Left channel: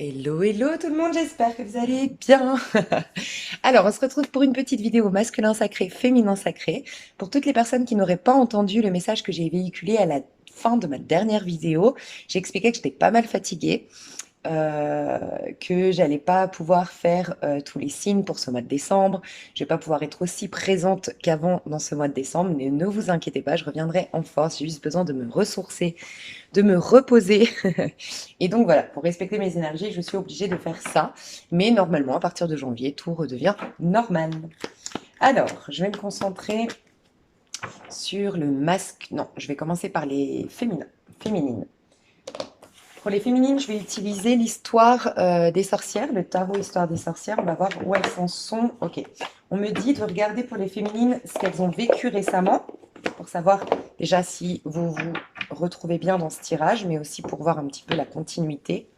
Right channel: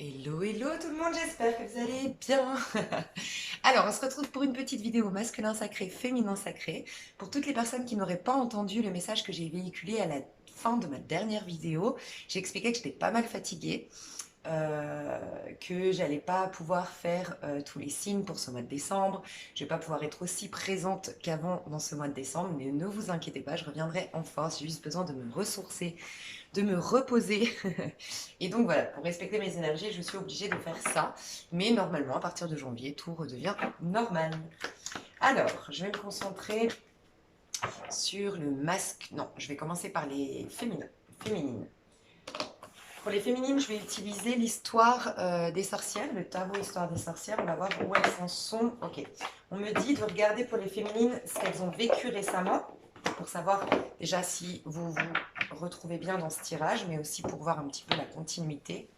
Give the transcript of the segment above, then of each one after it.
Hello, hello tout le monde, j'espère que vous allez bien. Alors, on se retrouve pour une petite vidéo masculin sacré, féminin sacré. Pour toutes les personnes qui n'auraient pas entendu le message que j'ai véhiculé à la fin de ma dernière vidéo, j'ai expliqué que j'étais pas mal fatiguée, euh, que j'allais pas pouvoir faire tous les signes pour ce mois de décembre. Je vais pas pouvoir être aussi présente qu'avant dans ce mois de décembre, mais ne vous inquiétez pas, je reviendrai en force. J'ai juste besoin de me ressourcer, de me reposer. Et donc voilà, pour respecter mes énergies, je suis obligée de faire ça. Mais normalement, à partir de janvier, tout redevient normal. Alors, je vais me concentrer sur le masque. Non, je vais commencer par les féminines. Pour les féminines, je vais utiliser l'histoire des sorcières, le tarot histoire des sorcières. On va voir où elles en sont. Ok. On me dit de regarder pour les féminines ce qu'elles ont vécu récemment, pour savoir déjà si vous vous retrouvez bien dans ce tirage, mais aussi pour voir un petit peu la continuité.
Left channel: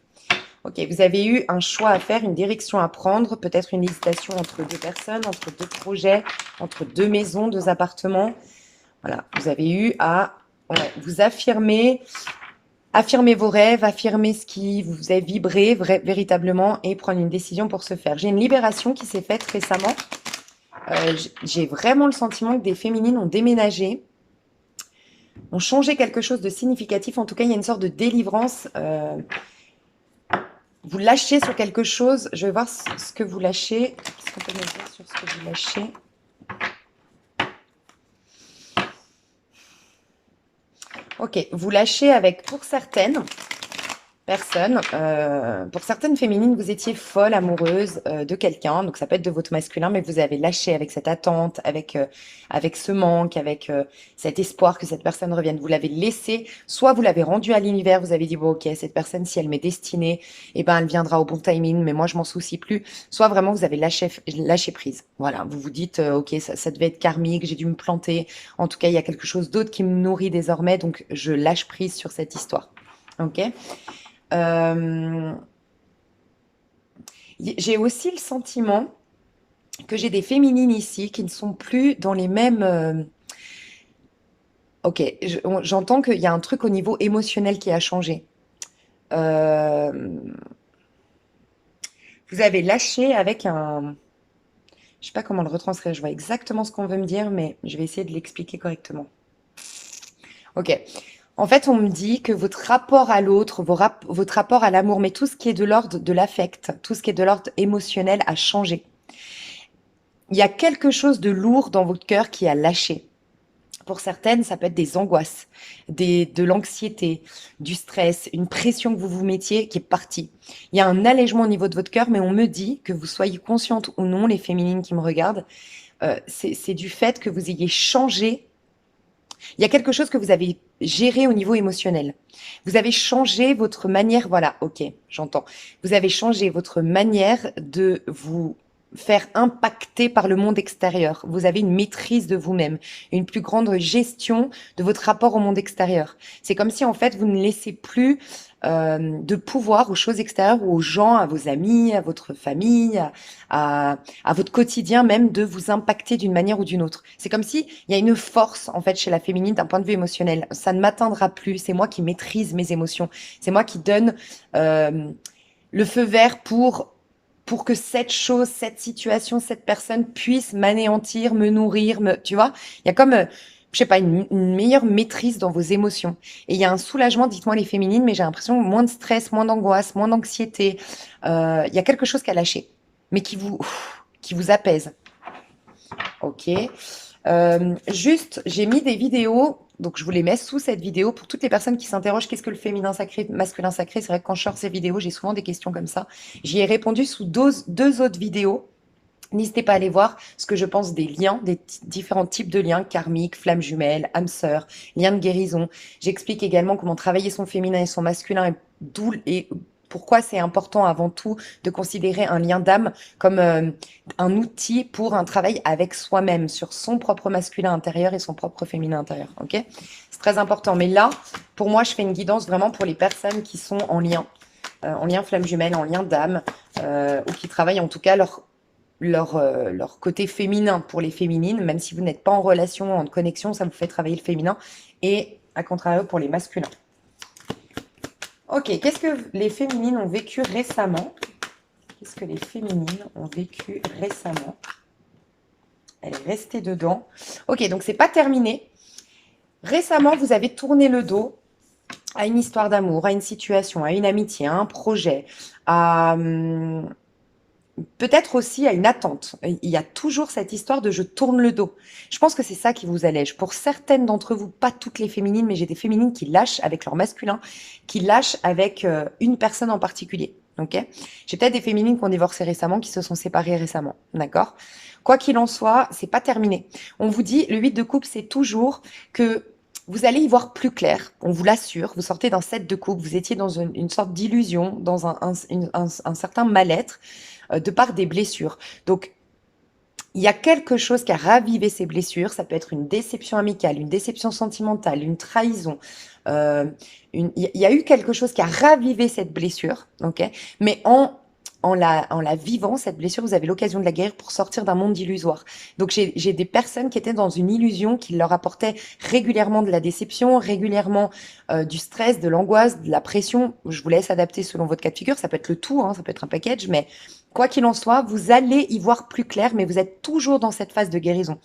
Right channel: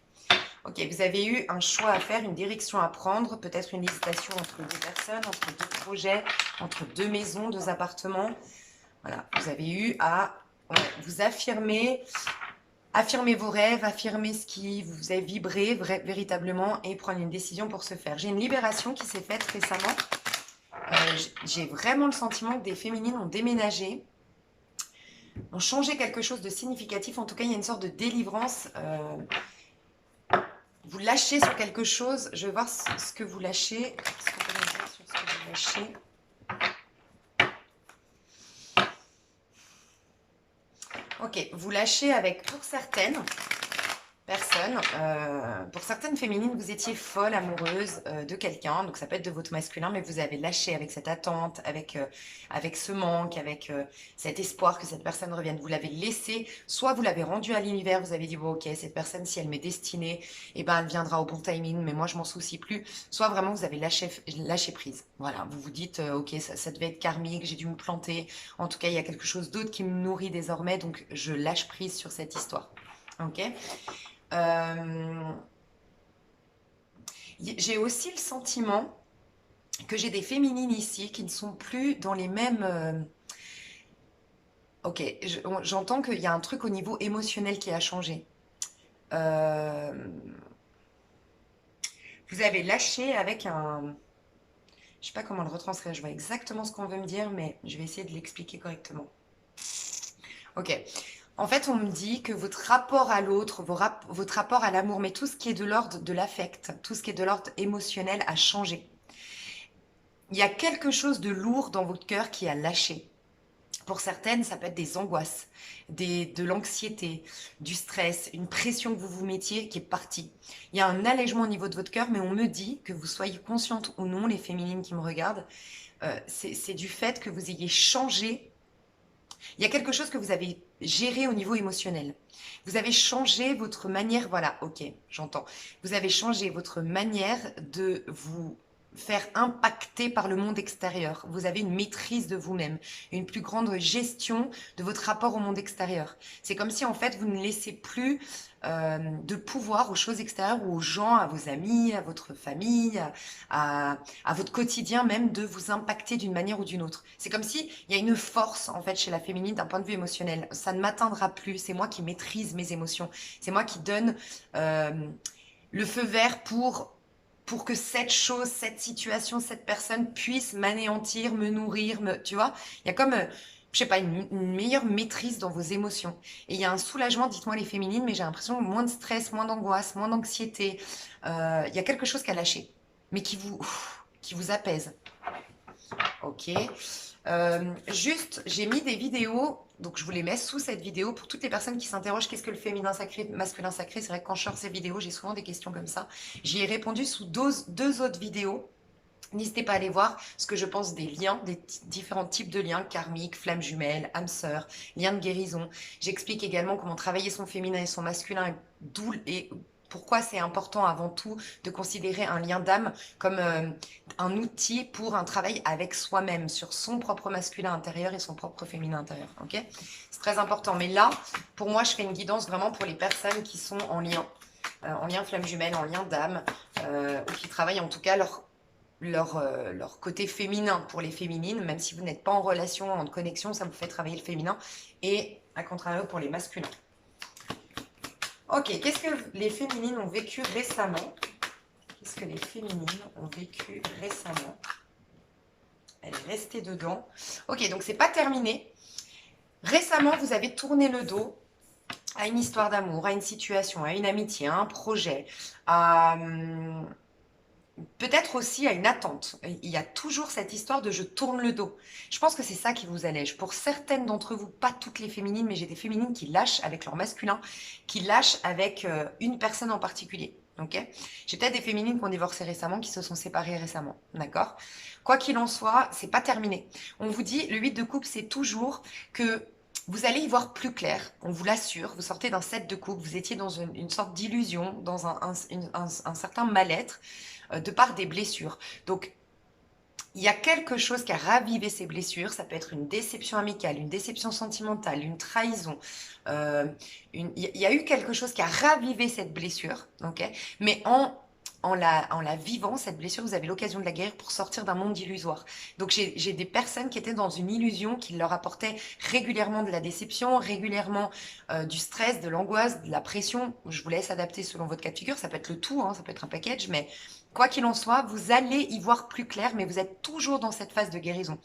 Ok, vous avez eu un choix à faire, une direction à prendre, peut-être une hésitation entre deux personnes, entre deux projets, entre deux maisons, deux appartements. Voilà, vous avez eu à vous affirmer, affirmer vos rêves, affirmer ce qui vous fait vibrer véritablement et prendre une décision pour ce faire. J'ai une libération qui s'est faite récemment. J'ai vraiment le sentiment que des féminines ont déménagé, ont changé quelque chose de significatif. En tout cas, il y a une sorte de délivrance. Vous lâchez sur quelque chose. Je vais voir ce que vous lâchez. Qu'est-ce qu'on peut me dire sur ce que vous lâchez? Ok, vous lâchez avec, pour certaines personnes, pour certaines féminines, vous étiez folle amoureuse de quelqu'un, donc ça peut être de votre masculin, mais vous avez lâché avec cette attente, avec ce manque, avec cet espoir que cette personne revienne. Vous l'avez laissé, soit vous l'avez rendu à l'univers, vous avez dit, bon ok, cette personne, si elle m'est destinée, eh ben, elle viendra au bon timing, mais moi je m'en soucie plus. Soit vraiment vous avez lâché prise. Voilà, vous vous dites, ok, ça devait être karmique, j'ai dû me planter. En tout cas, il y a quelque chose d'autre qui me nourrit désormais, donc je lâche prise sur cette histoire. Ok. Euh, j'ai aussi le sentiment que j'ai des féminines ici qui ne sont plus dans les mêmes. Ok, j'entends qu'il y a un truc au niveau émotionnel qui a changé. Euh, Vous avez lâché avec un. Je sais pas comment le retranscrire, je vois exactement ce qu'on veut me dire, mais je vais essayer de l'expliquer correctement. Ok. En fait, on me dit que votre rapport à l'autre, votre rapport à l'amour, mais tout ce qui est de l'ordre de l'affect, tout ce qui est de l'ordre émotionnel a changé. Il y a quelque chose de lourd dans votre cœur qui a lâché. Pour certaines, ça peut être des angoisses, de l'anxiété, du stress, une pression que vous vous mettiez qui est partie. Il y a un allègement au niveau de votre cœur, mais on me dit que vous soyez consciente ou non, les féminines qui me regardent, c'est du fait que vous ayez changé. Il y a quelque chose que vous avez géré au niveau émotionnel. Vous avez changé votre manière, voilà, ok, j'entends. Vous avez changé votre manière de vous faire impacter par le monde extérieur. Vous avez une maîtrise de vous-même, une plus grande gestion de votre rapport au monde extérieur. C'est comme si en fait vous ne laissez plus de pouvoir aux choses extérieures ou aux gens, à vos amis, à votre famille, à votre quotidien même de vous impacter d'une manière ou d'une autre. C'est comme si il y a une force en fait chez la féminine d'un point de vue émotionnel. Ça ne m'atteindra plus. C'est moi qui maîtrise mes émotions. C'est moi qui donne euh, le feu vert pour que cette chose, cette situation, cette personne puisse m'anéantir, me nourrir, tu vois. Il y a comme je sais pas, une meilleure maîtrise dans vos émotions. Et il y a un soulagement, dites-moi les féminines, mais j'ai l'impression moins de stress, moins d'angoisse, moins d'anxiété. Il y a quelque chose qui a lâché, mais qui vous apaise. Ok. Juste, j'ai mis des vidéos, donc je vous les mets sous cette vidéo pour toutes les personnes qui s'interrogent qu'est-ce que le féminin sacré, masculin sacré. C'est vrai que quand je sors ces vidéos, j'ai souvent des questions comme ça. J'y ai répondu sous deux autres vidéos. N'hésitez pas à aller voir ce que je pense des liens, différents types de liens, karmiques, flammes jumelles, âmes sœurs, liens de guérison. J'explique également comment travailler son féminin et son masculin et pourquoi c'est important avant tout de considérer un lien d'âme comme un outil pour un travail avec soi-même, sur son propre masculin intérieur et son propre féminin intérieur. Ok? C'est très important. Mais là, pour moi, je fais une guidance vraiment pour les personnes qui sont en lien flamme jumelle, en lien d'âme, ou qui travaillent en tout cas leur côté féminin pour les féminines, même si vous n'êtes pas en relation, en connexion, ça vous fait travailler le féminin, et à contrario pour les masculins. Ok, qu'est-ce que les féminines ont vécu récemment? Qu'est-ce que les féminines ont vécu récemment? Elle est restée dedans. Ok, donc c'est pas terminé. Récemment, vous avez tourné le dos à une histoire d'amour, à une situation, à une amitié, à un projet, à peut-être aussi à une attente. Il y a toujours cette histoire de je tourne le dos. Je pense que c'est ça qui vous allège. Pour certaines d'entre vous, pas toutes les féminines, mais j'ai des féminines qui lâchent avec leur masculin, qui lâchent avec une personne en particulier. Ok? J'ai peut-être des féminines qui ont divorcé récemment, qui se sont séparées récemment. D'accord? Quoi qu'il en soit, c'est pas terminé. On vous dit, le 8 de coupe, c'est toujours que vous allez y voir plus clair, on vous l'assure. Vous sortez d'un 7 de coupe, vous étiez dans une sorte d'illusion, dans un certain mal-être de par des blessures. Donc, il y a quelque chose qui a ravivé ces blessures. Ça peut être une déception amicale, une déception sentimentale, une trahison. euh, il y a eu quelque chose qui a ravivé cette blessure, ok? Mais en la vivant, cette blessure, vous avez l'occasion de la guérir pour sortir d'un monde illusoire. Donc, j'ai des personnes qui étaient dans une illusion qui leur apportait régulièrement de la déception, régulièrement du stress, de l'angoisse, de la pression. Je vous laisse adapter selon votre cas de figure. Ça peut être le tout, hein, ça peut être un package, mais quoi qu'il en soit, vous allez y voir plus clair, mais vous êtes toujours dans cette phase de guérison.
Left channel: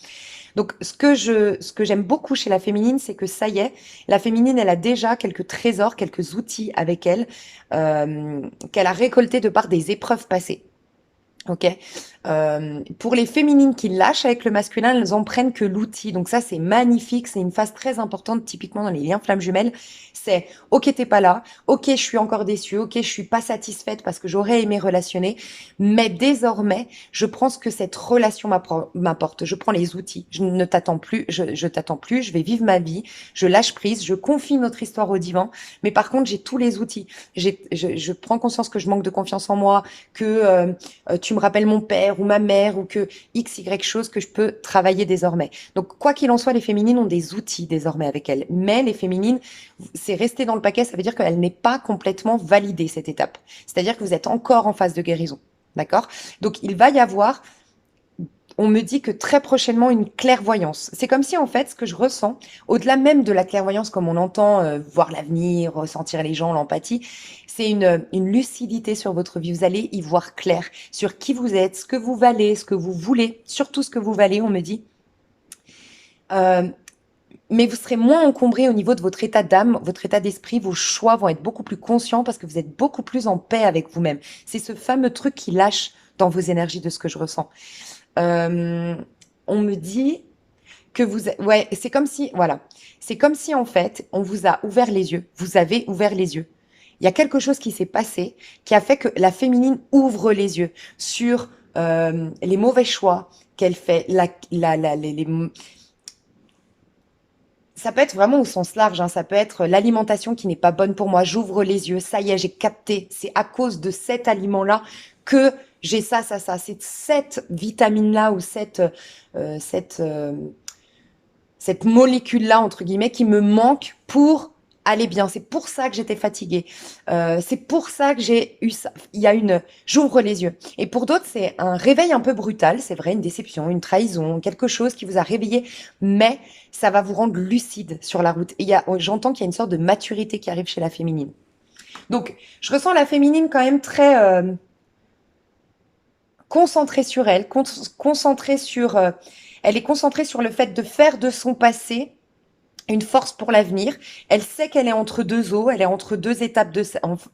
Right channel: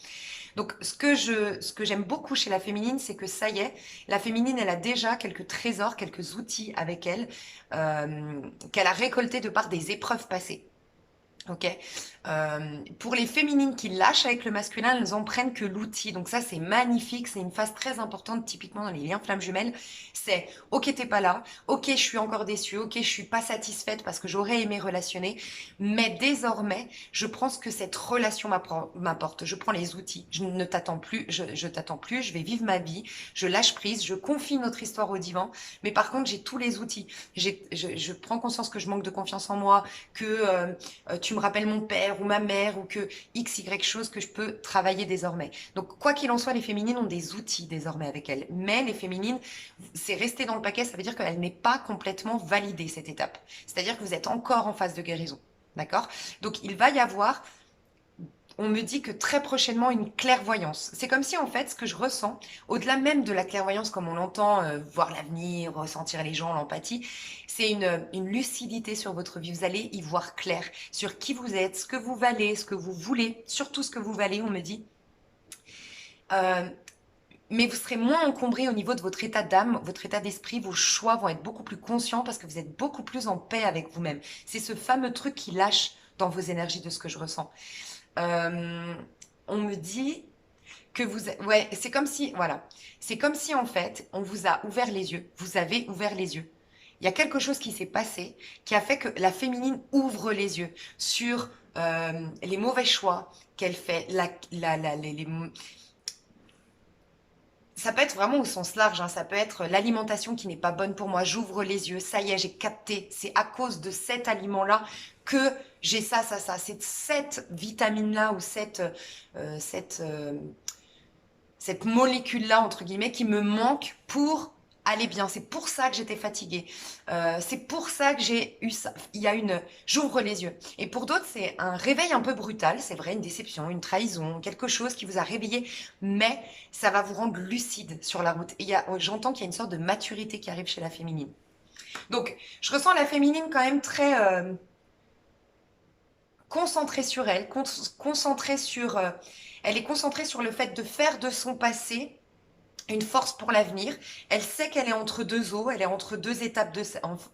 Donc, ce que j'aime beaucoup chez la féminine, c'est que ça y est, la féminine, elle a déjà quelques trésors, quelques outils avec elle, qu'elle a récoltés de par des épreuves passées. Ok. Pour les féminines qui lâchent avec le masculin, elles en prennent que l'outil. Donc ça, c'est magnifique. C'est une phase très importante, typiquement dans les liens flammes jumelles. C'est OK, t'es pas là. OK, je suis encore déçue. OK, je suis pas satisfaite parce que j'aurais aimé relationner. Mais désormais, je prends ce que cette relation m'apporte. Je prends les outils. Je ne t'attends plus. Je t'attends plus. Je vais vivre ma vie. Je lâche prise. Je confie notre histoire au divan. Mais par contre, j'ai tous les outils. Je prends conscience que je manque de confiance en moi, que tu me rappelles mon père ou ma mère ou que X, Y chose que je peux travailler désormais. Donc, quoi qu'il en soit, les féminines ont des outils désormais avec elles. Mais les féminines, c'est resté dans le paquet, ça veut dire qu'elle n'est pas complètement validée, cette étape. C'est-à-dire que vous êtes encore en phase de guérison. D'accord? Donc, il va y avoir, on me dit que très prochainement, une clairvoyance. C'est comme si, en fait, ce que je ressens, au-delà même de la clairvoyance, comme on entend, voir l'avenir, ressentir les gens, l'empathie, c'est une lucidité sur votre vie. Vous allez y voir clair sur qui vous êtes, ce que vous valez, ce que vous voulez, surtout ce que vous valez, on me dit. Euh, mais vous serez moins encombré au niveau de votre état d'âme, votre état d'esprit, vos choix vont être beaucoup plus conscients parce que vous êtes beaucoup plus en paix avec vous-même. C'est ce fameux truc qui lâche dans vos énergies de ce que je ressens. Euh, on me dit que ouais, c'est comme si, voilà, c'est comme si en fait, on vous a ouvert les yeux. Vous avez ouvert les yeux. Il y a quelque chose qui s'est passé qui a fait que la féminine ouvre les yeux sur les mauvais choix qu'elle fait, ça peut être vraiment au sens large, hein, ça peut être l'alimentation qui n'est pas bonne pour moi. J'ouvre les yeux, ça y est, j'ai capté. C'est à cause de cet aliment-là que j'ai ça, ça, ça. C'est cette vitamine-là ou cette molécule-là, entre guillemets, qui me manque pour aller bien. C'est pour ça que j'étais fatiguée. C'est pour ça que j'ai eu ça. J'ouvre les yeux. Et pour d'autres, c'est un réveil un peu brutal. C'est vrai, une déception, une trahison, quelque chose qui vous a réveillé. Mais ça va vous rendre lucide sur la route. Et j'entends qu'il y a une sorte de maturité qui arrive chez la féminine. Donc, je ressens la féminine quand même très concentrée sur elle, concentrée sur, elle est concentrée sur le fait de faire de son passé une force pour l'avenir. Elle sait qu'elle est entre deux eaux, elle est entre deux étapes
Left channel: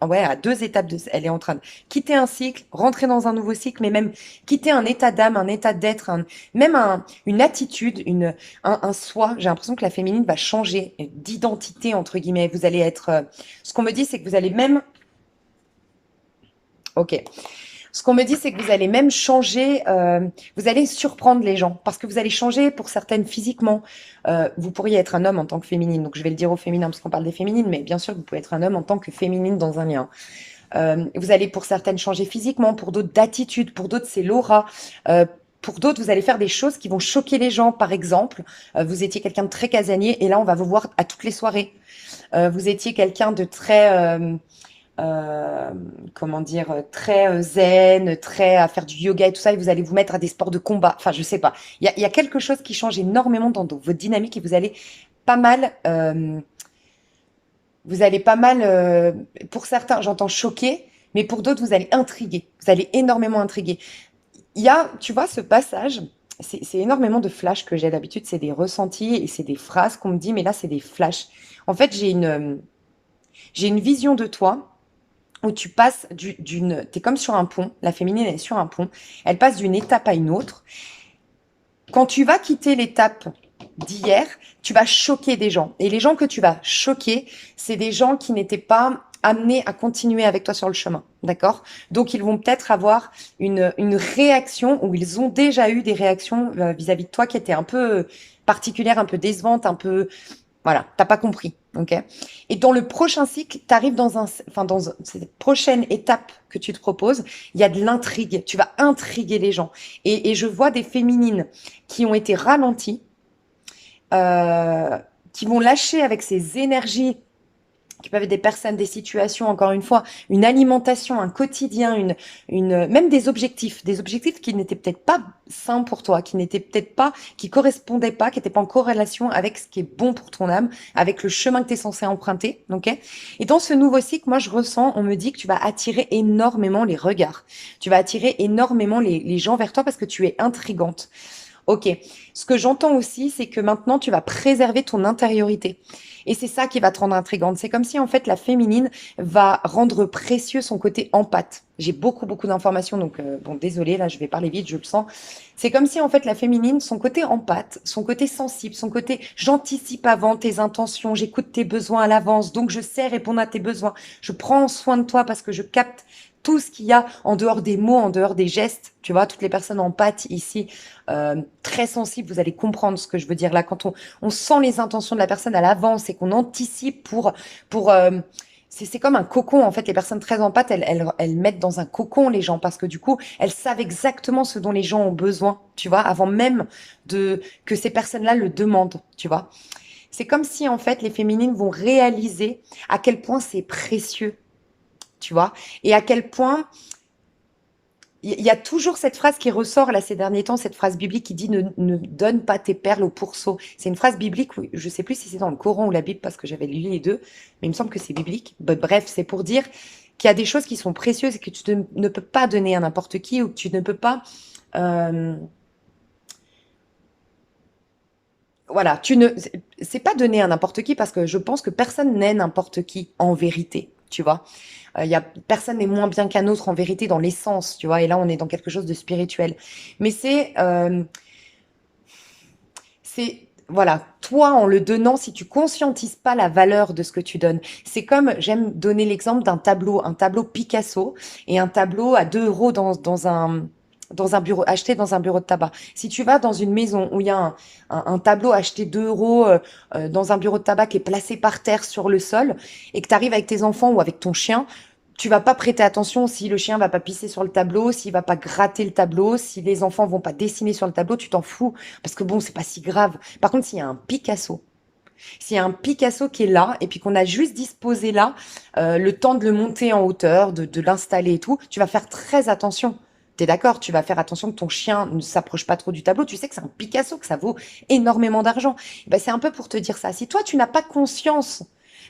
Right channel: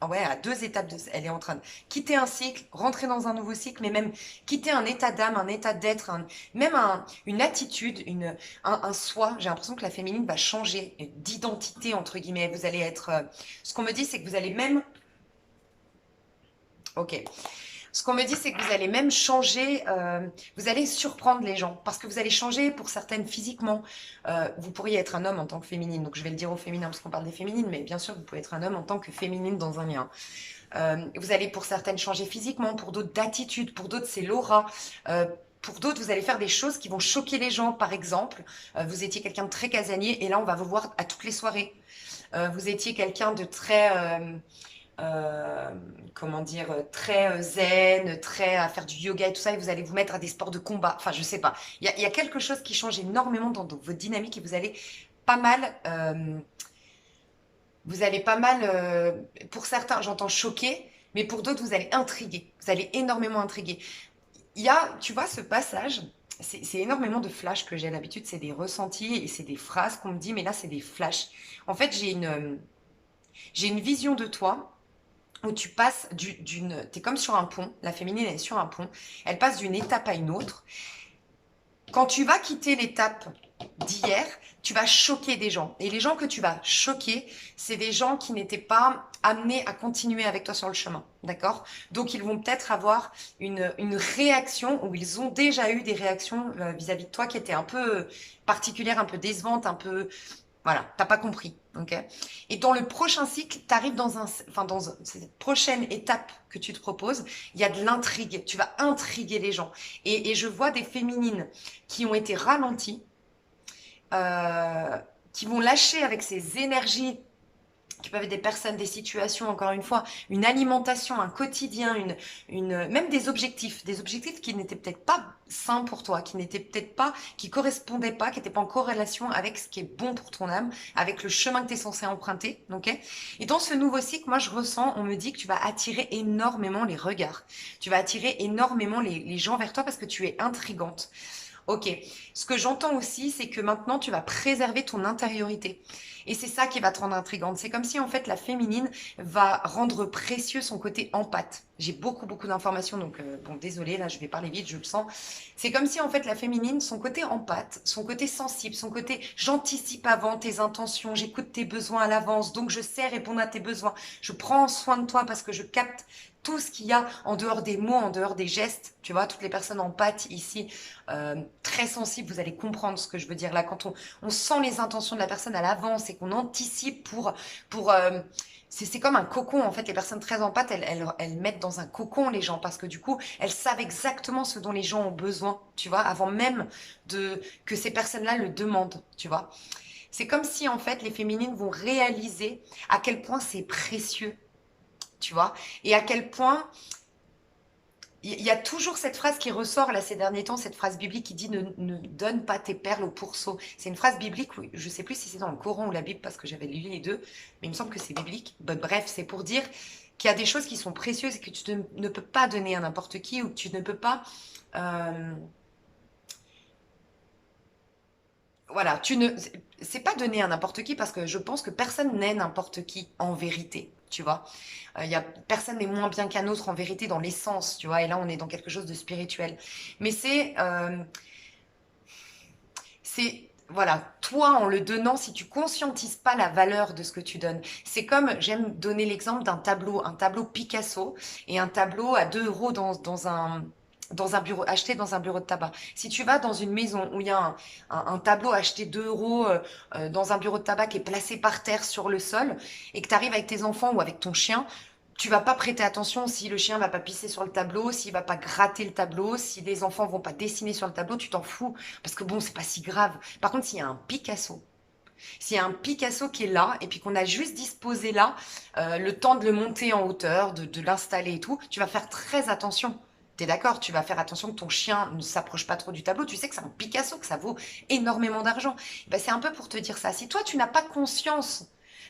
ouais, à deux étapes elle est en train de quitter un cycle, rentrer dans un nouveau cycle, mais même quitter un état d'âme, un état d'être, même une attitude, un soi. J'ai l'impression que la féminine va changer d'identité, entre guillemets. Vous allez être, ce qu'on me dit, c'est que vous allez même, ok. Ce qu'on me dit, c'est que vous allez même changer, vous allez surprendre les gens parce que vous allez changer pour certaines physiquement. Vous pourriez être un homme en tant que féminine, donc je vais le dire au féminin parce qu'on parle des féminines, mais bien sûr, vous pouvez être un homme en tant que féminine dans un lien. Vous allez pour certaines changer physiquement, pour d'autres d'attitude, pour d'autres c'est l'aura. Pour d'autres, vous allez faire des choses qui vont choquer les gens. Par exemple, vous étiez quelqu'un de très casanier et là, on va vous voir à toutes les soirées. Vous étiez quelqu'un de très, euh, comment dire, très zen, très à faire du yoga et tout ça, et vous allez vous mettre à des sports de combat. Enfin, je sais pas. Il y a quelque chose qui change énormément dans votre dynamique et vous allez pas mal Vous allez pas mal, pour certains, j'entends choquer, mais pour d'autres, vous allez intriguer. Vous allez énormément intriguer. Il y a, tu vois, ce passage, c'est énormément de flashs que j'ai d'habitude, c'est des ressentis et c'est des phrases qu'on me dit, mais là, c'est des flashs. En fait, j'ai une vision de toi où tu passes t'es comme sur un pont, la féminine elle est sur un pont, elle passe d'une étape à une autre. Quand tu vas quitter l'étape d'hier, tu vas choquer des gens. Et les gens que tu vas choquer, c'est des gens qui n'étaient pas amenés à continuer avec toi sur le chemin. D'accord? Donc, ils vont peut-être avoir une réaction ou ils ont déjà eu des réactions vis-à-vis de toi qui étaient un peu particulières, un peu décevantes, un peu voilà, t'as pas compris, ok? Et dans le prochain cycle, tu arrives enfin, cette prochaine étape que tu te proposes, il y a de l'intrigue. Tu vas intriguer les gens. Et je vois des féminines qui ont été ralenties, euh, qui vont lâcher avec ces énergies qui peuvent être des personnes, des situations, encore une fois, une alimentation, un quotidien, même des objectifs qui n'étaient peut-être pas sains pour toi, qui n'étaient peut-être pas, qui correspondaient pas, qui n'étaient pas en corrélation avec ce qui est bon pour ton âme, avec le chemin que tu es censé emprunter, ok? Et dans ce nouveau cycle, moi, je ressens, on me dit que tu vas attirer énormément les regards. Tu vas attirer énormément les gens vers toi parce que tu es intrigante. Ok. Ce que j'entends aussi, c'est que maintenant, tu vas préserver ton intériorité. Et c'est ça qui va te rendre intrigante. C'est comme si, en fait, la féminine va rendre précieux son côté empathe. J'ai beaucoup, beaucoup d'informations, donc, bon, désolé, là, je vais parler vite, je le sens. C'est comme si, en fait, la féminine, son côté empathe, son côté sensible, son côté j'anticipe avant tes intentions, j'écoute tes besoins à l'avance, donc je sais répondre à tes besoins. Je prends soin de toi parce que je capte tout ce qu'il y a en dehors des mots, en dehors des gestes. Tu vois, toutes les personnes empathes ici, très sensibles, vous allez comprendre ce que je veux dire là. Quand on sent les intentions de la personne à l'avance et qu'on anticipe pour c'est comme un cocon, en fait. Les personnes très empathes, elles mettent dans un cocon les gens parce que du coup, elles savent exactement ce dont les gens ont besoin, tu vois, avant même que ces personnes-là le demandent, tu vois. C'est comme si, en fait, les féminines vont réaliser à quel point c'est précieux, tu vois, et à quel point il y a toujours cette phrase qui ressort là ces derniers temps, cette phrase biblique qui dit ne donne pas tes perles au pourceau. C'est une phrase biblique, je sais plus si c'est dans le Coran ou la Bible parce que j'avais lu les deux, mais il me semble que c'est biblique. Bref, c'est pour dire qu'il y a des choses qui sont précieuses et que ne peux pas donner à n'importe qui ou que tu ne peux pas euh, voilà, c'est pas donné à n'importe qui parce que je pense que personne n'est n'importe qui en vérité, tu vois. Personne n'est moins bien qu'un autre en vérité dans l'essence, tu vois. Et là, on est dans quelque chose de spirituel. Mais voilà, toi, en le donnant, si tu conscientises pas la valeur de ce que tu donnes, c'est comme, j'aime donner l'exemple un tableau Picasso et un tableau à 2 euros dans un bureau, acheté dans un bureau de tabac. Si tu vas dans une maison où il y a un tableau acheté 2 euros dans un bureau de tabac qui est placé par terre sur le sol et que tu arrives avec tes enfants ou avec ton chien, tu vas pas prêter attention si le chien va pas pisser sur le tableau, s'il va pas gratter le tableau, si les enfants vont pas dessiner sur le tableau, tu t'en fous parce que bon, c'est pas si grave. Par contre, s'il y a un Picasso qui est là et puis qu'on a juste disposé là le temps de le monter en hauteur, de l'installer et tout, tu vas faire très attention. T'es d'accord? Tu vas faire attention que ton chien ne s'approche pas trop du tableau. Tu sais que c'est un Picasso, que ça vaut énormément d'argent. Ben, c'est un peu pour te dire ça. Si toi, tu n'as pas conscience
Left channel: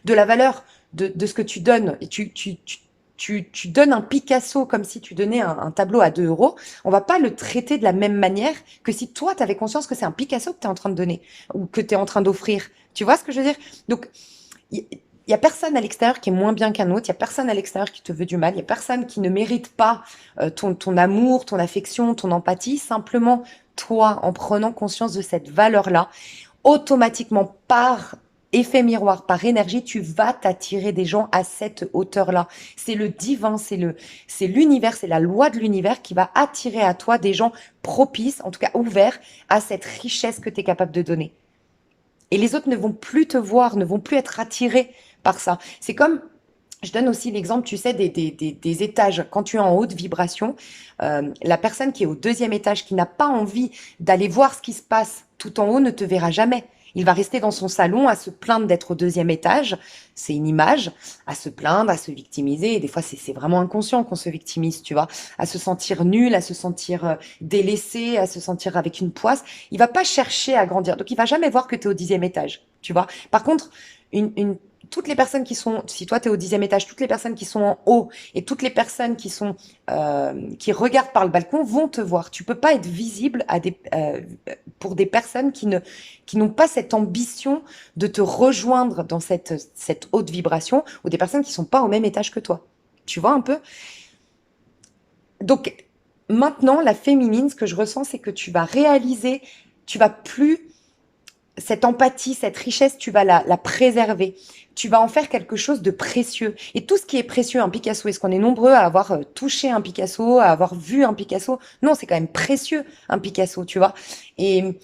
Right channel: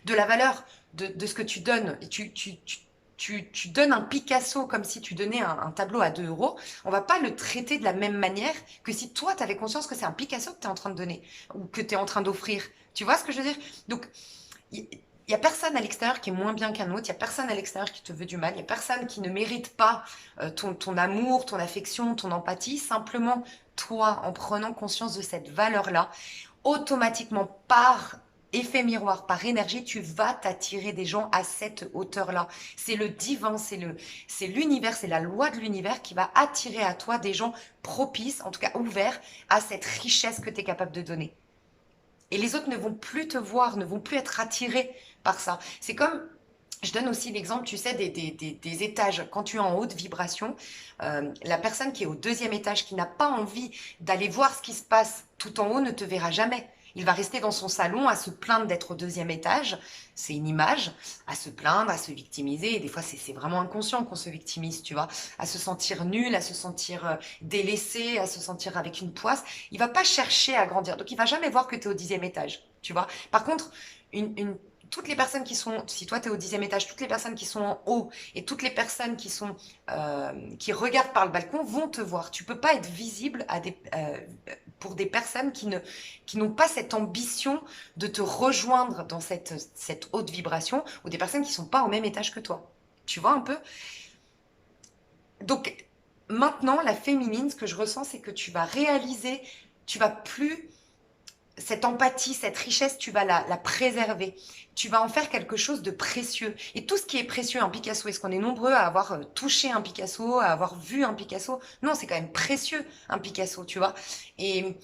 de la valeur de ce que tu donnes, et tu donnes un Picasso comme si tu donnais un tableau à 2 euros, on va pas le traiter de la même manière que si toi, tu avais conscience que c'est un Picasso que tu es en train de donner ou que tu es en train d'offrir. Tu vois ce que je veux dire? Donc, il y a personne à l'extérieur qui est moins bien qu'un autre, il y a personne à l'extérieur qui te veut du mal, il y a personne qui ne mérite pas ton amour, ton affection, ton empathie. Simplement, toi, en prenant conscience de cette valeur-là, automatiquement, par effet miroir, par énergie, tu vas t'attirer des gens à cette hauteur-là. C'est le divin, c'est l'univers, c'est la loi de l'univers qui va attirer à toi des gens propices, en tout cas ouverts à cette richesse que tu es capable de donner. Et les autres ne vont plus te voir, ne vont plus être attirés par ça. C'est comme, je donne aussi l'exemple, tu sais, des étages. Quand tu es en haute vibration, la personne qui est au deuxième étage, qui n'a pas envie d'aller voir ce qui se passe tout en haut, ne te verra jamais. Il va rester dans son salon à se plaindre d'être au deuxième étage. C'est une image, à se plaindre, à se victimiser. Et des fois, c'est vraiment inconscient qu'on se victimise, tu vois. À se sentir nul, à se sentir délaissé, à se sentir avec une poisse. Il va pas chercher à grandir. Donc, il va jamais voir que tu es au 10e étage, tu vois. Par contre, toutes les personnes qui sont, si toi tu es au 10e étage, toutes les personnes qui sont en haut et toutes les personnes qui regardent par le balcon vont te voir. Tu peux pas être visible pour des personnes qui n'ont pas cette ambition de te rejoindre dans cette haute vibration ou des personnes qui sont pas au même étage que toi. Tu vois un peu? Donc maintenant, la féminine, ce que je ressens, c'est que tu vas réaliser, tu vas plus cette empathie, cette richesse, tu vas la préserver. Tu vas en faire quelque chose de précieux. Et tout ce qui est précieux, un Picasso, est-ce qu'on est nombreux à avoir touché un Picasso, à avoir vu un Picasso? Non, c'est quand même précieux, un Picasso, tu vois. Et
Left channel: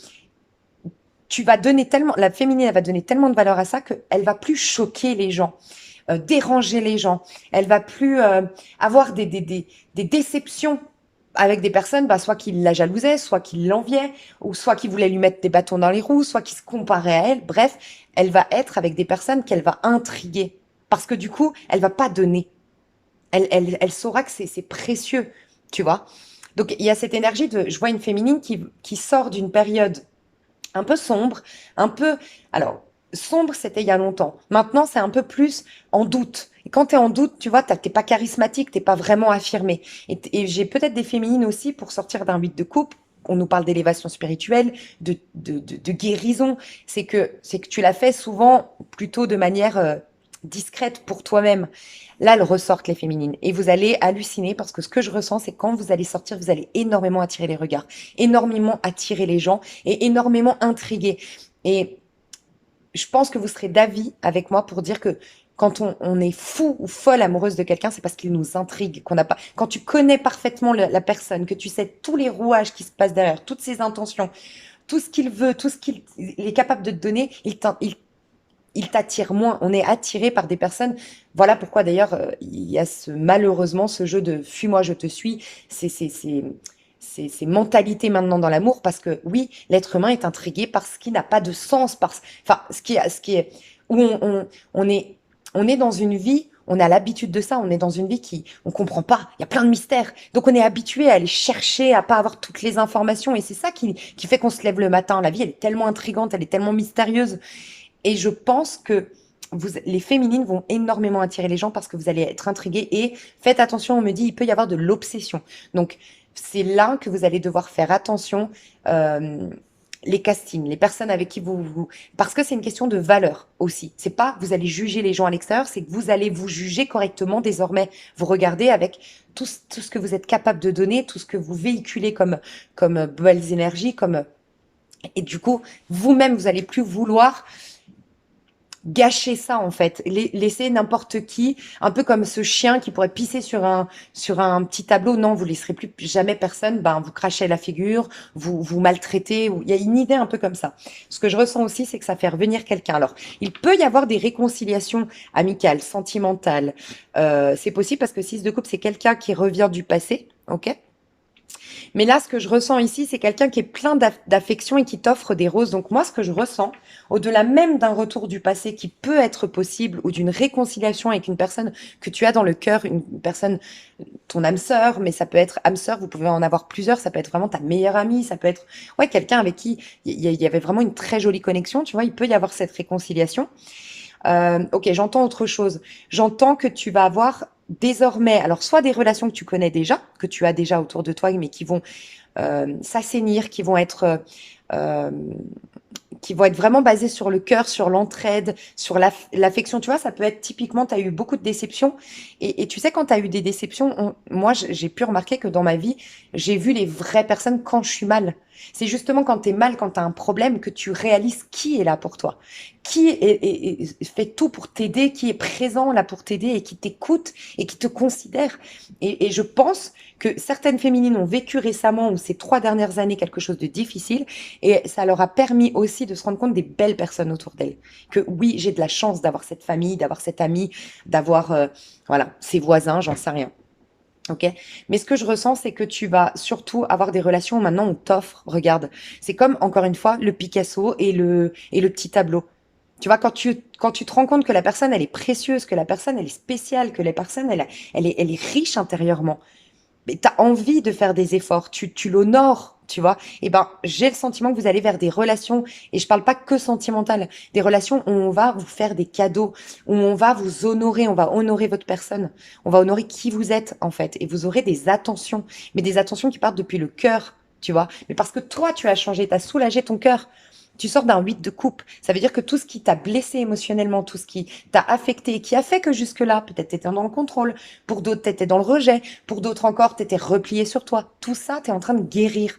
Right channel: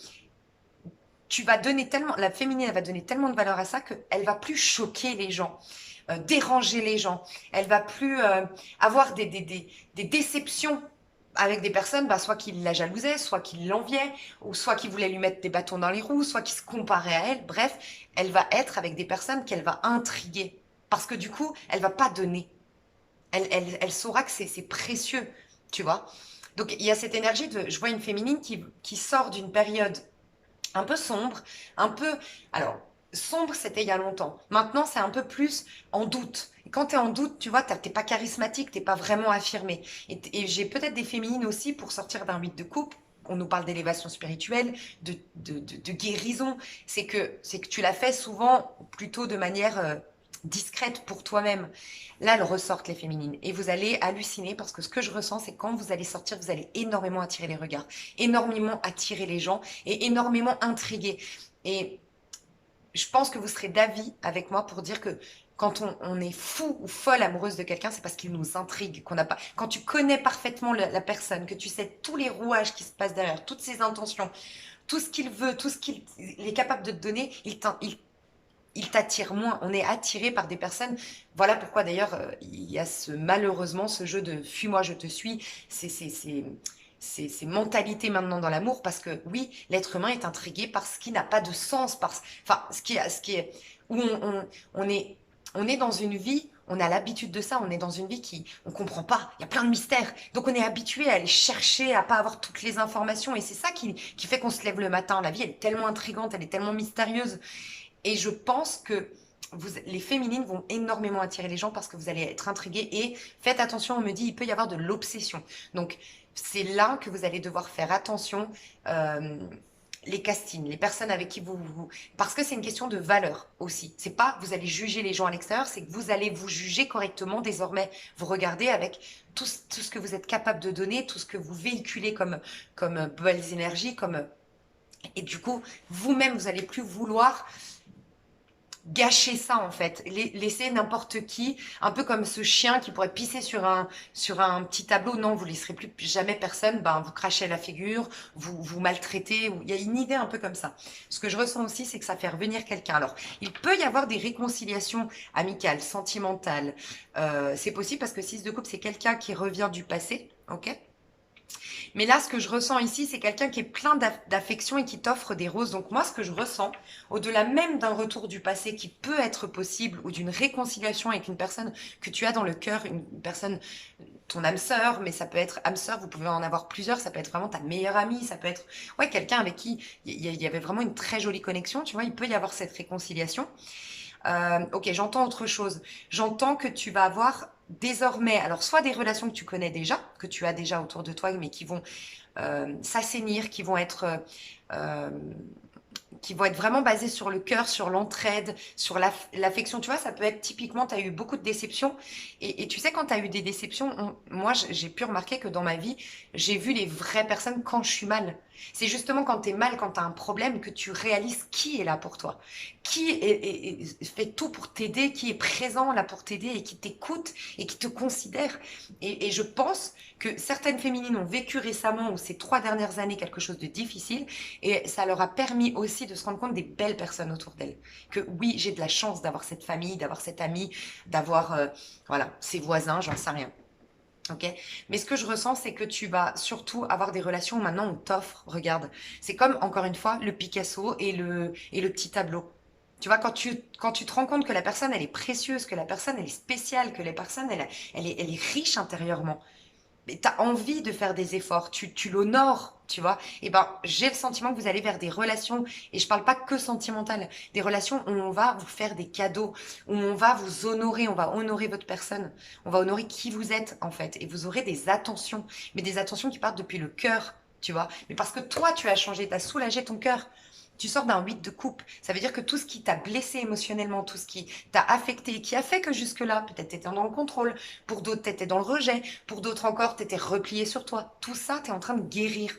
tu vas donner tellement, la féminine, elle va donner tellement de valeur à ça qu'elle va plus choquer les gens, déranger les gens. Elle va plus avoir des déceptions avec des personnes, bah, soit qui la jalousaient, soit qui l'enviaient, ou soit qui voulaient lui mettre des bâtons dans les roues, soit qui se comparaient à elle. Bref, elle va être avec des personnes qu'elle va intriguer. Parce que du coup, elle va pas donner. Elle saura que c'est précieux, tu vois. Donc, il y a cette énergie de, je vois une féminine qui sort d'une période un peu sombre, un peu... Alors, sombre, c'était il y a longtemps. Maintenant, c'est un peu plus en doute. Et quand tu es en doute, tu vois, t'es pas charismatique, t'es pas vraiment affirmé. Et j'ai peut-être des féminines aussi pour sortir d'un 8 de coupe. On nous parle d'élévation spirituelle, de guérison. C'est que tu l'as fait souvent plutôt de manière discrète pour toi-même. Là, elles ressortent les féminines. Et vous allez halluciner parce que ce que je ressens, c'est que quand vous allez sortir, vous allez énormément attirer les regards, énormément attirer les gens et énormément intriguer. Et je pense que vous serez d'avis avec moi pour dire que quand on est fou ou folle amoureuse de quelqu'un, c'est parce qu'il nous intrigue, qu'on n'a pas. Quand tu connais parfaitement la personne, que tu sais tous les rouages qui se passent derrière, toutes ses intentions, tout ce qu'il veut, tout ce qu'il est capable de te donner, il t'attire moins. On est attiré par des personnes. Voilà pourquoi d'ailleurs il y a malheureusement ce jeu de fuis-moi, je te suis. C'est mentalité maintenant dans l'amour parce que oui, l'être humain est intrigué par ce qui n'a pas de sens, enfin ce qui est où on est dans une vie. On a l'habitude de ça, on est dans une vie qui, on comprend pas, il y a plein de mystères. Donc on est habitué à aller chercher, à pas avoir toutes les informations. Et c'est ça qui fait qu'on se lève le matin. La vie, elle est tellement intrigante, elle est tellement mystérieuse. Et je pense que les féminines vont énormément attirer les gens parce que vous allez être intrigués. Et faites attention, on me dit, il peut y avoir de l'obsession. Donc, c'est là que vous allez devoir faire attention. euh, les castings, les personnes avec qui Parce que c'est une question de valeur aussi. C'est pas vous allez juger les gens à l'extérieur, c'est que vous allez vous juger correctement désormais. Vous regardez avec tout ce que vous êtes capable de donner, tout ce que vous véhiculez comme belles énergies, et du coup, vous-même, vous allez plus vouloir gâcher ça en fait, laisser n'importe qui, un peu comme ce chien qui pourrait pisser sur un petit tableau. Non, vous laisserez plus jamais personne, ben vous crachez à la figure, vous maltraitez. Il y a une idée un peu comme ça. Ce que je ressens aussi, c'est que ça fait revenir quelqu'un. Alors, il peut y avoir des réconciliations amicales, sentimentales. C'est possible parce que 6 de coupe, c'est quelqu'un qui revient du passé, ok? Mais là, ce que je ressens ici, c'est quelqu'un qui est plein d'affection et qui t'offre des roses. Donc moi, ce que je ressens, au-delà même d'un retour du passé qui peut être possible ou d'une réconciliation avec une personne que tu as dans le cœur, une personne, ton âme sœur, mais ça peut être âme sœur, vous pouvez en avoir plusieurs, ça peut être vraiment ta meilleure amie, ça peut être ouais, quelqu'un avec qui il y avait vraiment une très jolie connexion, tu vois, il peut y avoir cette réconciliation. Ok, j'entends autre chose. J'entends que tu vas avoir désormais, alors soit des relations que tu connais déjà, que tu as déjà autour de toi, mais qui vont s'assainir, euh, qui vont être vraiment basées sur le cœur, sur l'entraide, sur l'affection. Tu vois, ça peut être typiquement, tu as eu beaucoup de déceptions. Et tu sais, quand tu as eu des déceptions, moi, j'ai pu remarquer que dans ma vie, j'ai vu les vraies personnes quand je suis mal. C'est justement quand tu es mal, quand tu as un problème, que tu réalises qui est là pour toi, fait tout pour t'aider, qui est présent là pour t'aider et qui t'écoute et qui te considère. Et je pense que certaines féminines ont vécu récemment ou ces 3 dernières années quelque chose de difficile et ça leur a permis aussi de se rendre compte des belles personnes autour d'elles. Que oui, j'ai de la chance d'avoir cette famille, d'avoir cet ami, d'avoir voilà, ses voisins, j'en sais rien. Ok? Mais ce que je ressens, c'est que tu vas surtout avoir des relations où maintenant on t'offre, regarde, c'est comme encore une fois le Picasso et le petit tableau. Tu vois, quand tu te rends compte que la personne, elle est précieuse, que la personne, elle est spéciale, que la personne, elle est riche intérieurement, mais tu as envie de faire des efforts, tu l'honores tu vois, et ben j'ai le sentiment que vous allez vers des relations, et je parle pas que sentimentales, des relations où on va vous faire des cadeaux, où on va vous honorer, on va honorer votre personne, on va honorer qui vous êtes en fait, et vous aurez des attentions, mais des attentions qui partent depuis le cœur, tu vois, mais parce que toi tu as changé, tu as soulagé ton cœur. Tu sors d'un 8 de coupe. Ça veut dire que tout ce qui t'a blessé émotionnellement, tout ce qui t'a affecté, qui a fait que jusque-là, peut-être tu étais dans le contrôle, pour d'autres, tu étais dans le rejet, pour d'autres encore, tu étais replié sur toi. Tout ça, tu es en train de guérir.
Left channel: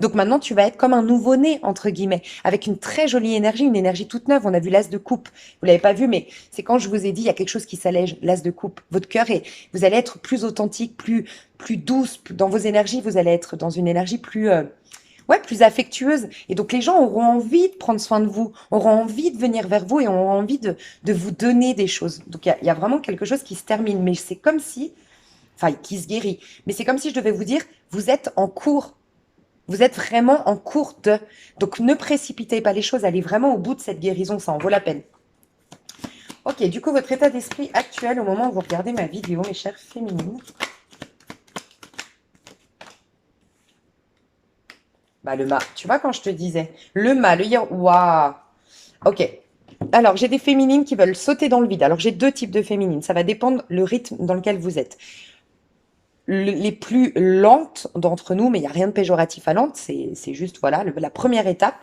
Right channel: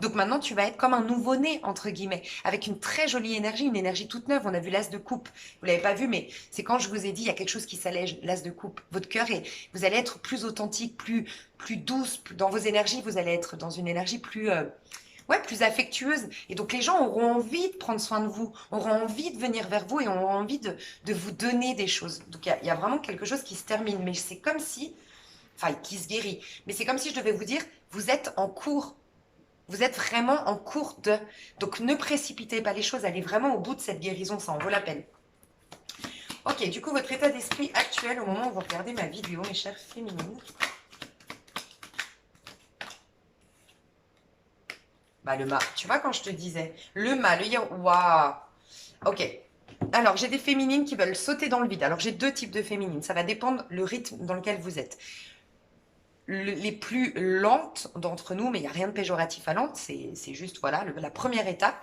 Donc maintenant, tu vas être comme un nouveau-né, entre guillemets, avec une très jolie énergie, une énergie toute neuve. On a vu l'as de coupe. Vous l'avez pas vu, mais c'est quand je vous ai dit, il y a quelque chose qui s'allège, l'as de coupe. Votre cœur est, vous allez être plus authentique, plus douce dans vos énergies. Vous allez être dans une énergie plus, ouais, plus affectueuse. Et donc les gens auront envie de prendre soin de vous, auront envie de venir vers vous et auront envie de vous donner des choses. Donc il y a vraiment quelque chose qui se termine. Mais c'est comme si, enfin, qui se guérit. Mais c'est comme si je devais vous dire, vous êtes en cours. Vous êtes vraiment en cours de. Donc ne précipitez pas les choses, allez vraiment au bout de cette guérison, ça en vaut la peine. Ok, du coup, votre état d'esprit actuel au moment où vous regardez ma vidéo, mes chères féminines. Bah, le mât, tu vois, quand je te disais, le mât, le yin, waouh. Ok. Alors, j'ai des féminines qui veulent sauter dans le vide. Alors, j'ai deux types de féminines. Ça va dépendre le rythme dans lequel vous êtes. Les plus lentes d'entre nous, mais il n'y a rien de péjoratif à lente, c'est juste, voilà, la première étape,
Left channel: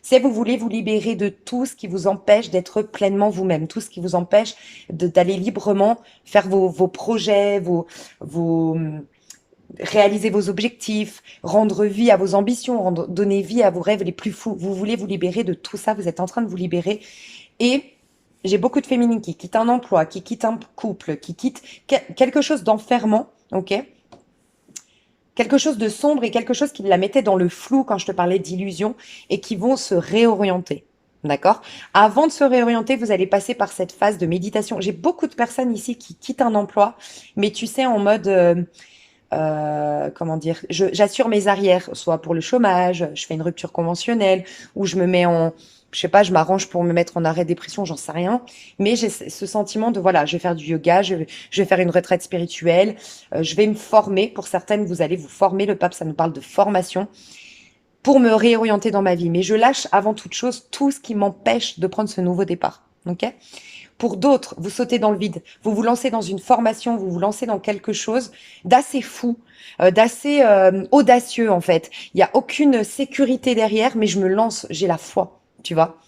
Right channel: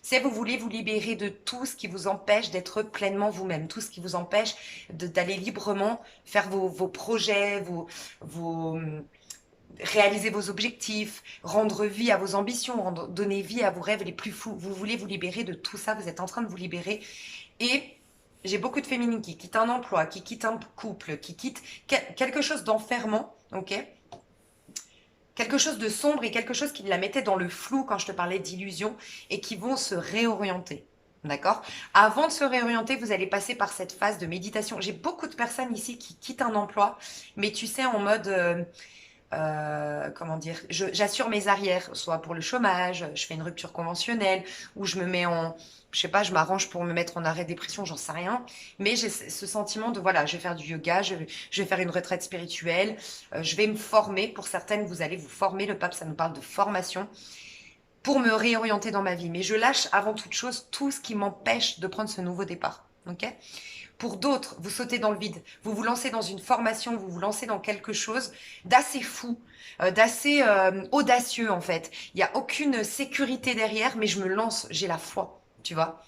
c'est vous voulez vous libérer de tout ce qui vous empêche d'être pleinement vous-même, tout ce qui vous empêche d'aller librement faire vos projets, réaliser vos objectifs, rendre vie à vos ambitions, donner vie à vos rêves les plus fous. Vous voulez vous libérer de tout ça, vous êtes en train de vous libérer. Et j'ai beaucoup de féminines qui quittent un emploi, qui quittent un couple, qui quittent quelque chose d'enfermant, ok? Quelque chose de sombre et quelque chose qui la mettait dans le flou quand je te parlais d'illusion et qui vont se réorienter. D'accord? Avant de se réorienter, vous allez passer par cette phase de méditation. J'ai beaucoup de personnes ici qui quittent un emploi, mais tu sais, en mode, comment dire, j'assure mes arrières, soit pour le chômage, je fais une rupture conventionnelle, ou je me mets en, je sais pas, je m'arrange pour me mettre en arrêt dépression, j'en sais rien. Mais j'ai ce sentiment de, voilà, je vais faire du yoga, je vais faire une retraite spirituelle, je vais me former. Pour certaines, vous allez vous former. Le pape, ça nous parle de formation pour me réorienter dans ma vie. Mais je lâche avant toute chose tout ce qui m'empêche de prendre ce nouveau départ. Ok? Pour d'autres, vous sautez dans le vide, vous vous lancez dans une formation, vous vous lancez dans quelque chose d'assez fou, d'assez audacieux en fait. Il n'y a aucune sécurité derrière, mais je me lance, j'ai la foi, tu vois.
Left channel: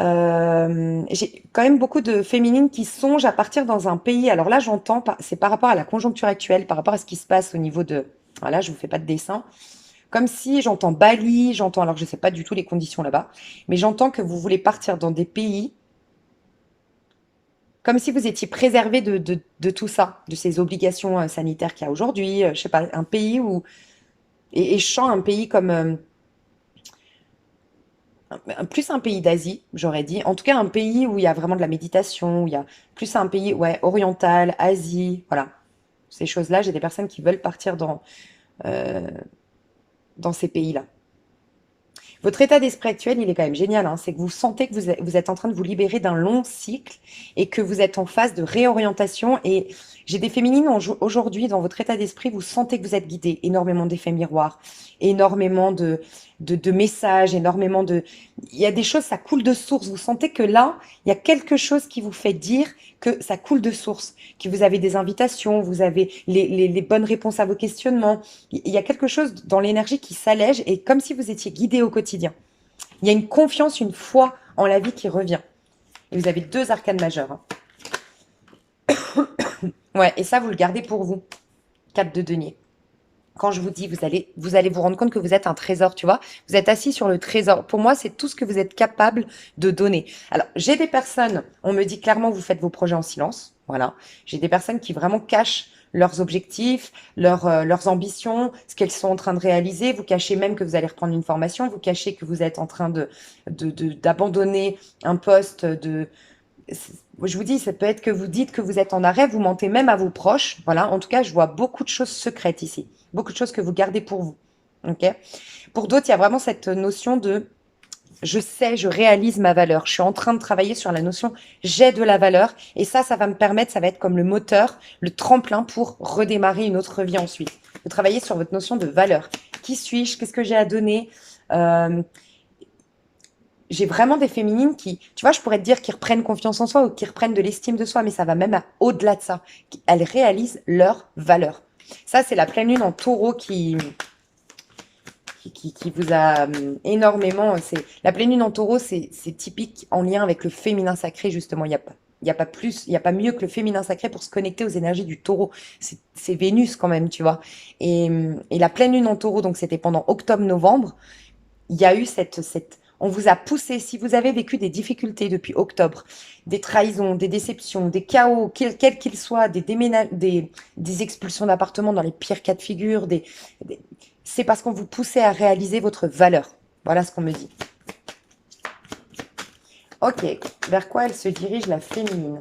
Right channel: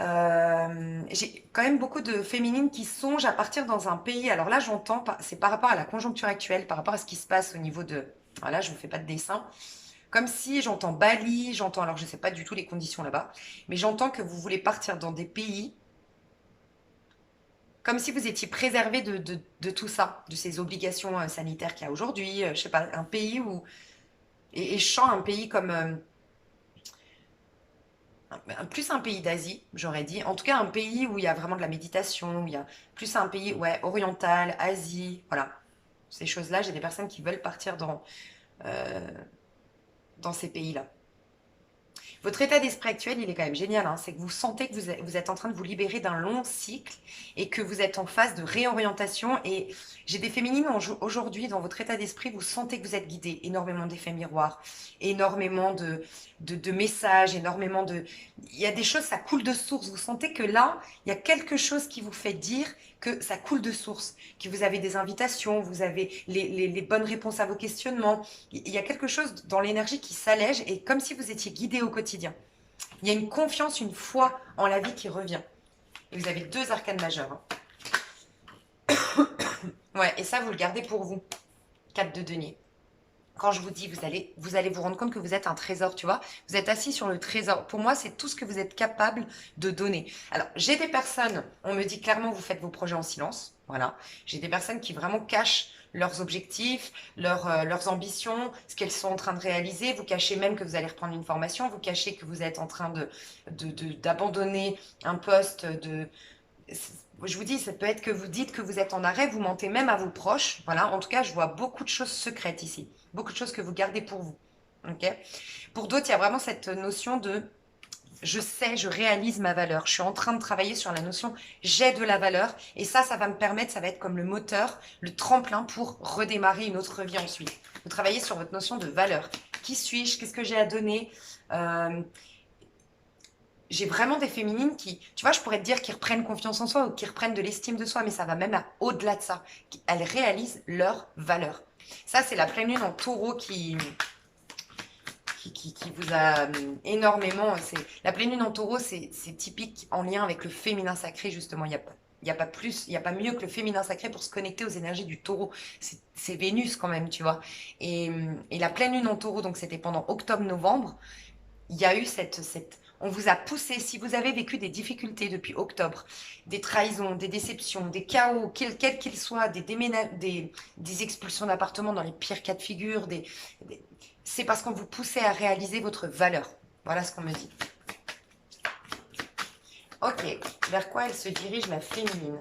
J'ai quand même beaucoup de féminines qui songent à partir dans un pays. Alors là, j'entends, c'est par rapport à la conjoncture actuelle, par rapport à ce qui se passe au niveau de... Voilà, je ne vous fais pas de dessin. Comme si j'entends Bali, j'entends, alors je ne sais pas du tout les conditions là-bas, mais j'entends que vous voulez partir dans des pays comme si vous étiez préservé de tout ça, de ces obligations sanitaires qu'il y a aujourd'hui. Je sais pas, un pays où... Et je sens un pays comme... plus un pays d'Asie, j'aurais dit. En tout cas, un pays où il y a vraiment de la méditation, où il y a plus un pays, ouais, oriental, Asie, voilà. Ces choses-là, j'ai des personnes qui veulent partir euh, dans ces pays-là. Votre état d'esprit actuel, il est quand même génial, hein. C'est que vous sentez que vous êtes en train de vous libérer d'un long cycle et que vous êtes en phase de réorientation. Et j'ai des féminines aujourd'hui, dans votre état d'esprit, vous sentez que vous êtes guidé. Énormément d'effets miroirs, énormément de messages, énormément de... Il y a des choses, ça coule de source. Vous sentez que là, il y a quelque chose qui vous fait dire que ça coule de source, que vous avez des invitations, vous avez les bonnes réponses à vos questionnements. Il y a quelque chose dans l'énergie qui s'allège et comme si vous étiez guidé au quotidien. Il y a une confiance, une foi en la vie qui revient. Et vous avez deux arcanes majeures, hein. Ouais, et ça, vous le gardez pour vous. 4 de denier. Quand je vous dis, vous allez vous rendre compte que vous êtes un trésor, tu vois. Vous êtes assis sur le trésor. Pour moi, c'est tout ce que vous êtes capable de donner. Alors, j'ai des personnes, on me dit clairement, vous faites vos projets en silence. Voilà. J'ai des personnes qui vraiment cachent leurs objectifs, leurs ambitions, ce qu'elles sont en train de réaliser. Vous cachez même que vous allez reprendre une formation. Vous cachez que vous êtes en train d'abandonner un poste je vous dis, ça peut être que vous dites que vous êtes en arrêt, vous mentez même à vos proches. Voilà, en tout cas, je vois beaucoup de choses secrètes ici, beaucoup de choses que vous gardez pour vous. Ok? Pour d'autres, il y a vraiment cette notion de je sais, je réalise ma valeur. Je suis en train de travailler sur la notion j'ai de la valeur. Et ça va me permettre, ça va être comme le moteur, le tremplin pour redémarrer une autre vie ensuite. Vous travaillez sur votre notion de valeur qui suis-je, qu'est-ce que j'ai à donner. Euh, j'ai vraiment des féminines qui, tu vois, je pourrais te dire qui reprennent confiance en soi ou qui reprennent de l'estime de soi, mais ça va même au-delà de ça. Elles réalisent leur valeur. Ça, c'est la pleine lune en taureau qui vous a énormément. La pleine lune en taureau, c'est typique en lien avec le féminin sacré, justement. Il y a pas plus, il y a pas mieux que le féminin sacré pour se connecter aux énergies du taureau. C'est Vénus quand même, tu vois. Et la pleine lune en taureau, donc c'était pendant octobre-novembre, il y a eu on vous a poussé, si vous avez vécu des difficultés depuis octobre, des trahisons, des déceptions, des chaos, quels qu'ils soient, des expulsions d'appartements dans les pires cas de figure, c'est parce qu'on vous poussait à réaliser votre valeur. Voilà ce qu'on me dit. Ok, vers quoi elle se dirige la féminine?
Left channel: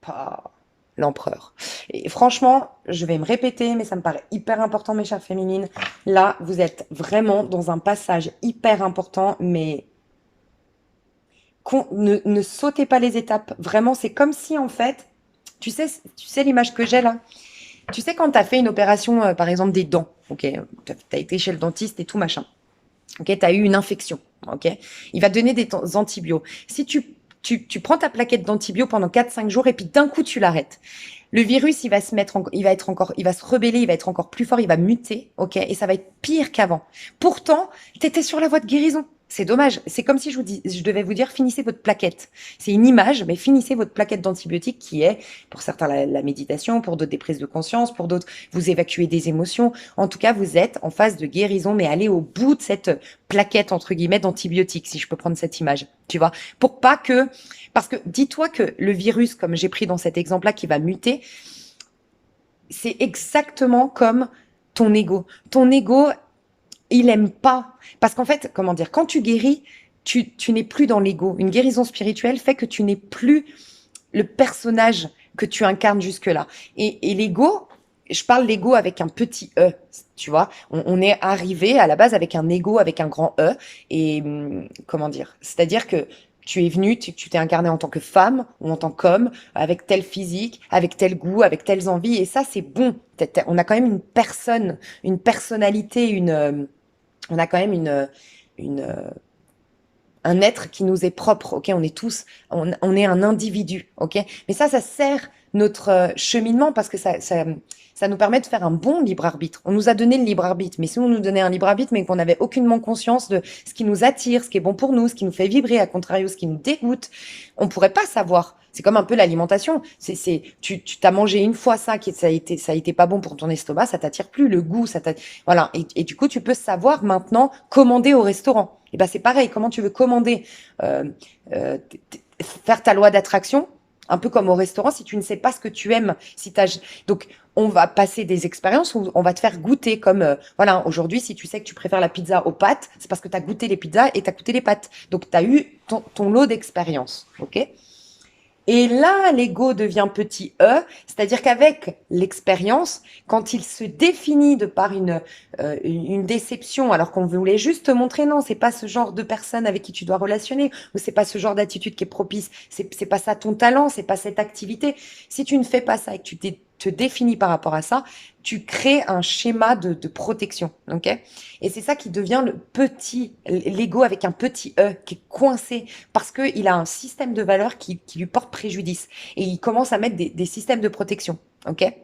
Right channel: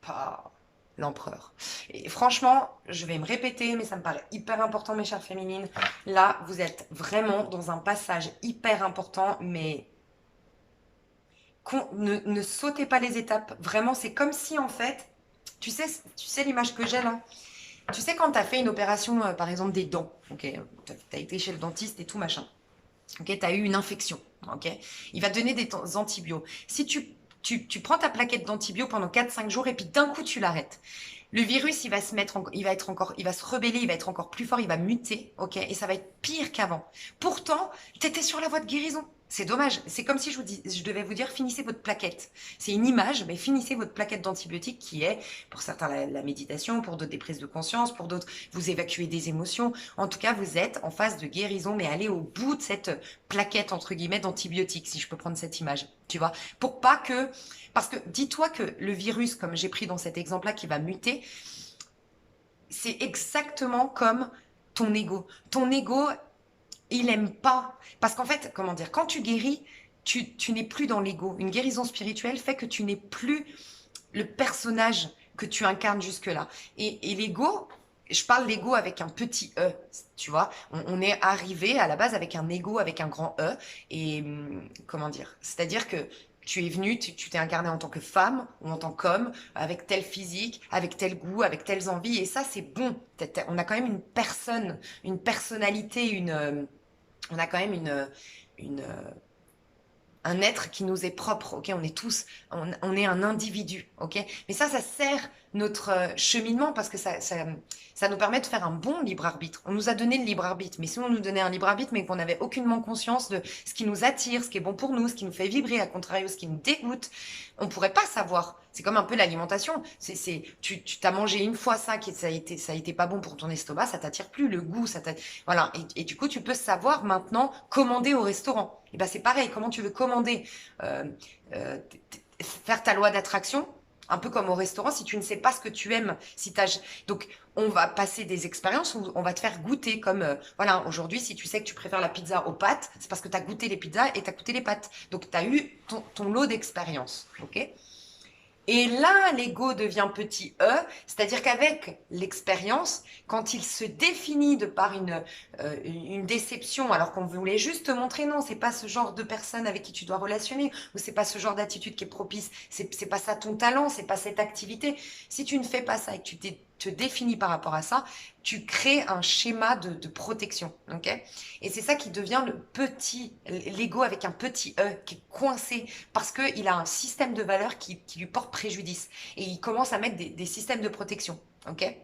Pas l'empereur. Et franchement, je vais me répéter, mais ça me paraît hyper important, mes chères féminines. Là, vous êtes vraiment dans un passage hyper important, mais ne sautez pas les étapes. Vraiment, c'est comme si, en fait, tu sais l'image que j'ai là? Tu sais, quand tu as fait une opération, par exemple, des dents, ok, tu as été chez le dentiste et tout, machin. Ok, tu as eu une infection. Ok, il va te donner des antibiotiques. Si tu prends ta plaquette d'antibio pendant 4-5 jours et puis d'un coup tu l'arrêtes. Le virus, il va se mettre, il va être encore, il va se rebeller, il va être encore plus fort, il va muter, ok, et ça va être pire qu'avant. Pourtant, tu étais sur la voie de guérison. C'est dommage. C'est comme si je devais vous dire, finissez votre plaquette. C'est une image, mais finissez votre plaquette d'antibiotiques qui est, pour certains, la méditation, pour d'autres, des prises de conscience, pour d'autres, vous évacuez des émotions. En tout cas, vous êtes en phase de guérison, mais allez au bout de cette plaquette, entre guillemets, d'antibiotiques, si je peux prendre cette image. Tu vois? Pour pas que, parce que dis-toi que le virus, comme j'ai pris dans cet exemple-là, qui va muter, c'est exactement comme ton ego. Ton ego, il aime pas. Parce qu'en fait, comment dire, quand tu guéris, tu n'es plus dans l'ego. Une guérison spirituelle fait que tu n'es plus le personnage que tu incarnes jusque-là. Et l'ego, je parle l'ego avec un petit E, tu vois. On est arrivé à la base avec un ego, avec un grand E. Et comment dire, c'est-à-dire que tu es venu, tu t'es incarné en tant que femme ou en tant qu'homme, avec tel physique, avec tel goût, avec telles envies. Et ça, c'est bon. On a quand même une personne, une personnalité, on a quand même une, un être qui nous est propre, ok? On est tous, on est un individu, ok? Mais ça sert notre cheminement parce que ça nous permet de faire un bon libre arbitre. On nous a donné le libre arbitre, mais si on nous donnait un libre arbitre, mais qu'on n'avait aucunement conscience de ce qui nous attire, ce qui est bon pour nous, ce qui nous fait vibrer, à contrario, ce qui nous dégoûte, on pourrait pas savoir. C'est comme un peu l'alimentation. Tu t'as mangé une fois ça, ça a été pas bon pour ton estomac, ça t'attire plus, le goût, voilà. Et du coup, tu peux savoir maintenant commander au restaurant. Et ben c'est pareil. Comment tu veux commander, euh, faire ta loi d'attraction, un peu comme au restaurant, si tu ne sais pas ce que tu aimes, si t'as, donc on va passer des expériences où on va te faire goûter comme, voilà, aujourd'hui, si tu sais que tu préfères la pizza aux pâtes, c'est parce que tu as goûté les pizzas et tu as goûté les pâtes. Donc tu as eu ton lot d'expérience, ok? Et là, l'ego devient petit e, c'est-à-dire qu'avec l'expérience, quand il se définit de par une déception, alors qu'on voulait juste te montrer, non, c'est pas ce genre de personne avec qui tu dois relationner, ou c'est pas ce genre d'attitude qui est propice, c'est pas ça ton talent, c'est pas cette activité. Si tu ne fais pas ça et que te définis par rapport à ça, tu crées un schéma de protection, ok? Et c'est ça qui devient l'ego avec un petit e, qui est coincé parce qu'il a un système de valeurs qui lui porte préjudice. Et il commence à mettre des systèmes de protection. OK?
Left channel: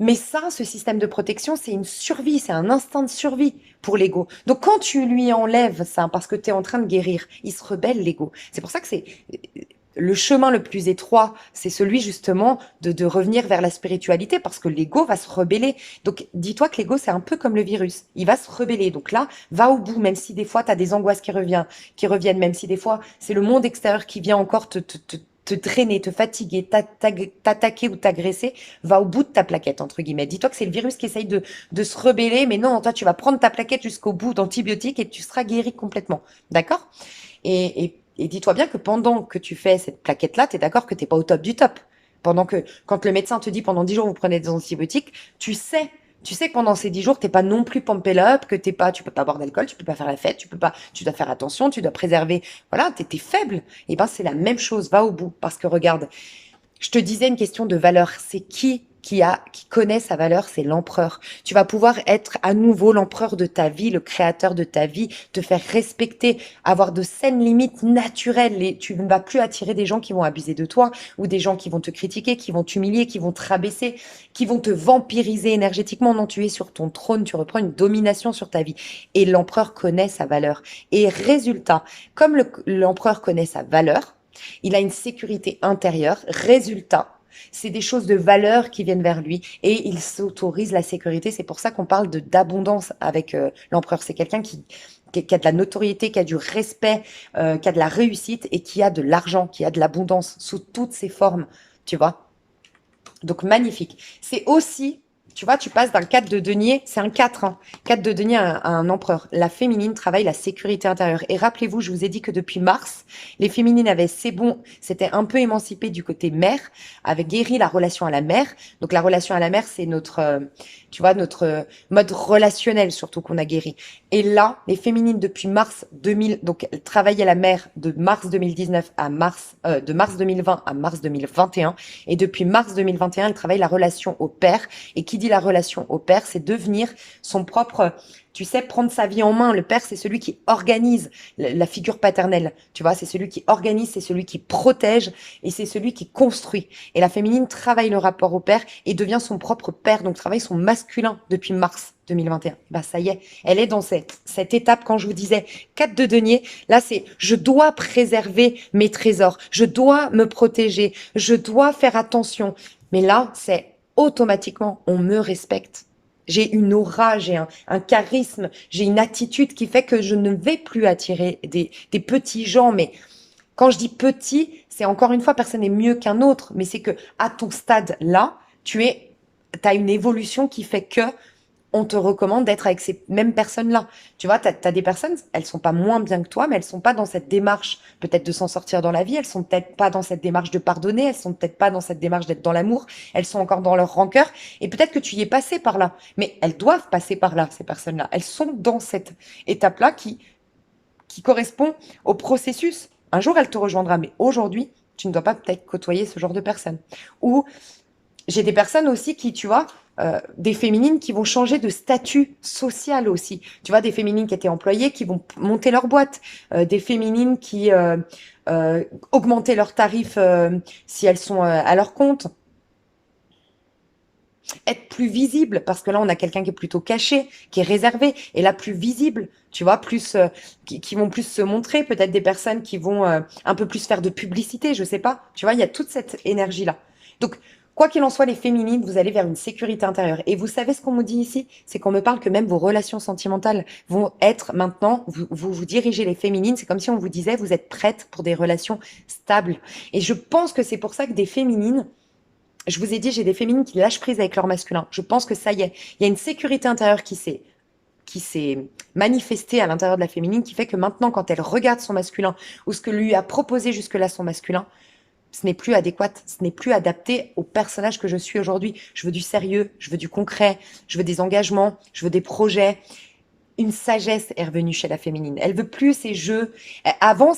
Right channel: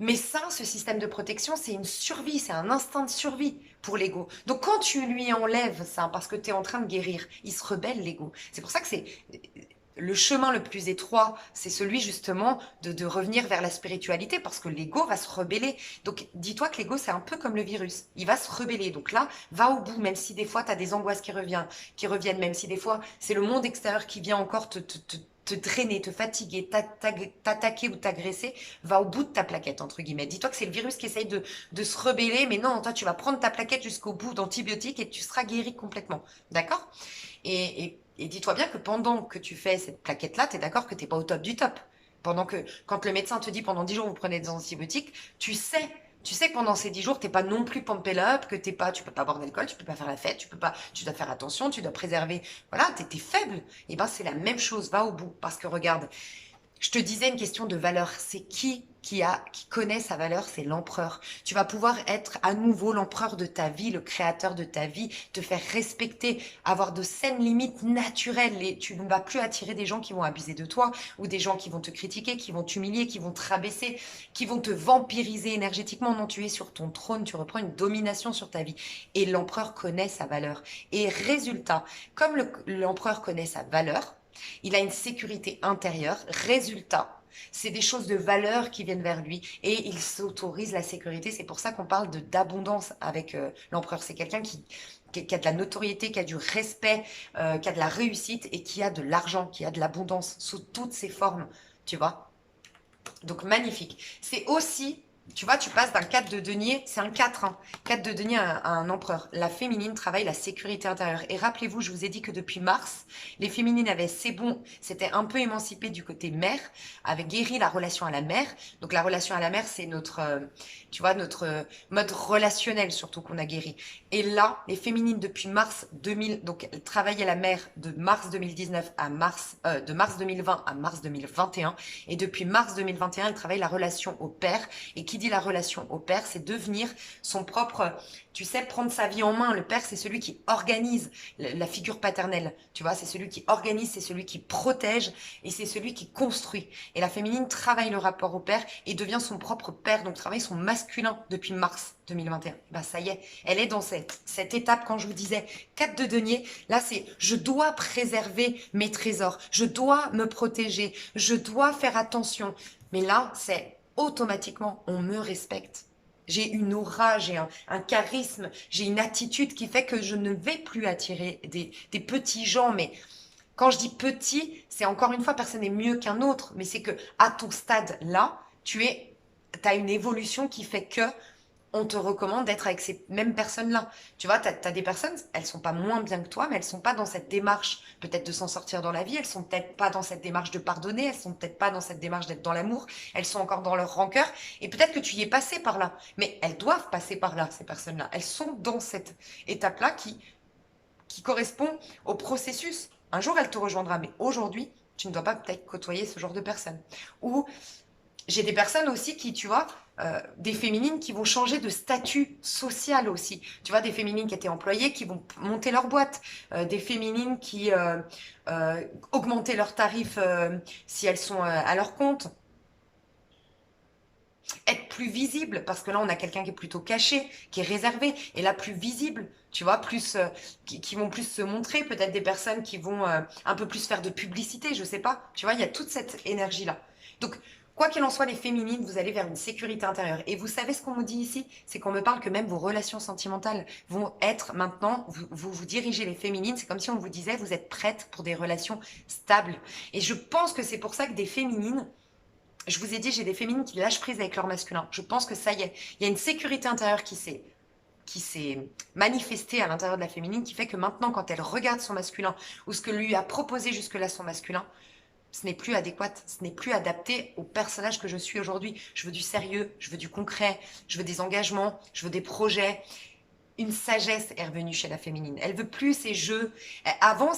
Mais ça, ce système de protection, c'est une survie, c'est un instinct de survie pour l'ego. Donc quand tu lui enlèves ça, parce que tu es en train de guérir, il se rebelle l'ego. C'est pour ça que c'est le chemin le plus étroit, c'est celui justement de revenir vers la spiritualité, parce que l'ego va se rebeller. Donc dis-toi que l'ego, c'est un peu comme le virus. Il va se rebeller. Donc là, va au bout, même si des fois, tu as des angoisses qui reviennent, même si des fois, c'est le monde extérieur qui vient encore te drainer, te fatiguer, t'attaquer ou t'agresser, va au bout de ta plaquette, entre guillemets. Dis-toi que c'est le virus qui essaye de se rebeller, mais non, toi, tu vas prendre ta plaquette jusqu'au bout d'antibiotiques et tu seras guéri complètement. D'accord? Et dis-toi bien que pendant que tu fais cette plaquette-là, tu es d'accord que tu n'es pas au top du top. Quand le médecin te dit pendant 10 jours, vous prenez des antibiotiques, tu sais que pendant ces 10 jours, t'es pas non plus pumpé up, que tu peux pas boire d'alcool, tu peux pas faire la fête, tu dois faire attention, tu dois préserver. Voilà, t'es faible. Et ben, c'est la même chose, va au bout. Parce que regarde, Je te disais une question de valeur. C'est qui connaît sa valeur? C'est l'empereur. Tu vas pouvoir être à nouveau l'empereur de ta vie, le créateur de ta vie, te faire respecter, avoir de saines limites naturelles. Et tu ne vas plus attirer des gens qui vont abuser de toi ou des gens qui vont te critiquer, qui vont t'humilier, qui vont te rabaisser, qui vont te vampiriser énergétiquement. Non, tu es sur ton trône, tu reprends une domination sur ta vie. Et l'empereur connaît sa valeur. Et résultat, comme l'empereur connaît sa valeur, il a une sécurité intérieure. Résultat, c'est des choses de valeur qui viennent vers lui et il s'autorise la sécurité. C'est pour ça qu'on parle de d'abondance avec l'empereur. C'est quelqu'un qui a de la notoriété, qui a du respect, qui a de la réussite et qui a de l'argent, qui a de l'abondance sous toutes ses formes, tu vois. Donc magnifique. C'est aussi, tu vois, tu passes d'un 4 de denier, c'est un 4, hein, 4 de denier à un empereur. La féminine travaille la sécurité intérieure. Et rappelez-vous, je vous ai dit que depuis mars, les féminines avaient, c'est bon, c'était un peu émancipé du côté mère, avaient guéri la relation à la mère. Donc la relation à la mère, c'est notre, tu vois, notre mode relationnel surtout qu'on a guéri. Et là, les féminines depuis mars 2000, donc elles travaillaient la mère de mars 2019 à de mars 2020 à mars 2021. Et depuis mars 2021, elle travaille la relation au père. Et qui dit la relation au père, c'est devenir son propre, tu sais, prendre sa vie en main. Le père, c'est celui qui organise la figure paternelle. Tu vois, c'est celui qui organise, c'est celui qui protège et c'est celui qui construit. Et la féminine travaille le rapport au père et devient son propre père, donc travaille son masculin depuis mars 2021. Bah ça y est, elle est dans cette étape quand je vous disais 4 de denier. Là, c'est je dois préserver mes trésors, je dois me protéger, je dois faire attention. Mais là, c'est automatiquement, on me respecte. J'ai une aura, j'ai un charisme, j'ai une attitude qui fait que je ne vais plus attirer des petits gens. Mais quand je dis petit, c'est encore une fois, personne n'est mieux qu'un autre. Mais c'est que à ton stade là, t'as une évolution qui fait que on te recommande d'être avec ces mêmes personnes-là. Tu vois, t'as des personnes, elles sont pas moins bien que toi, mais elles sont pas dans cette démarche peut-être de s'en sortir dans la vie, elles sont peut-être pas dans cette démarche de pardonner, elles sont peut-être pas dans cette démarche d'être dans l'amour, elles sont encore dans leur rancœur, et peut-être que tu y es passé par là, mais elles doivent passer par là, ces personnes-là. Elles sont dans cette étape-là qui correspond au processus. Un jour, elle te rejoindra, mais aujourd'hui, tu ne dois pas peut-être côtoyer ce genre de personnes. Ou j'ai des personnes aussi qui, tu vois, des féminines qui vont changer de statut social aussi. Tu vois, des féminines qui étaient employées, qui vont monter leur boîte. Des féminines qui augmenter leurs tarifs si elles sont à leur compte. Être plus visible, parce que là, on a quelqu'un qui est plutôt caché, qui est réservé, et là, plus visible. Tu vois, plus qui vont plus se montrer, peut-être des personnes qui vont un peu plus faire de publicité, je sais pas. Tu vois, il y a toute cette énergie-là. Donc, quoi qu'il en soit, les féminines, vous allez vers une sécurité intérieure. Et vous savez ce qu'on me dit ici? C'est qu'on me parle que même vos relations sentimentales vont être maintenant, vous dirigez les féminines, c'est comme si on vous disait, vous êtes prêtes pour des relations stables. Et je pense que c'est pour ça que des féminines, je vous ai dit, j'ai des féminines qui lâchent prise avec leur masculin. Je pense que ça y est, il y a une sécurité intérieure qui s'est manifestée à l'intérieur de la féminine, qui fait que maintenant, quand elle regarde son masculin ou ce que lui a proposé jusque-là son masculin, ce n'est plus adéquat, ce n'est plus adapté au personnage que je suis aujourd'hui. Je veux du sérieux, je veux du concret, je veux des engagements, je veux des projets. Une sagesse est revenue chez la féminine. Elle veut plus ces jeux. Avant,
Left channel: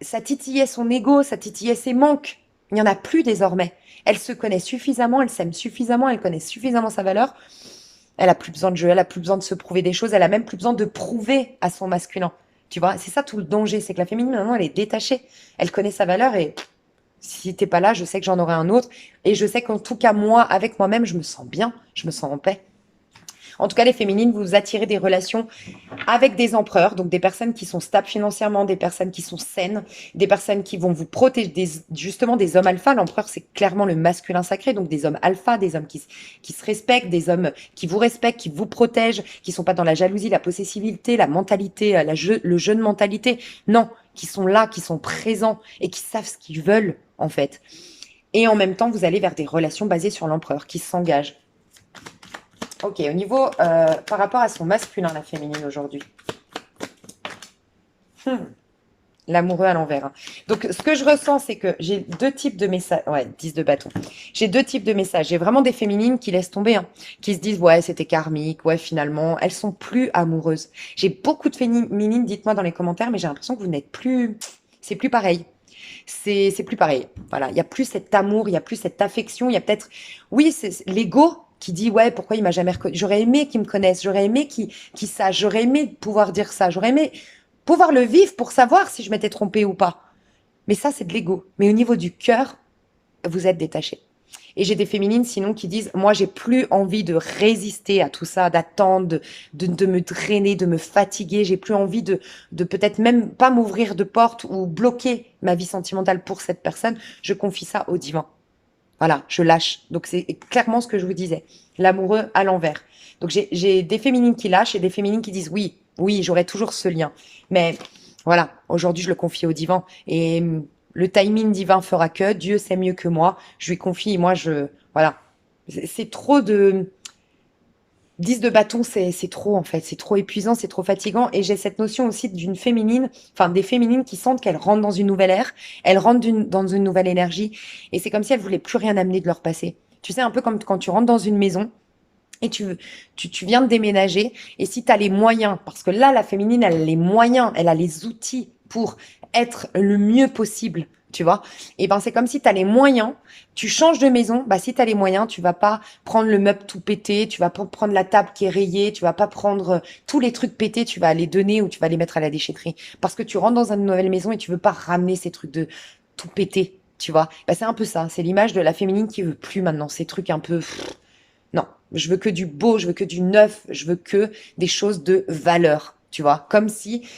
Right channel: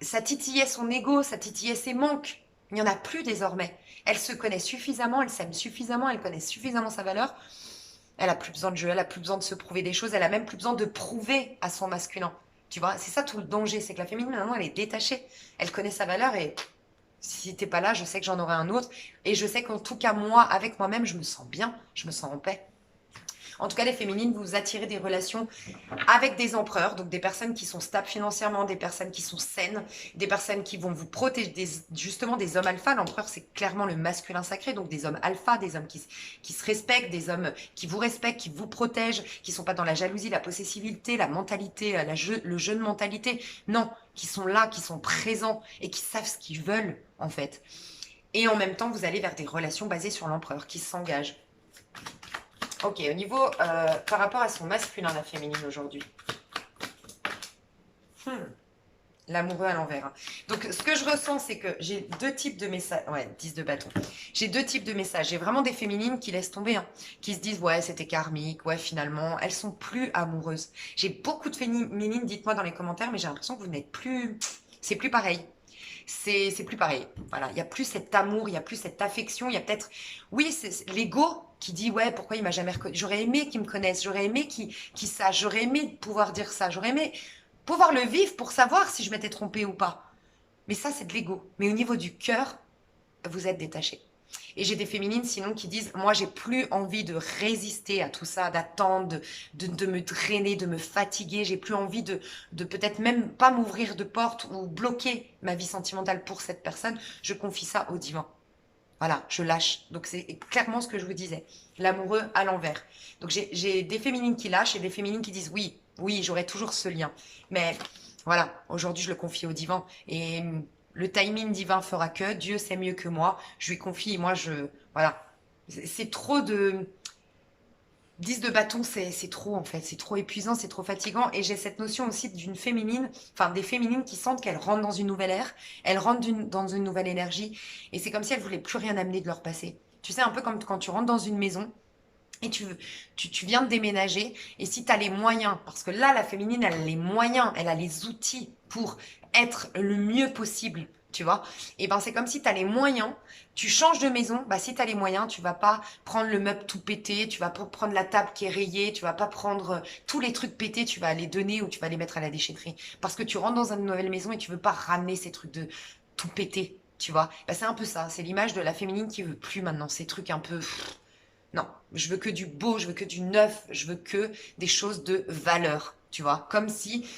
ça titillait son ego, ça titillait ses manques. Il n'y en a plus désormais. Elle se connaît suffisamment, elle s'aime suffisamment, elle connaît suffisamment sa valeur. Elle a plus besoin de jeu, elle a plus besoin de se prouver des choses, elle a même plus besoin de prouver à son masculin. Tu vois, c'est ça tout le danger, c'est que la féminine, maintenant, elle est détachée. Elle connaît sa valeur et si t'es pas là, je sais que j'en aurai un autre. Et je sais qu'en tout cas, moi, avec moi-même, je me sens bien, je me sens en paix. En tout cas, les féminines, vous attirez des relations avec des empereurs, donc des personnes qui sont stables financièrement, des personnes qui sont saines, des personnes qui vont vous protéger, justement des hommes alpha. L'empereur, c'est clairement le masculin sacré, donc des hommes alpha, des hommes qui se respectent, des hommes qui vous respectent, qui vous protègent, qui sont pas dans la jalousie, la possessivité, la mentalité, le jeu de mentalité. Non, qui sont là, qui sont présents et qui savent ce qu'ils veulent, en fait. Et en même temps, vous allez vers des relations basées sur l'empereur, qui s'engagent. Ok, au niveau, par rapport à son masculin, la féminine aujourd'hui. Hmm, L'amoureux à l'envers, hein. Donc, ce que je ressens, c'est que j'ai deux types de messages. Ouais, 10 de bâton. J'ai deux types de messages. J'ai vraiment des féminines qui laissent tomber, hein, qui se disent, ouais, c'était karmique, ouais, finalement, elles sont plus amoureuses. J'ai beaucoup de féminines, dites-moi dans les commentaires, mais j'ai l'impression que vous n'êtes plus. C'est plus pareil. c'est plus pareil. Voilà, il y a plus cet amour, il y a plus cette affection, il y a peut-être, oui, c'est l'ego qui dit ouais, pourquoi il m'a jamais reconnu. J'aurais aimé qu'il me connaisse, j'aurais aimé qu'il sache, j'aurais aimé pouvoir dire ça, j'aurais aimé pouvoir le vivre pour savoir si je m'étais trompée ou pas. Mais ça, c'est de l'ego. Mais au niveau du cœur, vous êtes détaché. Et j'ai des féminines sinon qui disent, moi j'ai plus envie de résister à tout ça, d'attendre, de me drainer, de me fatiguer, j'ai plus envie de peut-être même pas m'ouvrir de porte ou bloquer ma vie sentimentale pour cette personne, je confie ça au divin. Voilà, je lâche. Donc c'est clairement ce que je vous disais, l'amoureux à l'envers. Donc j'ai des féminines qui lâchent et des féminines qui disent oui, oui, j'aurai toujours ce lien. Mais voilà, aujourd'hui je le confie au divin et le timing divin fera que Dieu sait mieux que moi. Je lui confie, moi je voilà, c'est trop de 10 de bâton, c'est trop en fait, c'est trop épuisant, c'est trop fatigant. Et j'ai cette notion aussi d'une féminine, enfin des féminines qui sentent qu'elles rentrent dans une nouvelle ère, elles rentrent dans une nouvelle énergie. Et c'est comme si elles voulaient plus rien amener de leur passé. Tu sais, un peu comme quand tu rentres dans une maison et tu viens de déménager. Et si tu as les moyens, parce que là, la féminine, elle a les moyens, elle a les outils pour être le mieux possible, tu vois. Et ben c'est comme si tu as les moyens, tu changes de maison, bah si tu as les moyens, tu vas pas prendre le meuble tout pété, tu vas pas prendre la table qui est rayée, tu vas pas prendre tous les trucs pétés, tu vas les donner ou tu vas les mettre à la déchetterie. Parce que tu rentres dans une nouvelle maison et tu veux pas ramener ces trucs de tout pété, tu vois. Bah, c'est un peu ça, c'est l'image de la féminine qui veut plus maintenant, ces trucs un peu... Non, je veux que du beau, je veux que du neuf, je veux que des choses de valeur, tu vois. Comme si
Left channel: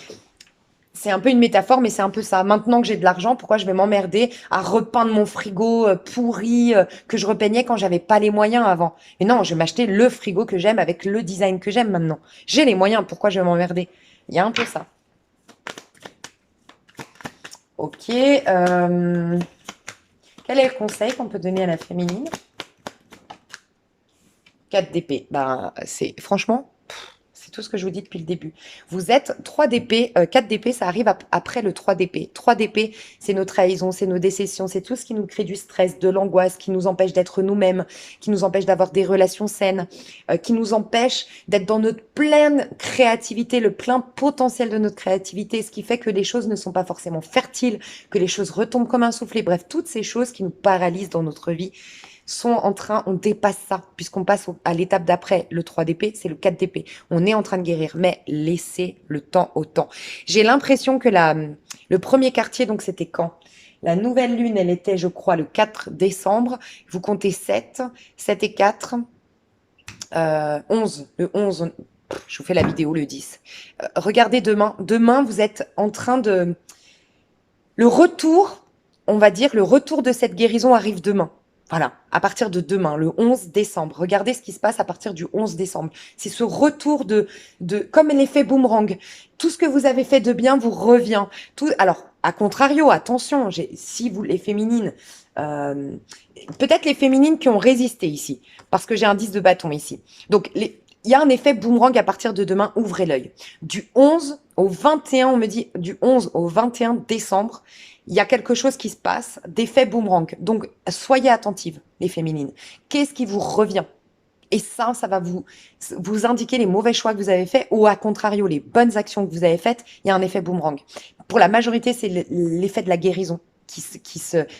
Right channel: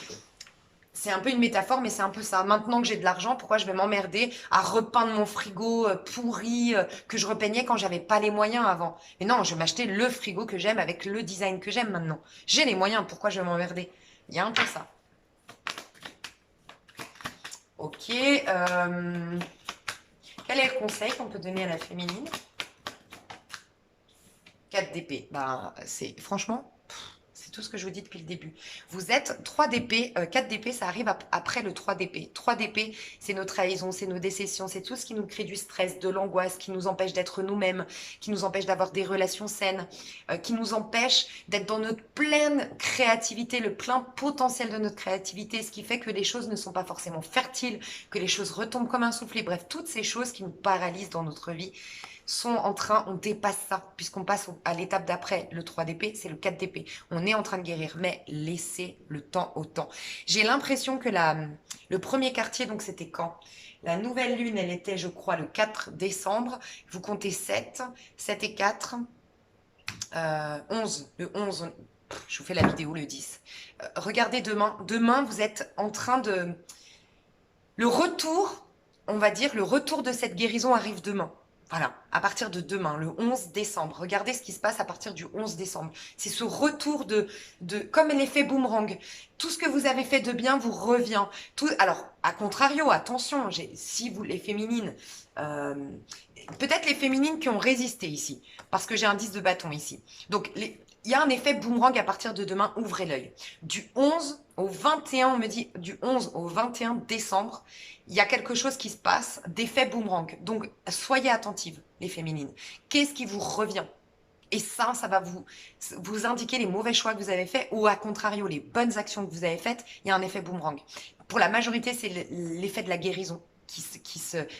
c'est un peu une métaphore, mais c'est un peu ça. Maintenant que j'ai de l'argent, pourquoi je vais m'emmerder à repeindre mon frigo pourri que je repeignais quand j'avais pas les moyens avant? Et non, je vais m'acheter le frigo que j'aime avec le design que j'aime maintenant. J'ai les moyens, pourquoi je vais m'emmerder? Il y a un peu ça. Ok. Quel est le conseil qu'on peut donner à la féminine? 4 d'épée. Ben, c'est franchement, c'est tout ce que je vous dis depuis le début. Vous êtes 3 d'épée, 4 d'épée, ça arrive après le 3 d'épée. 3 d'épée, c'est nos trahisons, c'est nos déceptions, c'est tout ce qui nous crée du stress, de l'angoisse, qui nous empêche d'être nous-mêmes, qui nous empêche d'avoir des relations saines, qui nous empêche d'être dans notre pleine créativité, le plein potentiel de notre créativité, ce qui fait que les choses ne sont pas forcément fertiles, que les choses retombent comme un soufflet. Bref, toutes ces choses qui nous paralysent dans notre vie sont en train, on dépasse ça, puisqu'on passe à l'étape d'après. Le 3 d'épée, c'est le 4 d'épée. On est en train de guérir, mais laissez le temps au temps. J'ai l'impression que le premier quartier, donc c'était quand? La nouvelle lune, elle était, je crois, le 4 décembre. Vous comptez 7, 7 et 4, 11. Le 11, je vous fais la vidéo le 10. Regardez demain. Demain, vous êtes en train de... Le retour, on va dire, le retour de cette guérison arrive demain. Voilà, à partir de demain, le 11 décembre. Regardez ce qui se passe à partir du 11 décembre. C'est ce retour comme l'effet boomerang. Tout ce que vous avez fait de bien vous revient. Alors, à contrario, attention, si vous, les féminines, euh, peut-être les féminines qui ont résisté ici, parce que j'ai un 10 de bâton ici. Donc, il y a un effet boomerang à partir de demain, ouvrez l'œil. Du 11 au 21, on me dit, du 11 au 21 décembre, il y a quelque chose qui se passe, d'effet boomerang. Donc, soyez attentives, les féminines. Qu'est-ce qui vous revient? Et ça va vous indiquer les mauvais choix que vous avez faits ou à contrario, les bonnes actions que vous avez faites, il y a un effet boomerang. Pour la majorité, c'est l'effet de la guérison.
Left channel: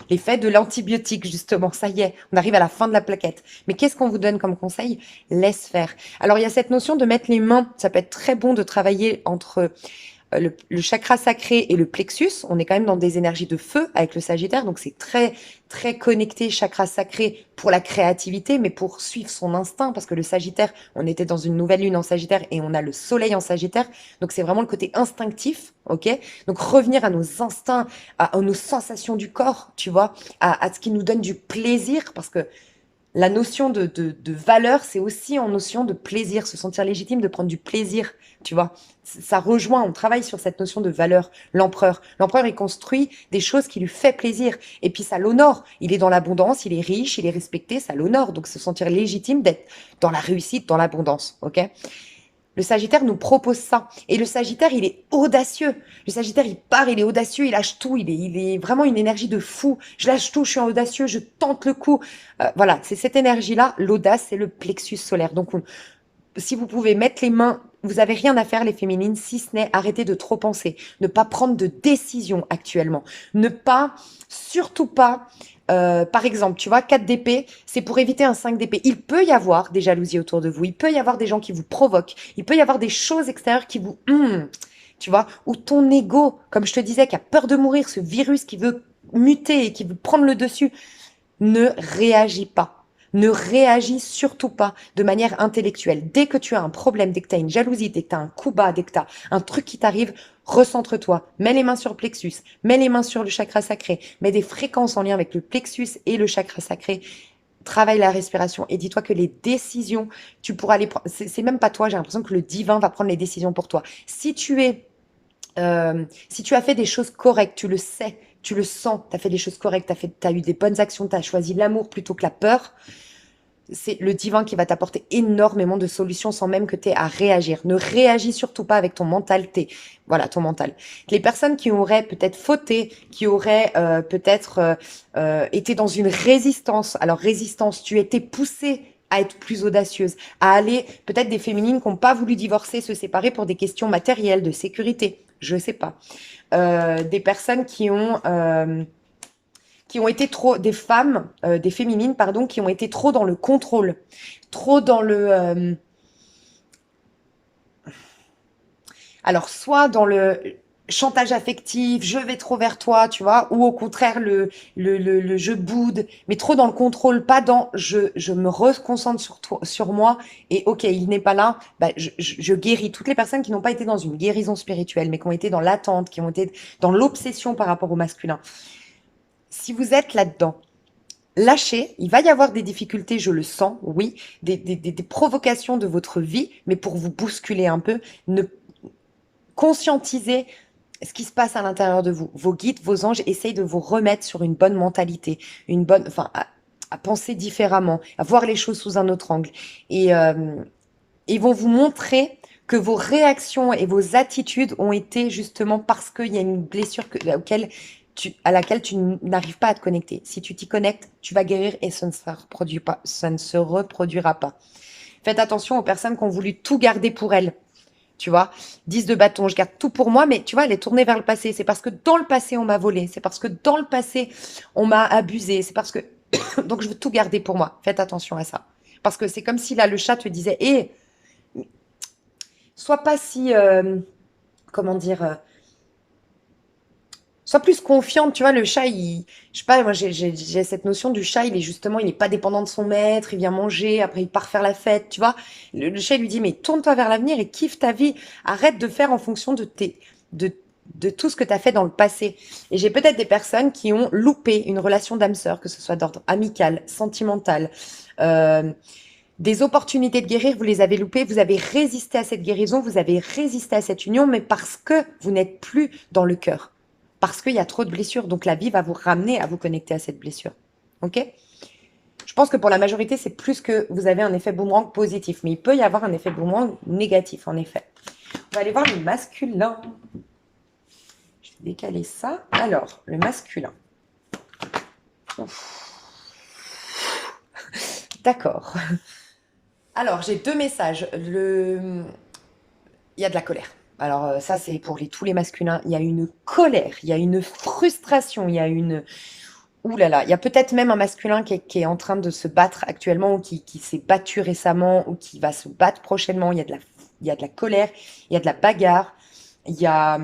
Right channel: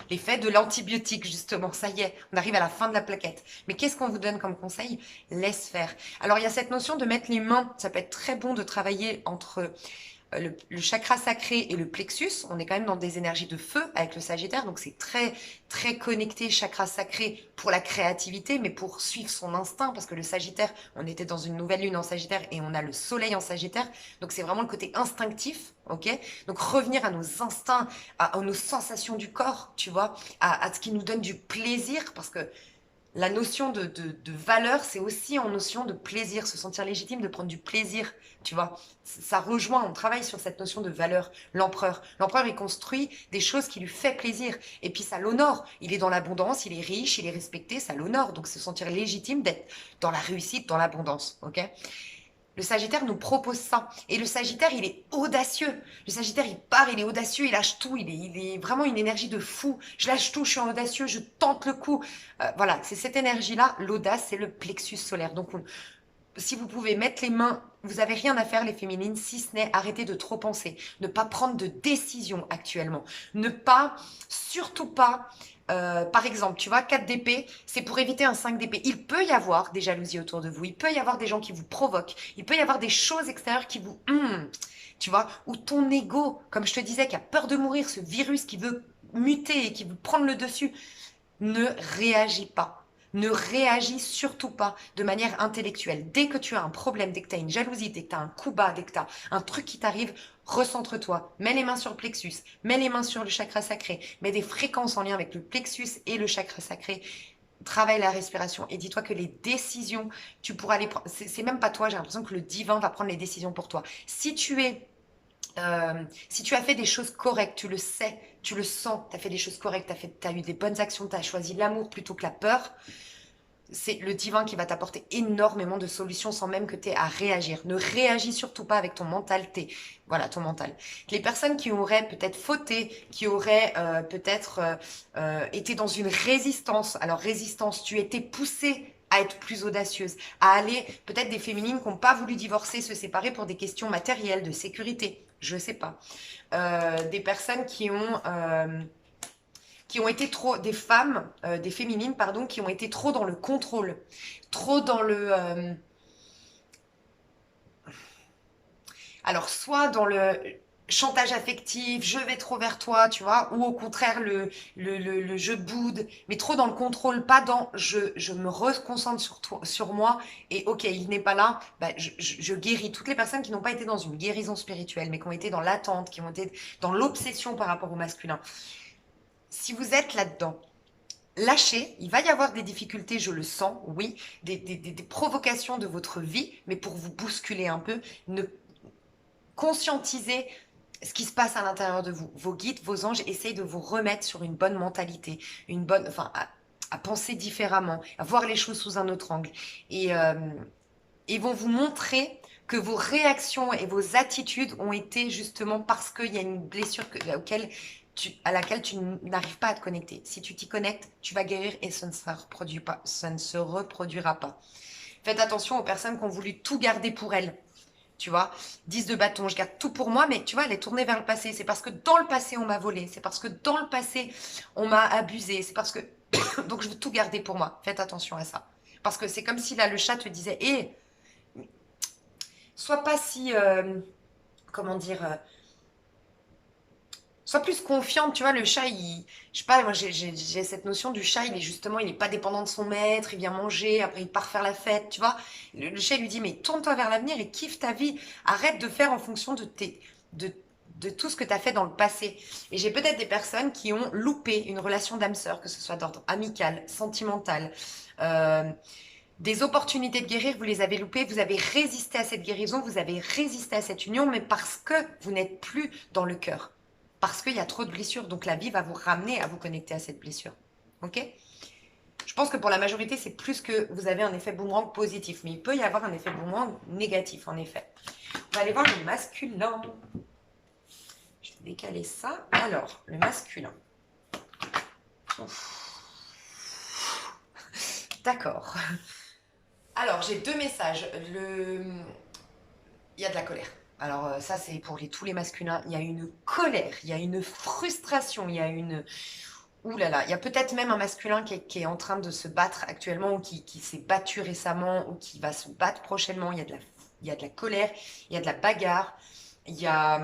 L'effet de l'antibiotique, justement. Ça y est, on arrive à la fin de la plaquette. Mais qu'est-ce qu'on vous donne comme conseil? Laisse faire. Alors, il y a cette notion de mettre les mains. Ça peut être très bon de travailler entre le chakra sacré et le plexus. On est quand même dans des énergies de feu avec le Sagittaire, donc c'est très très connecté chakra sacré pour la créativité, mais pour suivre son instinct, parce que le Sagittaire, on était dans une nouvelle lune en Sagittaire et on a le Soleil en Sagittaire, donc c'est vraiment le côté instinctif, ok? Donc revenir à nos instincts, à nos sensations du corps, tu vois, à ce qui nous donne du plaisir, parce que la notion de valeur, c'est aussi en notion de plaisir, se sentir légitime, de prendre du plaisir, tu vois. Ça rejoint, on travaille sur cette notion de valeur. L'empereur, il construit des choses qui lui fait plaisir. Et puis ça l'honore. Il est dans l'abondance, il est riche, il est respecté, ça l'honore. Donc se sentir légitime d'être dans la réussite, dans l'abondance, ok? Le Sagittaire nous propose ça. Et le Sagittaire, il est audacieux. Le Sagittaire, il part, il est audacieux, il lâche tout. Il est vraiment une énergie de fou. Je lâche tout, je suis audacieux, je tente le coup. Voilà, c'est cette énergie-là. L'audace, c'est le plexus solaire. Donc, si vous pouvez mettre les mains vous avez rien à faire, les féminines, si ce n'est arrêter de trop penser, ne pas prendre de décision actuellement, ne pas, surtout pas, par exemple, tu vois, 4 d'épée, c'est pour éviter un 5 d'épée. Il peut y avoir des jalousies autour de vous, il peut y avoir des gens qui vous provoquent, il peut y avoir des choses extérieures qui vous... tu vois, ou ton ego, comme je te disais, qui a peur de mourir, ce virus qui veut muter et qui veut prendre le dessus, ne réagis pas. Ne réagis surtout pas de manière intellectuelle. Dès que tu as un problème, dès que tu as une jalousie, dès que tu as un coup bas, dès que tu as un truc qui t'arrive, recentre-toi. Mets les mains sur le plexus, mets les mains sur le chakra sacré, mets des fréquences en lien avec le plexus et le chakra sacré. Travaille la respiration et dis-toi que les décisions, tu pourras les prendre. C'est même pas toi, j'ai l'impression que le divin va prendre les décisions pour toi. Si tu as fait des choses correctes, tu le sais, tu le sens, tu as fait des choses correctes, tu as eu des bonnes actions, tu as choisi l'amour plutôt que la peur, c'est le divin qui va t'apporter énormément de solutions sans même que tu aies à réagir. Ne réagis surtout pas avec ton mental, voilà, ton mental. Les personnes qui auraient peut-être fauté, qui auraient peut-être été dans une résistance, alors résistance, tu étais poussée à être plus audacieuse, à aller, peut-être des féminines qui n'ont pas voulu divorcer, se séparer pour des questions matérielles, de sécurité, je sais pas. Des personnes qui ont été trop, des femmes, des féminines, pardon, qui ont été trop dans le contrôle, trop dans alors soit dans le chantage affectif, je vais trop vers toi, tu vois, ou au contraire le je boude, mais trop dans le contrôle, pas dans je me reconcentre sur toi, sur moi, et ok, il n'est pas là, bah, je guéris toutes les personnes qui n'ont pas été dans une guérison spirituelle, mais qui ont été dans l'attente, qui ont été dans l'obsession par rapport au masculin. Si vous êtes là-dedans, lâchez, il va y avoir des difficultés, je le sens, oui, des provocations de votre vie, mais pour vous bousculer un peu, ne conscientisez ce qui se passe à l'intérieur de vous. Vos guides, vos anges essayent de vous remettre sur une bonne mentalité, une bonne, enfin, à penser différemment, à voir les choses sous un autre angle. Et ils vont vous montrer que vos réactions et vos attitudes ont été justement parce qu'il y a une blessure à laquelle tu n'arrives pas à te connecter. Si tu t'y connectes, tu vas guérir et ça ne se reproduit pas, ça ne se reproduira pas. Faites attention aux personnes qui ont voulu tout garder pour elles. Tu vois, 10 de bâton, je garde tout pour moi, mais tu vois, elle est tournée vers le passé. C'est parce que dans le passé, on m'a volé. C'est parce que dans le passé, on m'a abusé. C'est parce que... Donc, je veux tout garder pour moi. Faites attention à ça. Parce que c'est comme si là, le chat te disait, hé, sois pas si... comment dire sois plus confiante, tu vois, le chat, je sais pas, moi j'ai cette notion du chat, il est justement, il n'est pas dépendant de son maître, il vient manger, après il part faire la fête, tu vois. Le chat lui dit, mais tourne-toi vers l'avenir et kiffe ta vie, arrête de faire en fonction de, de tout ce que tu as fait dans le passé. Et j'ai peut-être des personnes qui ont loupé une relation d'âme sœur, que ce soit d'ordre amical, sentimental, euh, des opportunités de guérir, vous les avez loupées, vous avez résisté à cette guérison, vous avez résisté à cette union, mais parce que vous n'êtes plus dans le cœur. Parce qu'il y a trop de blessures. Donc la vie va vous ramener à vous connecter à cette blessure. Ok? Je pense que pour la majorité, c'est plus que vous avez un effet boomerang positif. Mais il peut y avoir un effet boomerang négatif, en effet. On va aller voir le masculin. Je vais décaler ça. Alors, le masculin. Ouf. D'accord. Alors, j'ai deux messages. Il y a de la colère. Alors, ça, c'est pour tous les masculins. Il y a une colère, il y a une frustration, il y a une... Ouh là là, il y a peut-être même un masculin qui est en train de se battre actuellement ou qui s'est battu récemment ou qui va se battre prochainement. Il y a de la colère, il y a de la bagarre, il y a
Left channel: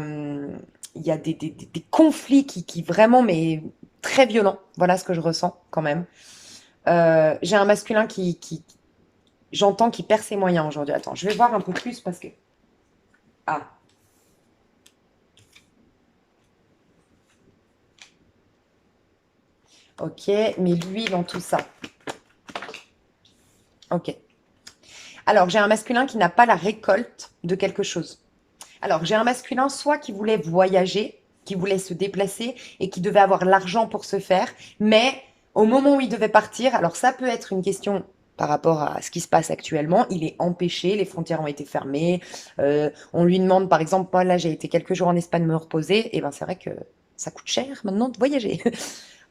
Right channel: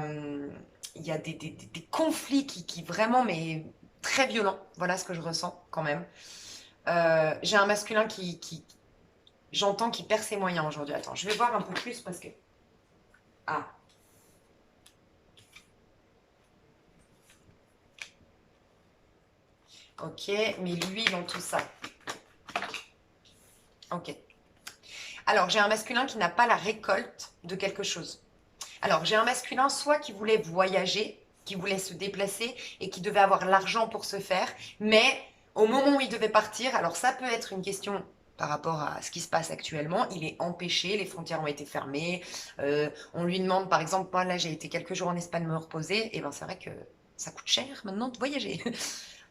des conflits qui vraiment, mais très violents. Voilà ce que je ressens quand même. J'ai un masculin j'entends, qui perd ses moyens aujourd'hui. Attends, je vais voir un peu plus parce que... Ah, ok, mais lui dans tout ça. Ok. Alors, j'ai un masculin qui n'a pas la récolte de quelque chose. Alors, j'ai un masculin soit qui voulait voyager, qui voulait se déplacer et qui devait avoir l'argent pour se faire, mais au moment où il devait partir, alors ça peut être une question par rapport à ce qui se passe actuellement, il est empêché, les frontières ont été fermées, on lui demande par exemple, moi là j'ai été quelques jours en Espagne me reposer, et ben c'est vrai que ça coûte cher maintenant de voyager.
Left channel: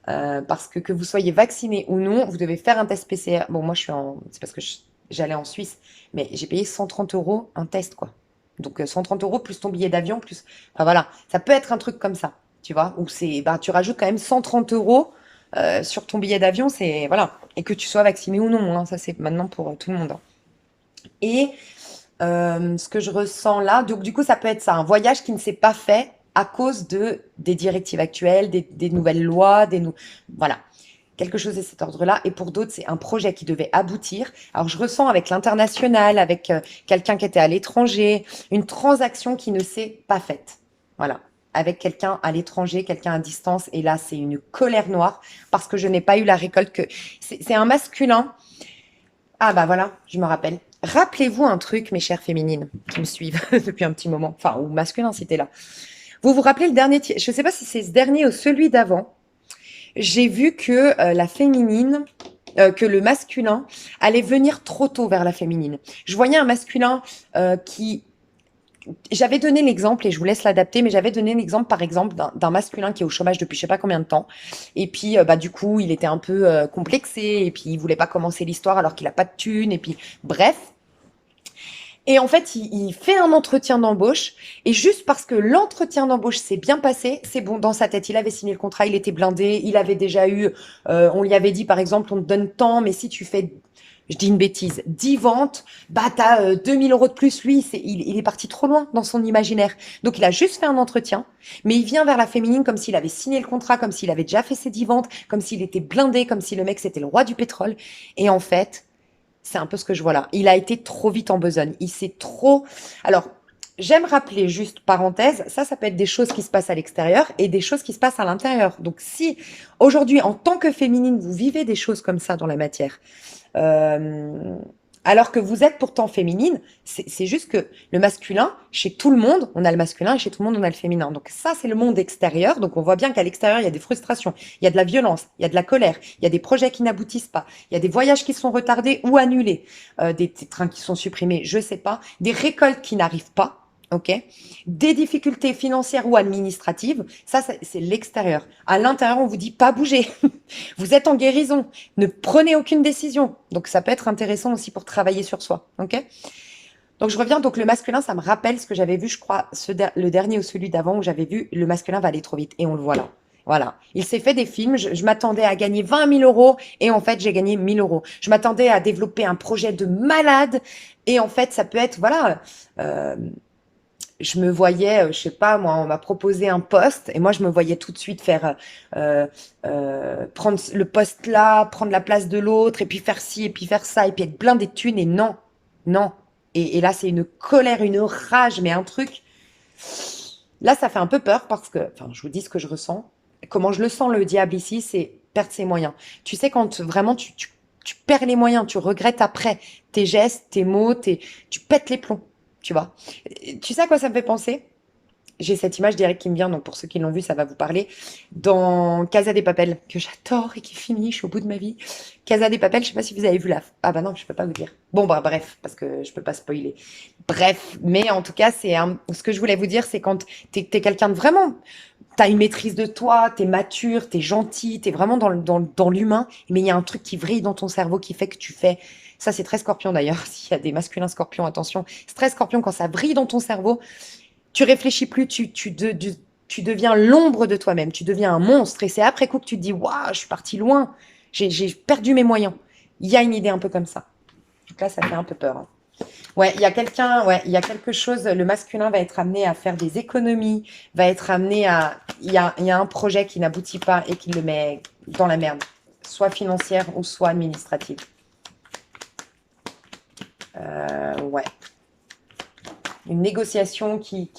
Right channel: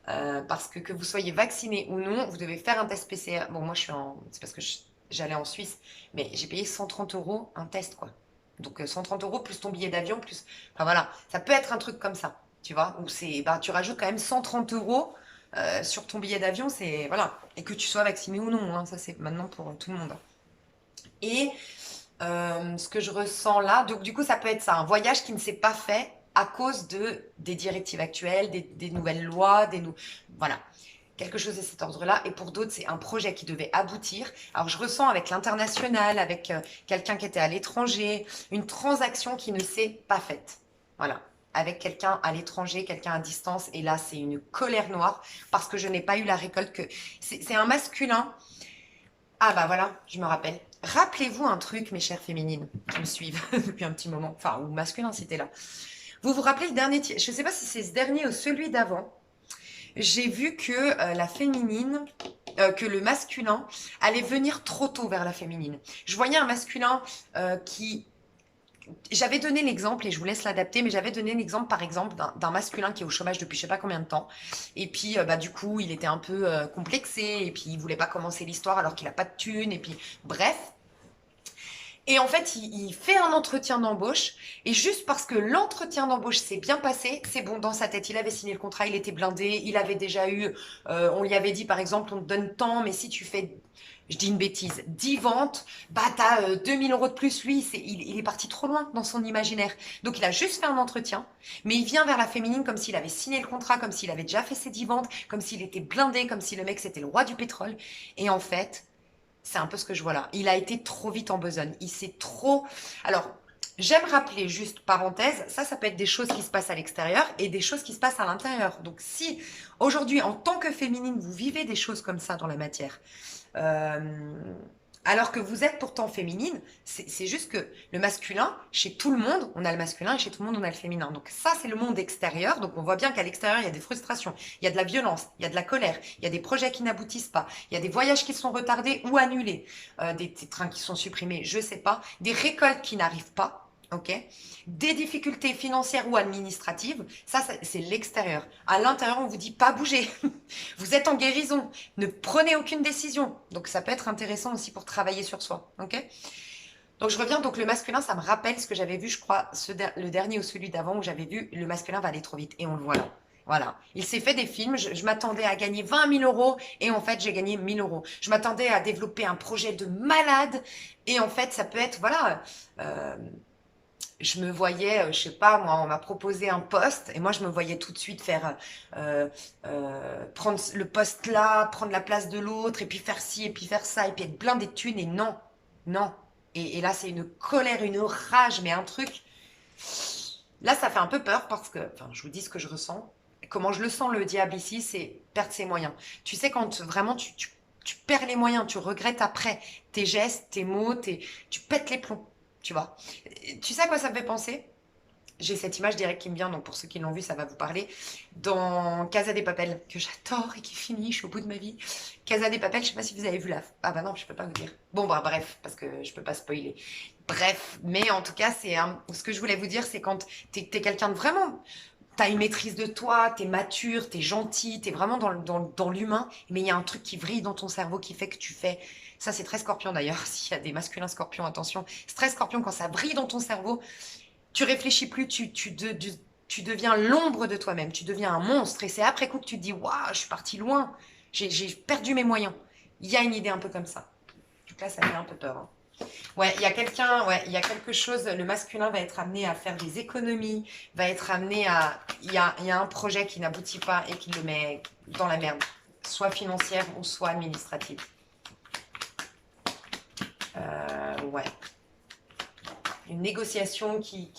Parce que vous soyez vacciné ou non, vous devez faire un test PCR. Bon, moi, c'est parce que j'allais en Suisse, mais j'ai payé 130 euros un test, quoi. Donc 130 euros plus ton billet d'avion, plus... Enfin voilà, ça peut être un truc comme ça, tu vois, où c'est, bah, tu rajoutes quand même 130 euros sur ton billet d'avion, c'est... Voilà. Et que tu sois vacciné ou non, hein, ça c'est maintenant pour tout le monde, hein. Et ce que je ressens là, donc du coup ça peut être ça, un voyage qui ne s'est pas fait à cause des directives actuelles, des nouvelles lois, voilà, quelque chose de cet ordre-là. Et pour d'autres, c'est un projet qui devait aboutir. Alors, je ressens avec l'international, avec quelqu'un qui était à l'étranger, une transaction qui ne s'est pas faite. Voilà. Avec quelqu'un à l'étranger, quelqu'un à distance. Et là, c'est une colère noire parce que je n'ai pas eu la récolte que... C'est un masculin. Ah bah voilà, je me rappelle. Rappelez-vous un truc, mes chères féminines qui me suivent depuis un petit moment. Enfin, ou masculin si t'es là. Vous vous rappelez le dernier... Je ne sais pas si c'est ce dernier ou celui d'avant, j'ai vu que la féminine, que le masculin allait venir trop tôt vers la féminine. Je voyais un masculin qui... J'avais donné l'exemple, et je vous laisse l'adapter, mais j'avais donné l'exemple, par exemple, d'un masculin qui est au chômage depuis je sais pas combien de temps. Et puis, bah, du coup, il était un peu complexé, et puis il voulait pas commencer l'histoire alors qu'il a pas de thune, et puis, bref. Et en fait, il fait un entretien d'embauche. Et juste parce que l'entretien d'embauche s'est bien passé, c'est bon dans sa tête. Il avait signé le contrat, il était blindé, il avait déjà eu, on lui avait dit par exemple, on te donne tant, mais si tu fais, je dis une bêtise, 10 ventes, bah t'as 2000 euros de plus. Lui, il est parti trop loin dans son imaginaire. Donc il a juste fait un entretien, mais il vient vers la féminine comme s'il avait signé le contrat, comme s'il avait déjà fait ses 10 ventes, comme s'il était blindé, comme si le mec c'était le roi du pétrole. Et en fait, c'est un peu ce que je vois là. Il a été trop vite en besogne. Il s'est trop... Alors, j'aime rappeler, juste parenthèse, ça peut être des choses qui se passent à l'extérieur et des choses qui se passent à l'intérieur. Donc, si aujourd'hui, en tant que féminine, vous vivez des choses comme ça dans la matière, euh, alors que vous êtes pourtant féminine, c'est juste que le masculin, chez tout le monde, on a le masculin et chez tout le monde, on a le féminin. Donc ça, c'est le monde extérieur. Donc on voit bien qu'à l'extérieur, il y a des frustrations, il y a de la violence, il y a de la colère, il y a des projets qui n'aboutissent pas, il y a des voyages qui sont retardés ou annulés, des trains qui sont supprimés, je sais pas, des récoltes qui n'arrivent pas. Ok, des difficultés financières ou administratives, ça c'est l'extérieur. À l'intérieur, on vous dit pas bouger. Vous êtes en guérison, ne prenez aucune décision. Donc ça peut être intéressant aussi pour travailler sur soi. Ok. Donc je reviens, donc le masculin, ça me rappelle ce que j'avais vu, je crois, le dernier ou celui d'avant où j'avais vu le masculin va aller trop vite. Et on le voit là. Voilà. Il s'est fait des films, je m'attendais à gagner 20 000 euros et en fait j'ai gagné 1 000 euros. Je m'attendais à développer un projet de malade et en fait ça peut être, voilà, euh, je me voyais, je sais pas, moi, on m'a proposé un poste et moi, je me voyais tout de suite faire, prendre le poste là, prendre la place de l'autre et puis faire ci et puis faire ça et puis être blindé de thunes et non, non. Et là, c'est une colère, une rage, mais un truc. Là, ça fait un peu peur parce que, enfin, je vous dis ce que je ressens. Comment je le sens, le diable ici, c'est perdre ses moyens. Tu sais, quand vraiment tu perds les moyens, tu regrettes après tes gestes, tes mots, tu pètes les plombs, tu vois. Tu sais à quoi ça me fait penser? J'ai cette image direct qui me vient, donc pour ceux qui l'ont vu, ça va vous parler. Dans Casa des Papel, que j'adore et qui finit, je suis au bout de ma vie. Casa des Papel, je sais pas si vous avez vu la... Ah bah non, je peux pas vous dire. Bon, bah bref, parce que je peux pas spoiler. Bref, mais en tout cas, ce que je voulais vous dire, c'est quand t'es quelqu'un de vraiment... T'as une maîtrise de toi, t'es mature, t'es gentil, t'es vraiment dans l'humain, mais il y a un truc qui vrille dans ton cerveau qui fait que tu fais... Ça, c'est très scorpion d'ailleurs, s'il y a des masculins scorpions, attention. C'est très scorpion quand ça vrille dans ton cerveau, tu réfléchis plus, tu deviens l'ombre de toi-même, tu deviens un monstre. Et c'est après coup que tu te dis, waouh, je suis parti loin, j'ai perdu mes moyens. Il y a une idée un peu comme ça. Donc là, ça fait un peu peur, hein. Ouais, il y a quelqu'un, ouais, il y a quelque chose, le masculin va être amené à faire des économies, va être amené à... Il y a un projet qui n'aboutit pas et qui le met dans la merde, soit financière ou soit administrative. Ouais, une négociation qui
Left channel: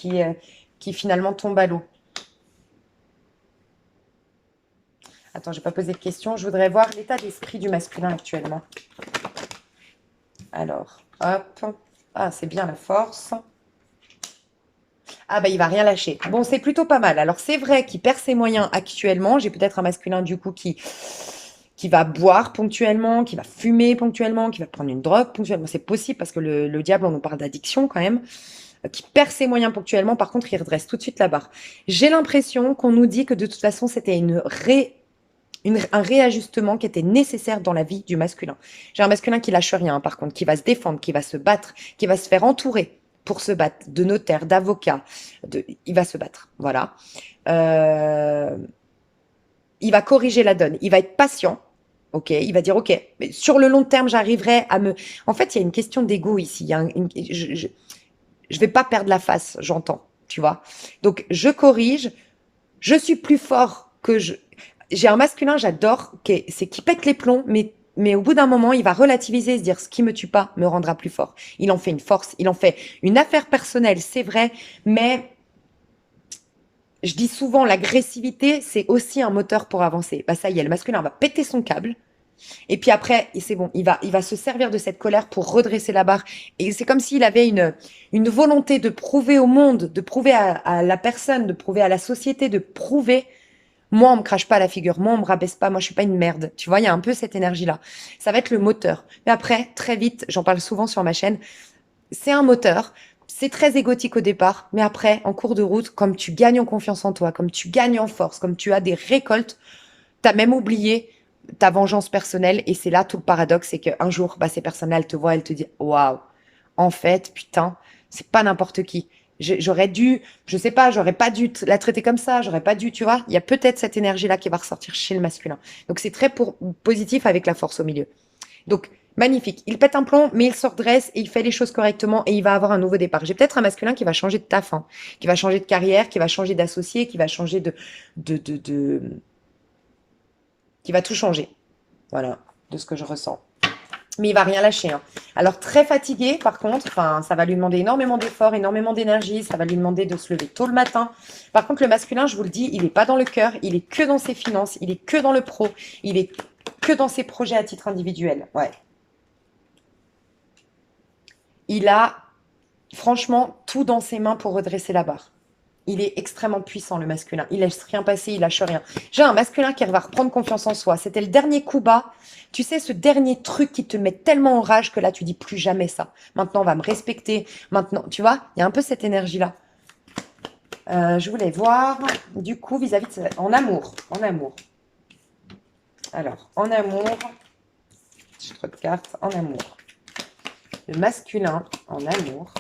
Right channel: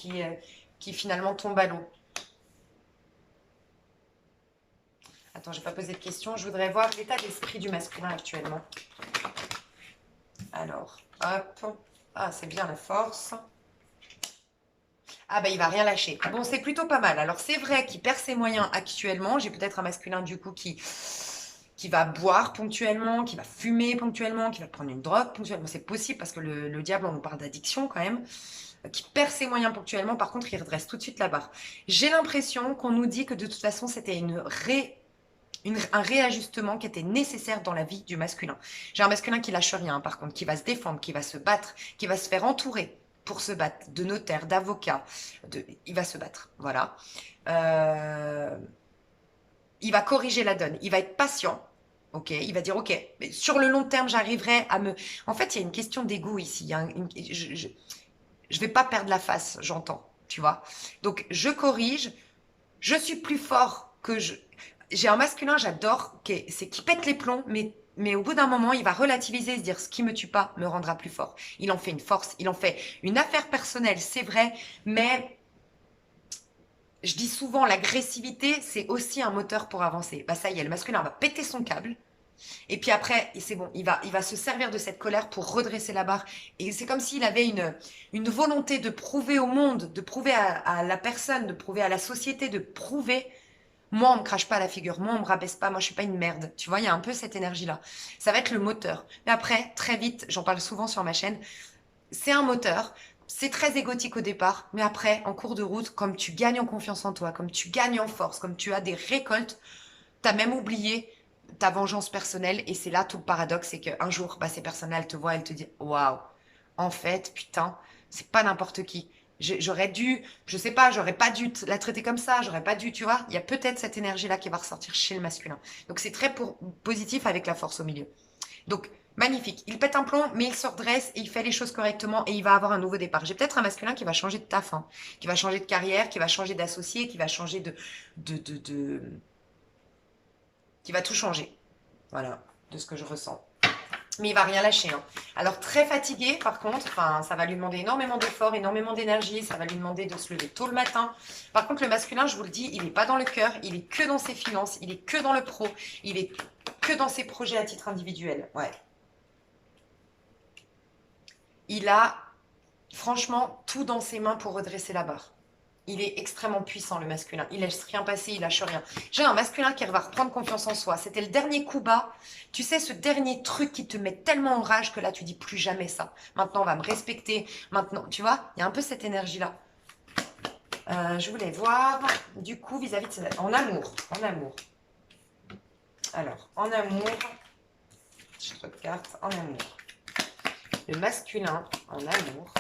finalement tombe à l'eau. Attends, je n'ai pas posé de question. Je voudrais voir l'état d'esprit du masculin actuellement. Alors, hop. Ah, c'est bien la force. Ah, bah, il va rien lâcher. Bon, c'est plutôt pas mal. Alors, c'est vrai qu'il perd ses moyens actuellement. J'ai peut-être un masculin, du coup, qui va boire ponctuellement, qui va fumer ponctuellement, qui va prendre une drogue ponctuellement. C'est possible parce que le diable, on nous parle d'addiction quand même. Qui perd ses moyens ponctuellement. Par contre, il redresse tout de suite la barre. J'ai l'impression qu'on nous dit que de toute façon, c'était un réajustement qui était nécessaire dans la vie du masculin. J'ai un masculin qui lâche rien, par contre, qui va se défendre, qui va se battre, qui va se faire entourer pour se battre, de notaires, d'avocats, il va se battre, voilà. Euh, il va corriger la donne, il va être patient, ok, il va dire, ok, mais sur le long terme, j'arriverai à me... En fait, il y a une question d'ego ici, il y a je vais pas perdre la face, j'entends, tu vois. Donc, je corrige, je suis plus fort que je... J'ai un masculin, j'adore, c'est qui pète les plombs, mais au bout d'un moment, il va relativiser et se dire, ce qui me tue pas me rendra plus fort. Il en fait une force, il en fait une affaire personnelle, c'est vrai, mais je dis souvent, l'agressivité, c'est aussi un moteur pour avancer. Bah ça y est, le masculin va péter son câble. Et puis après, et c'est bon, il va se servir de cette colère pour redresser la barre. Et c'est comme s'il avait une volonté de prouver au monde, de prouver à la personne, de prouver à la société, de prouver, moi, on me crache pas à la figure, moi, on me rabaisse pas, moi, je suis pas une merde. Tu vois, il y a un peu cette énergie-là. Ça va être le moteur. Mais après, très vite, j'en parle souvent sur ma chaîne, c'est un moteur. C'est très égotique au départ, mais après, en cours de route, comme tu gagnes en confiance en toi, comme tu gagnes en force, comme tu as des récoltes, t'as même oublié ta vengeance personnelle. Et c'est là tout le paradoxe, c'est qu'un jour, bah, ces personnes-là, elles te voient, elles te disent, waouh, en fait, putain, c'est pas n'importe qui. J'aurais dû, je sais pas, j'aurais pas dû la traiter comme ça, j'aurais pas dû, tu vois. Il y a peut-être cette énergie-là qui va ressortir chez le masculin. Donc c'est très positif avec la force au milieu. Donc, magnifique. Il pète un plomb, mais il se redresse et il fait les choses correctement et il va avoir un nouveau départ. J'ai peut-être un masculin qui va changer de taf, hein, qui va changer de carrière, qui va changer d'associé, qui va changer de, qui va tout changer. Voilà, de ce que je ressens. Mais il va rien lâcher, hein. Alors, très fatigué, par contre, enfin, ça va lui demander énormément d'efforts, énormément d'énergie, ça va lui demander de se lever tôt le matin. Par contre, le masculin, je vous le dis, il n'est pas dans le cœur, il est que dans ses finances, il est que dans le pro, il est que dans ses projets à titre individuel. Ouais. Il a franchement tout dans ses mains pour redresser la barre. Il est extrêmement puissant, le masculin. Il laisse rien passer, il lâche rien. J'ai un masculin qui va reprendre confiance en soi. C'était le dernier coup bas. Tu sais, ce dernier truc qui te met tellement en rage que là, tu dis plus jamais ça. Maintenant, on va me respecter. Maintenant, tu vois, il y a un peu cette énergie-là. Je voulais voir, du coup, vis-à-vis de... En amour, en amour. Alors, en amour, je trouve de cartes, en amour. Le masculin, en amour.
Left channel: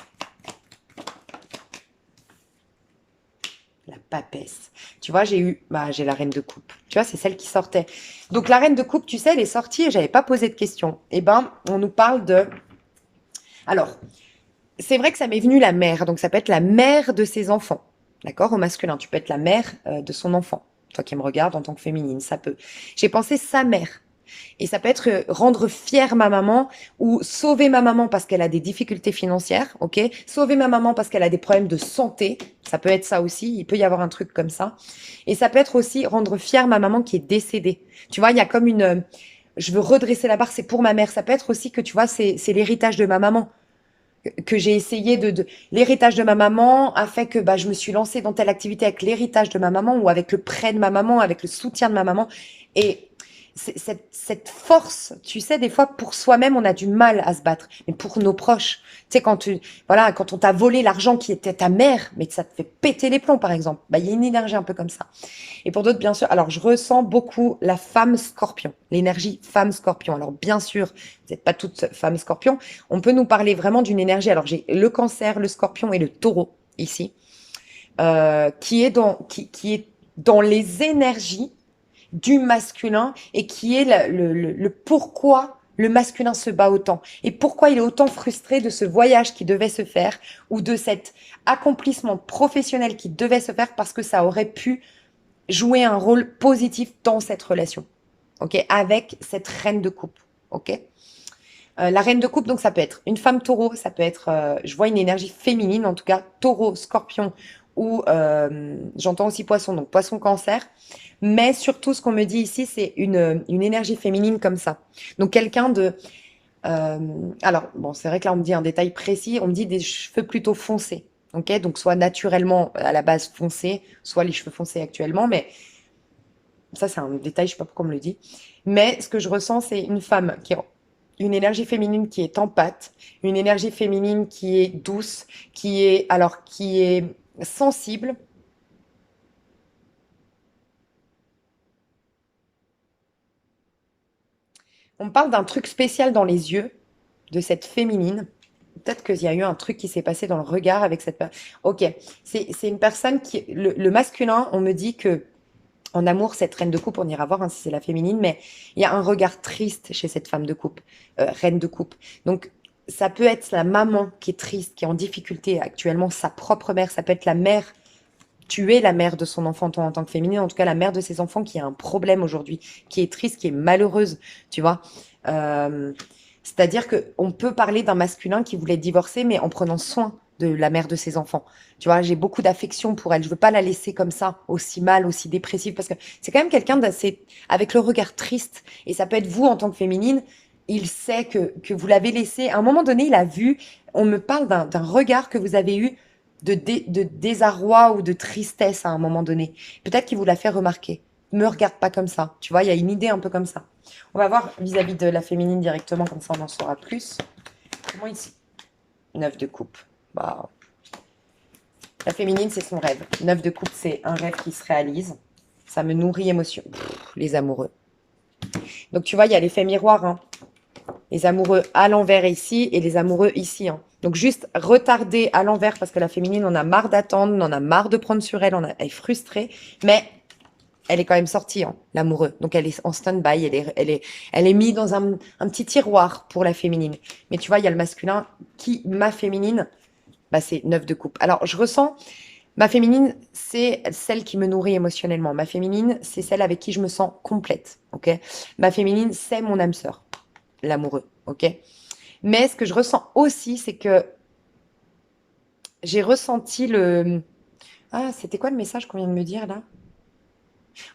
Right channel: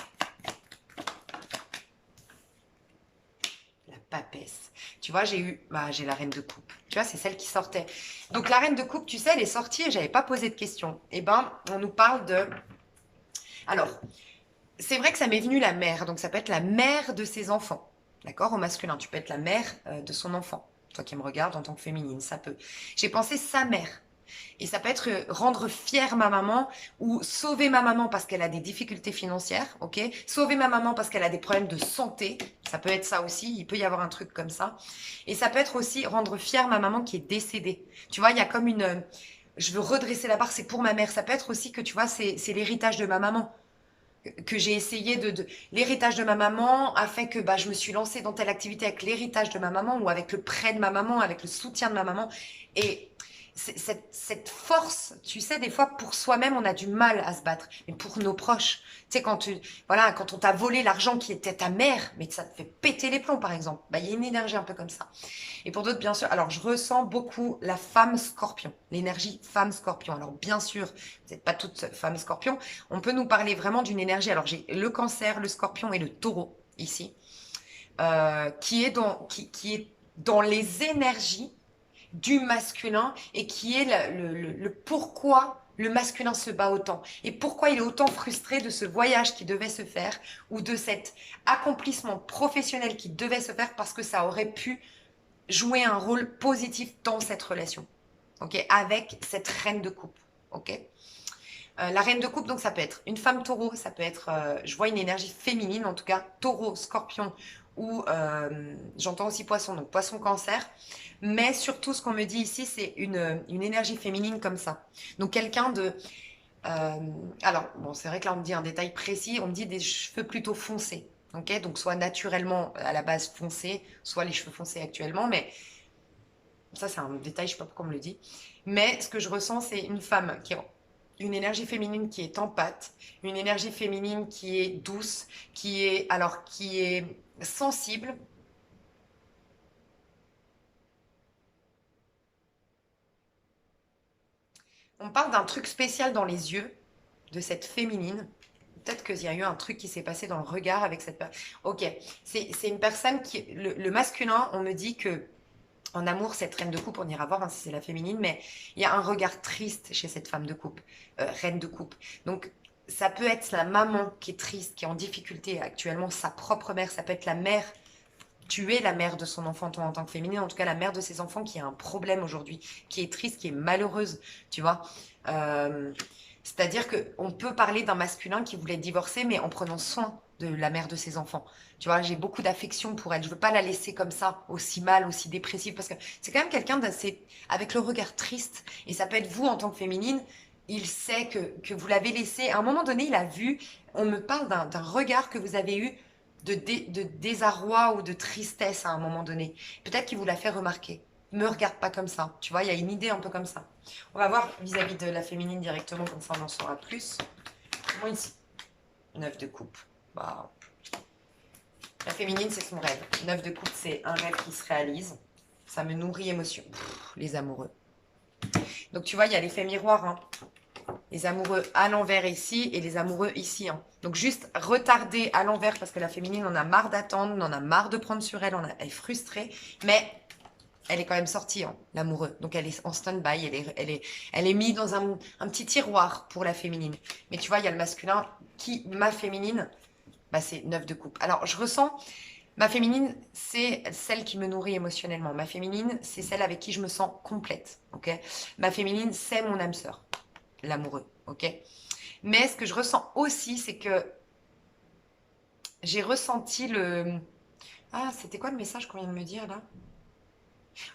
La papesse. Tu vois, j'ai la reine de coupe. Tu vois, c'est celle qui sortait. Donc la reine de coupe, tu sais, elle est sortie et j'avais pas posé de questions. Eh ben, on nous parle de. Alors, c'est vrai que ça m'est venu la mère. Donc ça peut être la mère de ses enfants. D'accord? Au masculin, tu peux être la mère de son enfant. Toi qui me regardes en tant que féminine, ça peut. J'ai pensé sa mère. Et ça peut être rendre fière ma maman ou sauver ma maman parce qu'elle a des difficultés financières, ok? Sauver ma maman parce qu'elle a des problèmes de santé, ça peut être ça aussi, il peut y avoir un truc comme ça. Et ça peut être aussi rendre fière ma maman qui est décédée. Tu vois, il y a comme je veux redresser la barre, c'est pour ma mère. Ça peut être aussi que, tu vois, c'est l'héritage de ma maman que j'ai essayé l'héritage de ma maman a fait que bah, je me suis lancée dans telle activité avec l'héritage de ma maman ou avec le prêt de ma maman, avec le soutien de ma maman. Et cette force, tu sais, des fois, pour soi-même, on a du mal à se battre. Mais pour nos proches, tu sais, voilà, quand on t'a volé l'argent qui était ta mère, mais que ça te fait péter les plombs, par exemple, bah, il y a une énergie un peu comme ça. Et pour d'autres, bien sûr, alors je ressens beaucoup la femme scorpion, l'énergie femme scorpion. Alors bien sûr, vous n'êtes pas toutes femmes scorpion. On peut nous parler vraiment d'une énergie. Alors j'ai le cancer, le scorpion et le taureau ici, qui est dans les énergies du masculin et qui est le pourquoi le masculin se bat autant et pourquoi il est autant frustré de ce voyage qui devait se faire ou de cet accomplissement professionnel qui devait se faire parce que ça aurait pu jouer un rôle positif dans cette relation, ok, avec cette reine de coupe, ok. La reine de coupe, donc ça peut être une femme taureau, ça peut être, je vois une énergie féminine, en tout cas taureau, scorpion, ou j'entends aussi poisson, donc poisson cancer. Mais surtout, ce qu'on me dit ici, c'est une énergie féminine comme ça. Donc quelqu'un de... euh, alors, bon, c'est vrai que là, on me dit un détail précis, on me dit des cheveux plutôt foncés. Ok, donc soit naturellement à la base foncés, soit les cheveux foncés actuellement, mais ça, c'est un détail, je sais pas pourquoi on me le dit. Mais ce que je ressens, c'est une femme qui a une énergie féminine qui est en pâte, une énergie féminine qui est douce, qui est sensible, On me parle d'un truc spécial dans les yeux de cette féminine. Peut-être qu'il y a eu un truc qui s'est passé dans le regard avec cette personne. Ok, c'est une personne qui... Le masculin, on me dit que en amour, cette reine de coupe, on ira voir hein, si c'est la féminine, mais il y a un regard triste chez cette femme de coupe, reine de coupe. Donc, ça peut être la maman qui est triste, qui est en difficulté actuellement, sa propre mère, ça peut être la mère, tu es la mère de son enfant toi, en tant que féminine, en tout cas la mère de ses enfants qui a un problème aujourd'hui, qui est triste, qui est malheureuse, tu vois. Euh, C'est-à-dire qu'on peut parler d'un masculin qui voulait divorcer, mais en prenant soin de la mère de ses enfants. Tu vois, j'ai beaucoup d'affection pour elle. Je veux pas la laisser comme ça, aussi mal, aussi dépressive, parce que c'est quand même quelqu'un d'assez, avec le regard triste. Et ça peut être vous en tant que féminine. Il sait que vous l'avez laissé. À un moment donné, il a vu, on me parle d'un regard que vous avez eu de désarroi ou de tristesse à un moment donné. Peut-être qu'il vous l'a fait remarquer. Me regarde pas comme ça. Tu vois, il y a une idée un peu comme ça. On va voir vis-à-vis de la féminine directement, comme ça on en saura plus. Comment ici? Neuf de coupe. Bah, la féminine, c'est son rêve. Neuf de coupe, c'est un rêve qui se réalise. Ça me nourrit émotion. Pff, les amoureux. Donc tu vois, il y a l'effet miroir. Hein. Les amoureux à l'envers ici et les amoureux ici. Hein. Donc juste retarder à l'envers parce que la féminine, on a marre d'attendre, on en a marre de prendre sur elle, elle est frustrée. Mais elle est quand même sortie, hein, l'amoureux. Donc elle est en stand-by, elle est mise dans un petit tiroir pour la féminine. Mais tu vois, il y a le masculin qui, ma féminine, bah, c'est neuf de coupe. Alors je ressens, ma féminine, c'est celle qui me nourrit émotionnellement. Ma féminine, c'est celle avec qui je me sens complète, ok? Ma féminine, c'est mon âme sœur, l'amoureux, ok? Mais ce que je ressens aussi, c'est que j'ai ressenti le... Ah, c'était quoi le message qu'on vient de me dire là?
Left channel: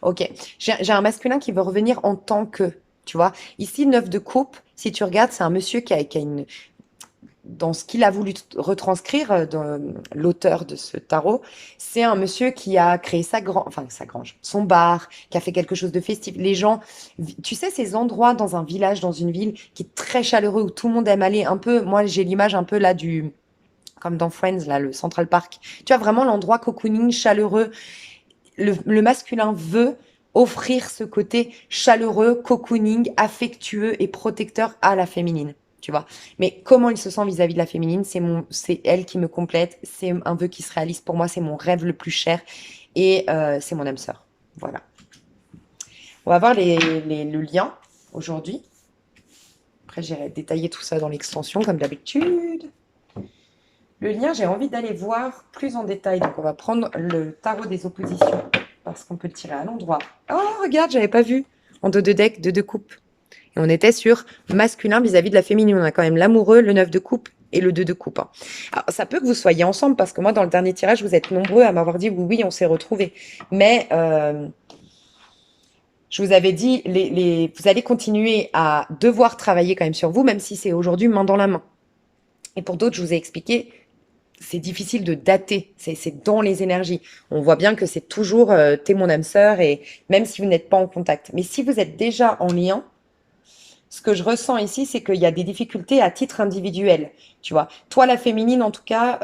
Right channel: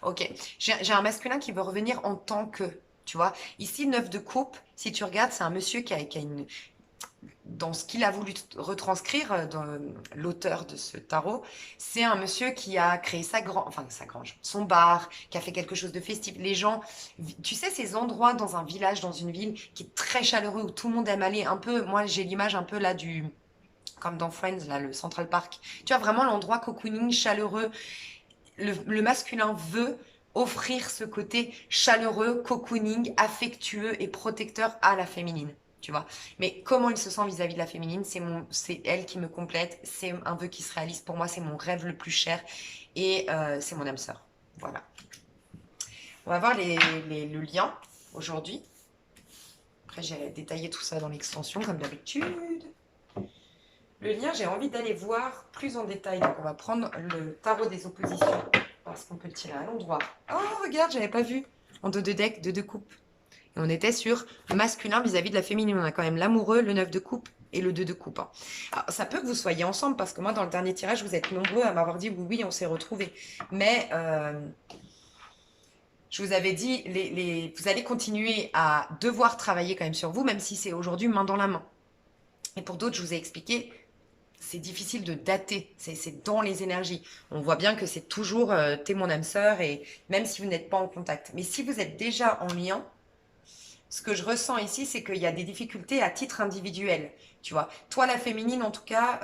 Ok, j'ai un masculin qui veut revenir en tant que, tu vois. Ici, neuf de coupe, si tu regardes, c'est un monsieur qui a une... Dans ce qu'il a voulu retranscrire, dans l'auteur de ce tarot, c'est un monsieur qui a créé sa grange, son bar, qui a fait quelque chose de festif. Les gens, tu sais, ces endroits dans un village, dans une ville, qui est très chaleureux, où tout le monde aime aller, un peu, moi j'ai l'image un peu là du, comme dans Friends, là, le Central Park. Tu as vraiment l'endroit cocooning, chaleureux, le masculin veut offrir ce côté chaleureux, cocooning, affectueux et protecteur à la féminine. Tu vois. Mais comment il se sent vis-à-vis de la féminine, c'est elle qui me complète, c'est un vœu qui se réalise pour moi, c'est mon rêve le plus cher et c'est mon âme sœur. Voilà. On va voir le lien aujourd'hui. Après, j'irai détailler tout ça dans l'extension comme d'habitude. Le lien, j'ai envie d'aller voir plus en détail. Donc, on va prendre le tarot des oppositions parce qu'on peut le tirer à l'endroit. Oh, regarde, j'avais pas vu. En dos de deck, deux de coupe. Et on était sur masculin vis-à-vis de la féminine. On a quand même l'amoureux, le 9 de coupe et le 2 de coupe. Hein. Alors, ça peut que vous soyez ensemble parce que moi, dans le dernier tirage, vous êtes nombreux à m'avoir dit oui, oui, on s'est retrouvés. Mais je vous avais dit, vous allez continuer à devoir travailler quand même sur vous, même si c'est aujourd'hui main dans la main. Et pour d'autres, je vous ai expliqué, c'est difficile de dater, c'est dans les énergies. On voit bien que c'est toujours t'es mon âme sœur et même si vous n'êtes pas en contact. Mais si vous êtes déjà en lien, ce que je ressens ici, c'est qu'il y a des difficultés à titre individuel. Tu vois, toi la féminine en tout cas,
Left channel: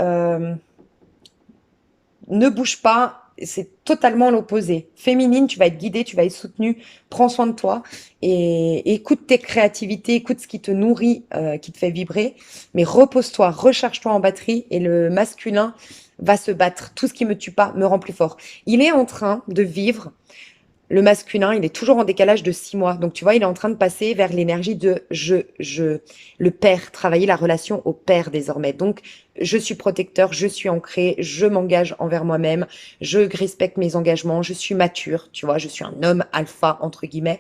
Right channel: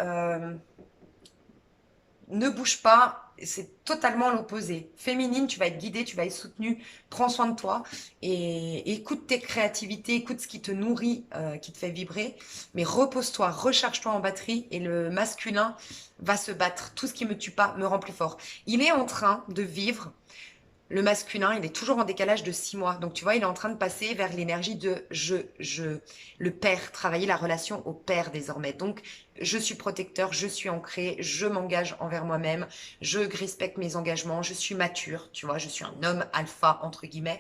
ne bouge pas. C'est totalement l'opposé. Féminine, tu vas être guidée, tu vas être soutenue. Prends soin de toi et écoute tes créativités, écoute ce qui te nourrit, qui te fait vibrer. Mais repose-toi, recharge-toi en batterie et le masculin va se battre. Tout ce qui me tue pas me rend plus fort. Il est en train de vivre. Le masculin, il est toujours en décalage de 6 mois. Donc, tu vois, il est en train de passer vers l'énergie de le père, travailler la relation au père désormais. Donc, je suis protecteur, je suis ancré, je m'engage envers moi-même, je respecte mes engagements, je suis mature, tu vois, je suis un homme alpha, entre guillemets.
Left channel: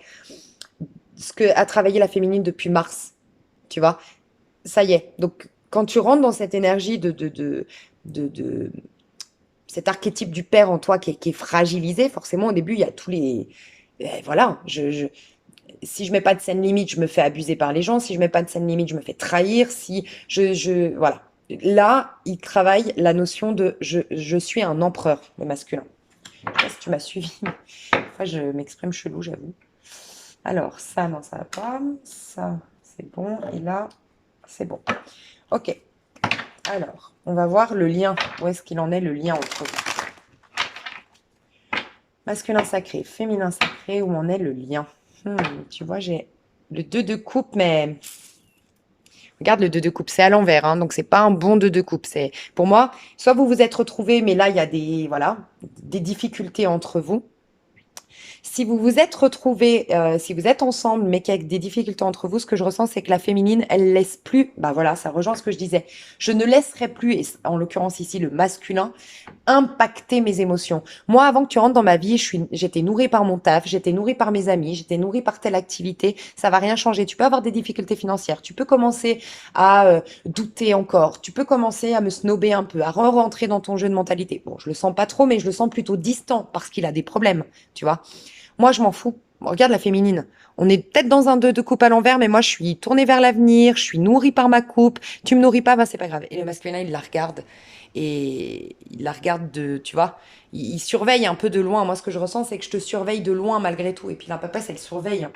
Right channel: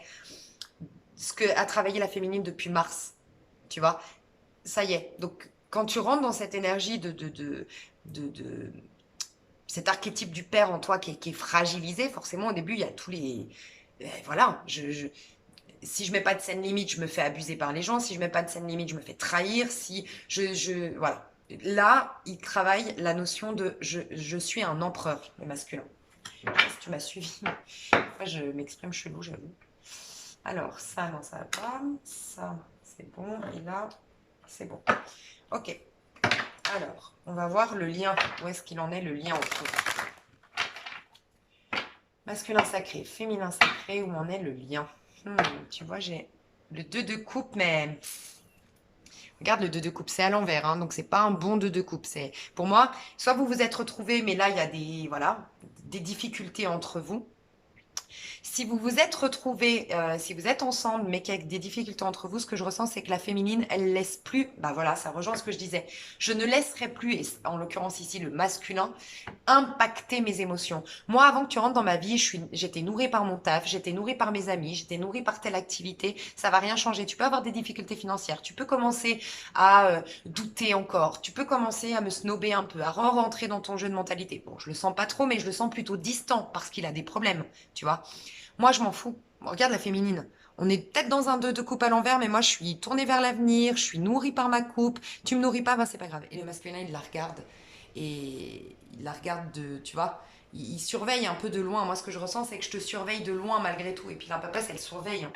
Ce que a travaillé la féminine depuis mars, tu vois, ça y est. Donc, quand tu rentres dans cette énergie de cet archétype du père en toi qui est fragilisé, forcément, au début, il y a tous les... voilà, si je mets pas de scène limite, je me fais abuser par les gens. Si je mets pas de scène limite, je me fais trahir. Si voilà. Là, il travaille la notion de je suis un empereur, le masculin. Je sais pas si tu m'as suivi. Après, je m'exprime chelou, j'avoue. Alors, ça, non, ça va pas. Ça, c'est bon. Et là, c'est bon. Ok. Alors, on va voir le lien. Où est-ce qu'il en est, le lien entre eux? Masculin sacré, féminin sacré, où en est le lien? Tu vois, j'ai Le 2 de coupe, mais regarde le 2 de coupe, c'est à l'envers, hein, donc c'est pas un bon 2 de coupe. C'est, pour moi, soit vous vous êtes retrouvés, mais là, il y a des, voilà, des difficultés entre vous. Si vous vous êtes retrouvés, si vous êtes ensemble, mais qu'il y a des difficultés entre vous, ce que je ressens, c'est que la féminine, elle laisse plus, bah voilà, ça rejoint ce que je disais. Je ne laisserai plus, et en l'occurrence ici, le masculin, impacter mes émotions. Moi, avant que tu rentres dans ma vie, j'étais nourrie par mon taf, j'étais nourrie par mes amis, j'étais nourrie par telle activité. Ça va rien changer. Tu peux avoir des difficultés financières. Tu peux commencer à douter encore. Tu peux commencer à me snober un peu, à re-rentrer dans ton jeu de mentalité. Bon, je le sens pas trop, mais je le sens plutôt distant parce qu'il a des problèmes, tu vois. Moi, je m'en fous. Regarde la féminine. On est peut-être dans un 2 de coupe à l'envers, mais moi, je suis tournée vers l'avenir, je suis nourrie par ma coupe. Tu me nourris pas, ben, c'est pas grave. Et le masculin, il la regarde. Et il la regarde de, tu vois, il surveille un peu de loin. Moi, ce que je ressens, c'est que je te surveille de loin malgré tout. Et puis la papa, elle surveille.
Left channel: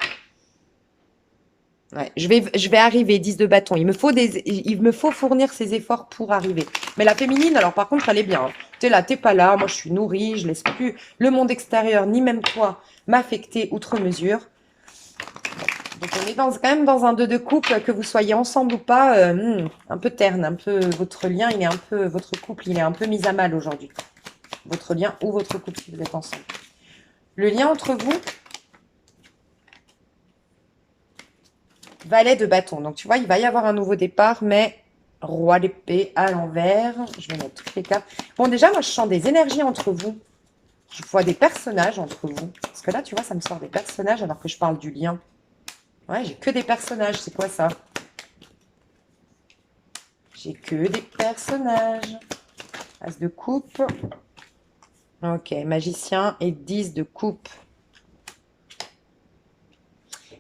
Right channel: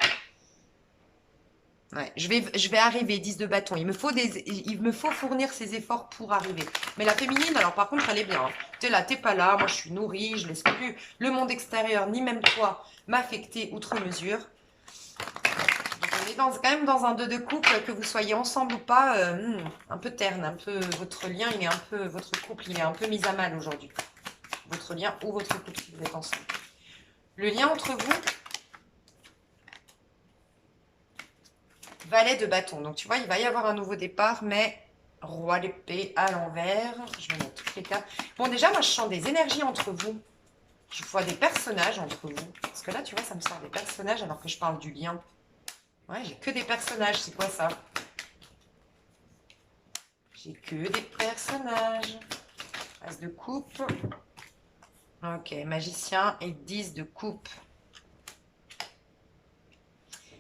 Ouais, je vais arriver, 10 de bâton. Il me faut fournir ces efforts pour arriver. Mais la féminine, alors par contre, elle est bien, hein. T'es là, t'es pas là. Moi, je suis nourrie. Je laisse plus le monde extérieur, ni même toi, m'affecter outre mesure. Donc, on est quand même dans un 2 de couple, que vous soyez ensemble ou pas, un peu terne, un peu, votre lien, il est un peu, votre couple, il est un peu mis à mal aujourd'hui. Votre lien ou votre couple si vous êtes ensemble. Le lien entre vous, valet de bâton. Donc, tu vois, il va y avoir un nouveau départ, mais roi d'épée à l'envers. Je vais mettre toutes les cartes. Bon, déjà, moi, je sens des énergies entre vous. Je vois des personnages entre vous. Parce que là, tu vois, ça me sort des personnages alors que je parle du lien. Ouais, j'ai que des personnages. C'est quoi ça? J'ai que des personnages. As de coupe. Ok, magicien et 10 de coupe.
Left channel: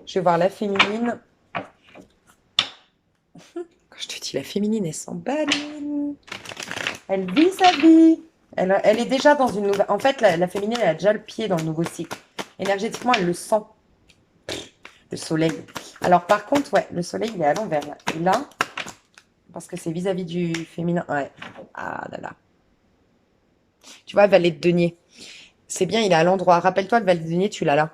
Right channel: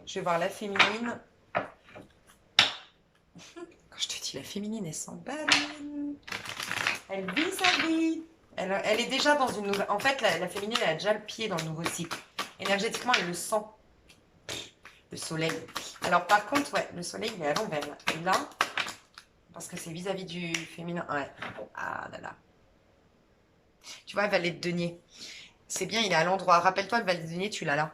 Je vais voir la féminine. Quand je te dis la féminine, elle s'emballe. Elle vit sa vie. Elle est déjà dans une nouvelle... En fait, la féminine, elle a déjà le pied dans le nouveau cycle. Énergétiquement, elle le sent. Le soleil. Alors, par contre, ouais, le soleil, il est à l'envers. Là. Et là, parce que c'est vis-à-vis du féminin. Ouais. Ah là là. Tu vois, valet de denier. C'est bien, il est à l'endroit. Rappelle-toi, le valet de denier, tu l'as là.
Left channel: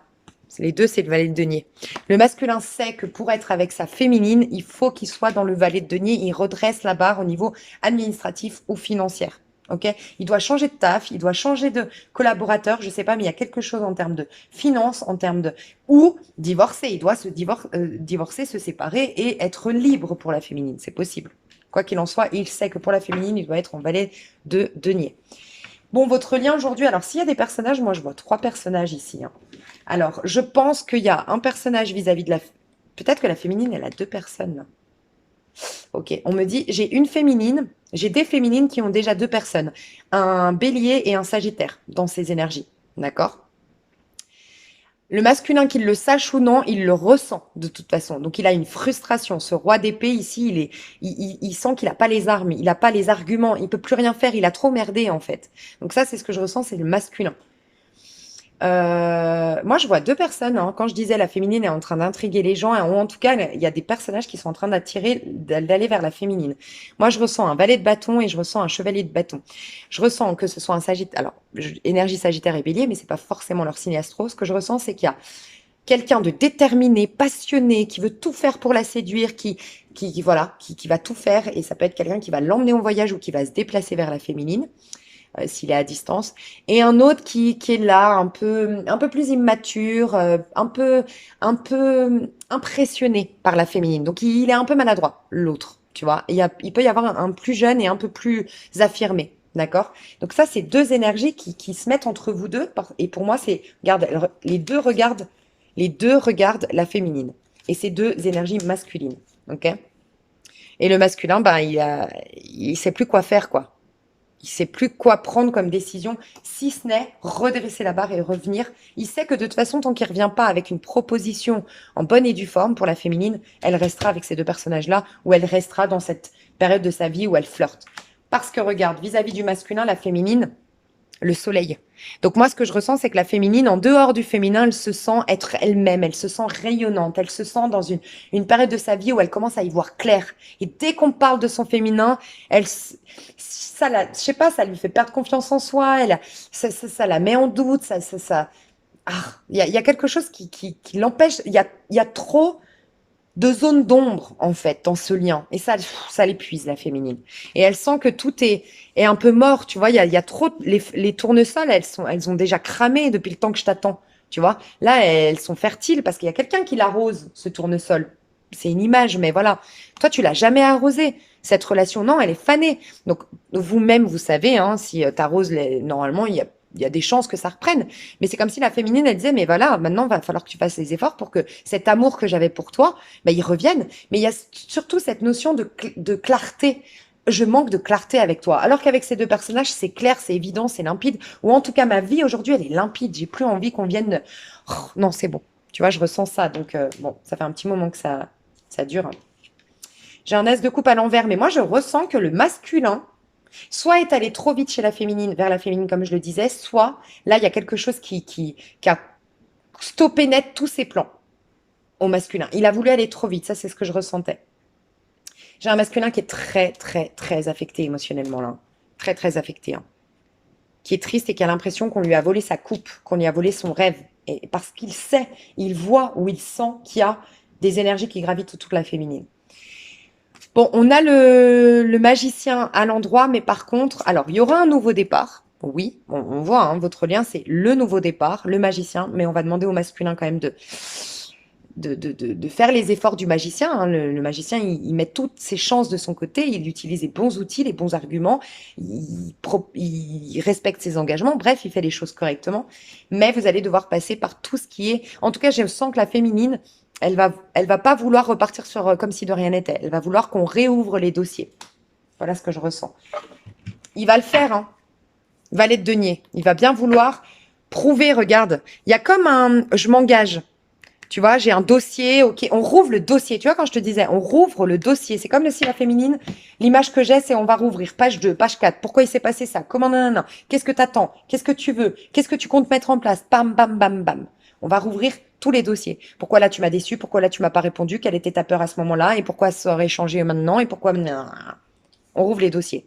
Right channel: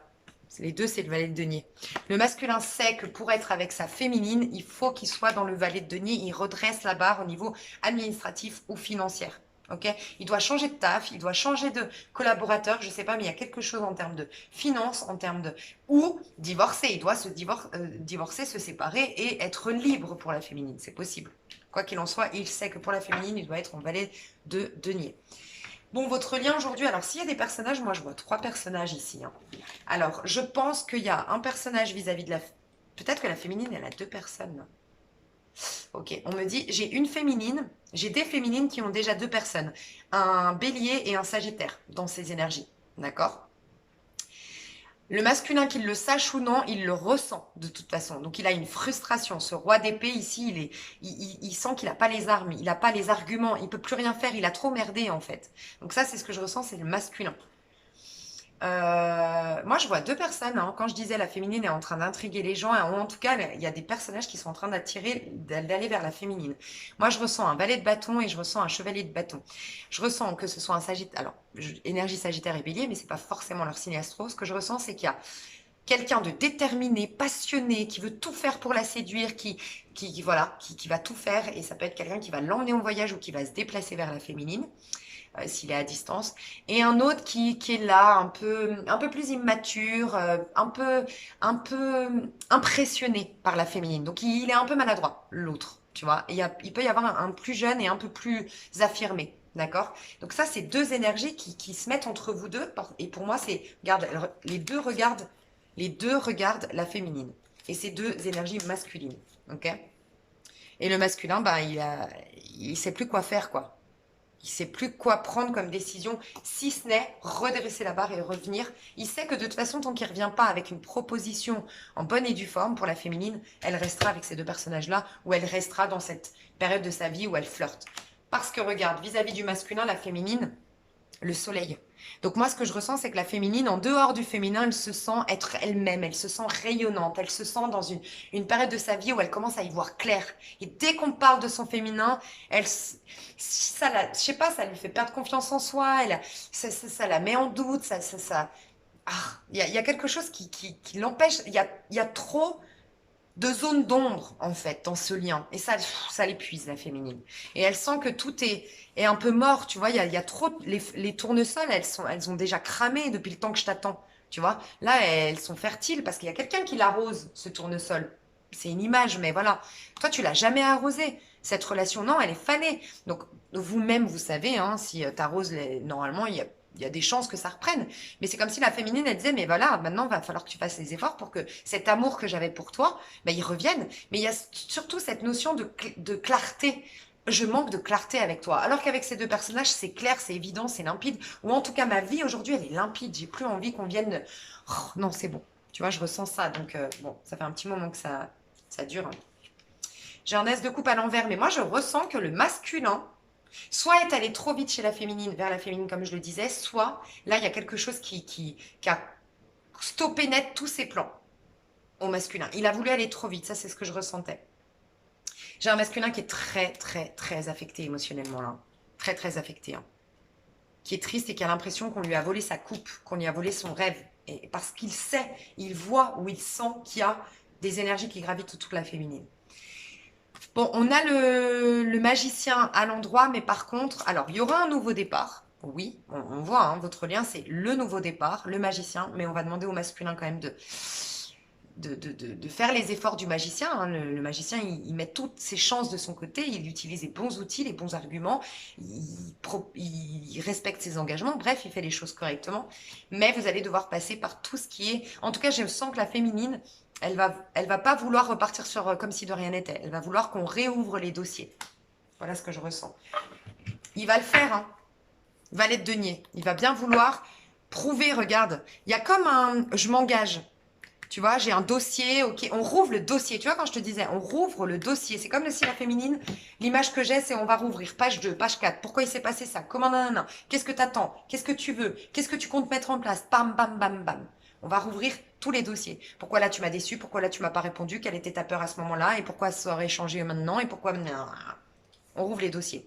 Les deux, c'est le valet de denier. Le masculin sait que pour être avec sa féminine, il faut qu'il soit dans le valet de denier. Il redresse la barre au niveau administratif ou financier. Ok? Il doit changer de taf, il doit changer de collaborateur, je sais pas, mais il y a quelque chose en termes de finance, en termes de... Ou divorcer, il doit divorcer, se séparer et être libre pour la féminine. C'est possible. Quoi qu'il en soit, il sait que pour la féminine, il doit être en valet de denier. Bon, votre lien aujourd'hui, alors s'il y a des personnages, moi je vois 3 personnages ici, hein. Alors, je pense qu'il y a un personnage vis-à-vis de la... Peut-être que la féminine, elle a 2 personnes. Ok, on me dit, j'ai une féminine, j'ai des féminines qui ont déjà 2 personnes. Un bélier et un sagittaire dans ces énergies. D'accord? Le masculin, qu'il le sache ou non, il le ressent de toute façon. Donc il a une frustration. Ce roi d'épée ici, il sent qu'il n'a pas les armes, il n'a pas les arguments, il peut plus rien faire, il a trop merdé en fait. Donc ça, c'est ce que je ressens, c'est le masculin. Moi, je vois 2 personnes, hein. Quand je disais la féminine est en train d'intriguer les gens, ou en tout cas, il y a des personnages qui sont en train d'aller vers la féminine. Moi, je ressens un valet de bâton et je ressens un chevalier de bâton. Je ressens que ce soit un sagittaire, alors, énergie sagittaire et bélier, mais c'est pas forcément leur signe astro. Ce que je ressens, c'est qu'il y a quelqu'un de déterminé, passionné, qui veut tout faire pour la séduire, voilà, qui va tout faire, et ça peut être quelqu'un qui va l'emmener en voyage ou qui va se déplacer vers la féminine s'il est à distance, et un autre qui est là, un peu plus immature, un peu impressionné par la féminine. Donc il est un peu maladroit, l'autre, tu vois. Il peut y avoir un plus jeune et un peu plus affirmé. D'accord? Donc ça, c'est 2 énergies qui se mettent entre vous deux. Et pour moi, regarde, les deux regardent la féminine. Et c'est 2 énergies masculines. Ok? Et le masculin, ben, il sait plus quoi faire, quoi. Il sait plus quoi prendre comme décision, si ce n'est redresser la barre et revenir. Il sait que de toute façon, tant qu'il ne revient pas avec une proposition en bonne et due forme pour la féminine, elle restera avec ces 2 personnages-là, ou elle restera dans cette période de sa vie où elle flirte. Parce que regarde, vis-à-vis du masculin, la féminine, le soleil. Donc moi, ce que je ressens, c'est que la féminine, en dehors du féminin, elle se sent être elle-même, elle se sent rayonnante, elle se sent dans une période de sa vie où elle commence à y voir clair. Et dès qu'on parle de son féminin, je sais pas, ça lui fait perdre confiance en soi, ça la met en doute, ah, il y a quelque chose qui l'empêche, il y a trop de zones d'ombre, en fait, dans ce lien. Et ça l'épuise, la féminine. Et elle sent que tout est un peu mort, tu vois. Il y a trop... Les tournesols, elles ont déjà cramé depuis le temps que je t'attends, tu vois. Là, elles sont fertiles parce qu'il y a quelqu'un qui l'arrose, ce tournesol. C'est une image, mais voilà. Toi, tu l'as jamais arrosé. Cette relation, non, elle est fanée. Donc, vous-même, vous savez, hein, si tu arroses, normalement, il y a des chances que ça reprenne. Mais c'est comme si la féminine, elle disait, mais voilà, maintenant, il va falloir que tu fasses les efforts pour que cet amour que j'avais pour toi, ben, il revienne. Mais il y a surtout cette notion de clarté. Je manque de clarté avec toi. Alors qu'avec ces deux personnages, c'est clair, c'est évident, c'est limpide. Ou en tout cas, ma vie aujourd'hui, elle est limpide. J'ai plus envie qu'on vienne Oh, non, c'est bon. Tu vois, je ressens ça. Donc, bon, ça fait un petit moment que ça dure, hein. J'ai un as de coupe à l'envers, mais moi, je ressens que le masculin, soit est allé trop vite chez la féminine, vers la féminine, comme je le disais, soit là, il y a quelque chose qui a stoppé net tous ses plans au masculin. Il a voulu aller trop vite, ça, c'est ce que je ressentais. J'ai un masculin qui est très, très, très affecté émotionnellement, là. Très, très affecté, hein. Qui est triste et qui a l'impression qu'on lui a volé sa coupe, qu'on lui a volé son rêve. Et parce qu'il sait, il voit ou il sent qu'il y a des énergies qui gravitent autour de la féminine. Bon, on a le magicien à l'endroit, mais par contre, alors, il y aura un nouveau départ. Oui, on voit, hein, votre lien, c'est le nouveau départ, le magicien, mais on va demander au masculin quand même de faire les efforts du magicien, hein. Le magicien, il met toutes ses chances de son côté, il utilise les bons outils, les bons arguments, il respecte ses engagements, bref, il fait les choses correctement. Mais vous allez devoir passer par tout ce qui est... En tout cas, je sens que la féminine, elle va pas vouloir repartir sur comme si de rien n'était. Elle va vouloir qu'on réouvre les dossiers. Voilà ce que je ressens. Il va le faire, hein. Valet de denier. Il va bien vouloir prouver, regarde. Il y a comme un... Je m'engage. Tu vois, j'ai un dossier, ok, on rouvre le dossier. Tu vois, quand je te disais, on rouvre le dossier. C'est comme le style féminine. L'image que j'ai, c'est on va rouvrir. Page 2, page 4. Pourquoi il s'est passé ça? Comment nanana? Qu'est-ce que t'attends? Qu'est-ce que tu veux? Qu'est-ce que tu comptes mettre en place? Bam, bam, bam, bam. On va rouvrir tous les dossiers. Pourquoi là tu m'as déçu? Pourquoi là tu m'as pas répondu? Quelle était ta peur à ce moment-là? Et pourquoi ça aurait changé maintenant? Et pourquoi... On rouvre les dossiers.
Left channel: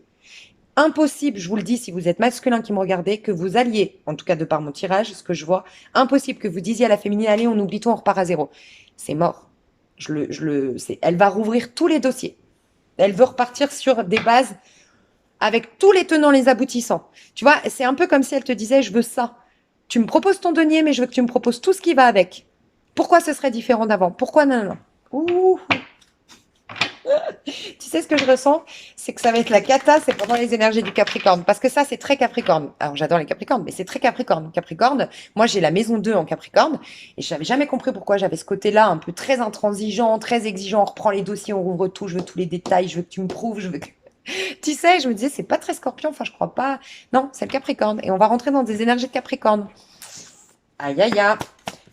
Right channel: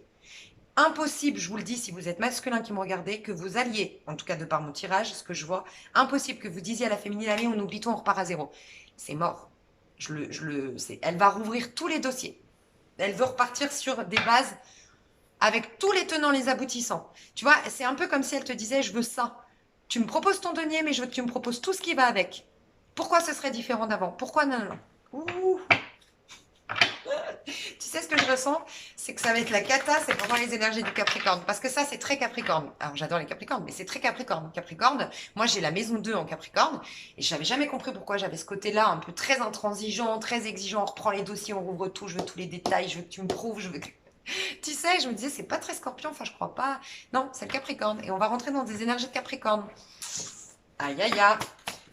Impossible, je vous le dis, si vous êtes masculin qui me regardez, que vous alliez, en tout cas de par mon tirage, ce que je vois, impossible que vous disiez à la féminine, allez, on oublie tout, on repart à zéro. C'est mort. Elle va rouvrir tous les dossiers. Elle veut repartir sur des bases avec tous les tenants, les aboutissants. Tu vois, c'est un peu comme si elle te disait, je veux ça. Tu me proposes ton denier, mais je veux que tu me proposes tout ce qui va avec. Pourquoi ce serait différent d'avant? Pourquoi non, non, non. Ouh. Tu sais ce que je ressens? C'est que ça va être la cata, c'est pendant les énergies du Capricorne. Parce que ça, c'est très Capricorne. Alors, j'adore les Capricornes, mais c'est très Capricorne. Capricorne, moi, j'ai la maison 2 en Capricorne. Et je n'avais jamais compris pourquoi j'avais ce côté-là, un peu très intransigeant, très exigeant. On reprend les dossiers, on rouvre tout, je veux tous les détails, je veux que tu me prouves, je veux que... Tu sais, je me disais, c'est pas très Scorpion, enfin, je crois pas. Non, c'est le Capricorne. Et on va rentrer dans des énergies de Capricorne. Aïe, aïe, aïe.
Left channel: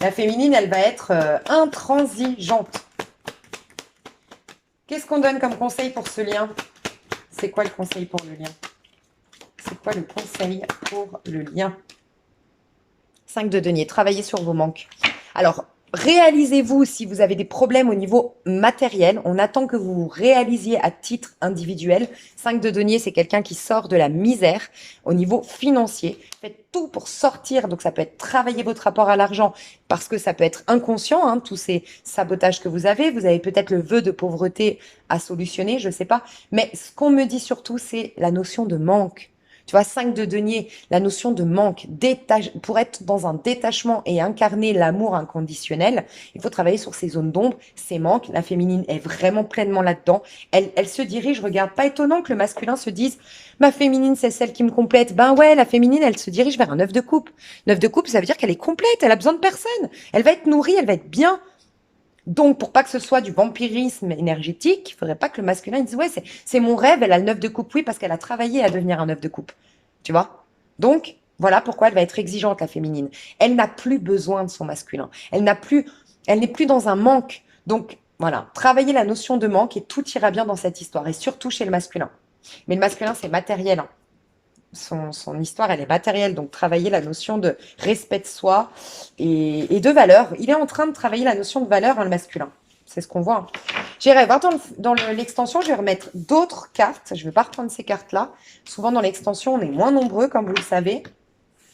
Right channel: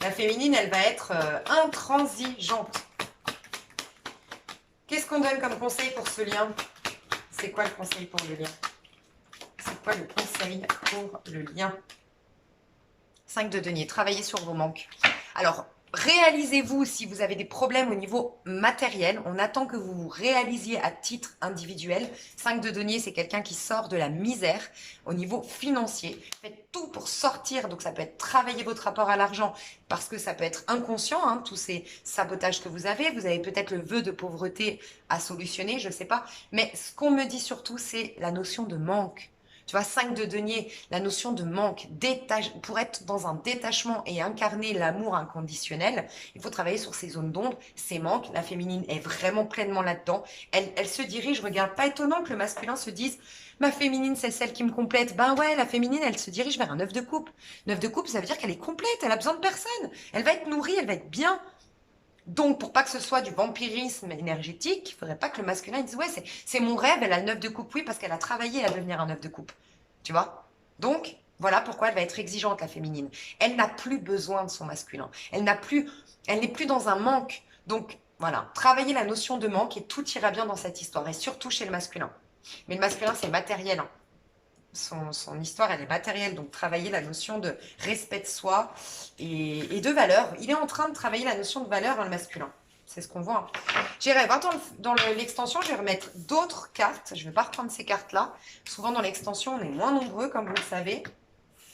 La féminine, elle va être intransigeante. Qu'est-ce qu'on donne comme conseil pour ce lien? C'est quoi le conseil pour le lien? C'est quoi le conseil pour le lien? 5 de denier, travaillez sur vos manques. Alors, réalisez-vous si vous avez des problèmes au niveau matériel. On attend que vous vous réalisiez à titre individuel. 5 de denier, c'est quelqu'un qui sort de la misère au niveau financier. Faites tout pour sortir. Donc, ça peut être travailler votre rapport à l'argent parce que ça peut être inconscient, hein, tous ces sabotages que vous avez. Vous avez peut-être le vœu de pauvreté à solutionner, je ne sais pas. Mais ce qu'on me dit surtout, c'est la notion de manque. Tu vois, 5 de denier, la notion de manque, pour être dans un détachement et incarner l'amour inconditionnel, il faut travailler sur ces zones d'ombre, ces manques. La féminine est vraiment pleinement là-dedans. Elle se dirige, regarde, pas étonnant que le masculin se dise, ma féminine, c'est celle qui me complète. Ben ouais, la féminine, elle se dirige vers un 9 de coupe. 9 de coupe, ça veut dire qu'elle est complète, elle a besoin de personne. Elle va être nourrie, elle va être bien. Donc, pour pas que ce soit du vampirisme énergétique, il faudrait pas que le masculin dise, ouais, c'est mon rêve, elle a le 9 de coupe, oui, parce qu'elle a travaillé à devenir un 9 de coupe. Tu vois? Donc, voilà pourquoi elle va être exigeante, la féminine. Elle n'a plus besoin de son masculin. Elle n'est plus dans un manque. Donc, voilà, travailler la notion de manque et tout ira bien dans cette histoire, et surtout chez le masculin. Mais le masculin, c'est matériel, hein. Son histoire, elle est matérielle. Donc, travailler la notion de respect de soi et de valeur. Il est en train de travailler la notion de valeur, hein, le masculin. C'est ce qu'on voit, hein. J'irai voir dans l'extension, je vais remettre d'autres cartes. Je ne vais pas reprendre ces cartes-là. Souvent, dans l'extension, on est moins nombreux, comme vous le savez.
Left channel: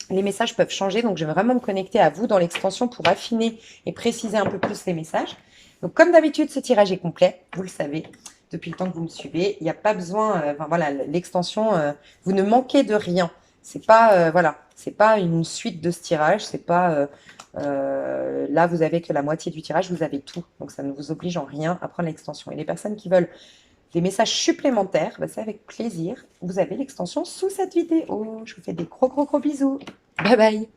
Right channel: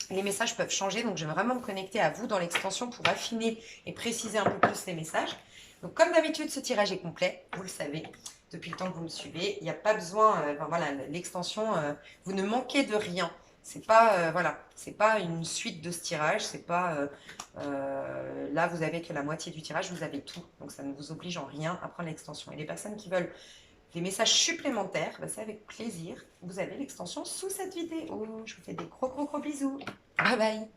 Les messages peuvent changer, donc je vais vraiment me connecter à vous dans l'extension pour affiner et préciser un peu plus les messages. Donc, comme d'habitude, ce tirage est complet, vous le savez, depuis le temps que vous me suivez. Il n'y a pas besoin, enfin, voilà, l'extension, vous ne manquez de rien. C'est pas, voilà, c'est pas une suite de ce tirage, c'est pas, là, vous avez que la moitié du tirage, vous avez tout. Donc, ça ne vous oblige en rien à prendre l'extension. Et les personnes qui veulent des messages supplémentaires, bah, c'est avec plaisir. Vous avez l'extension sous cette vidéo. Je vous fais des gros, gros, gros bisous. Bye bye.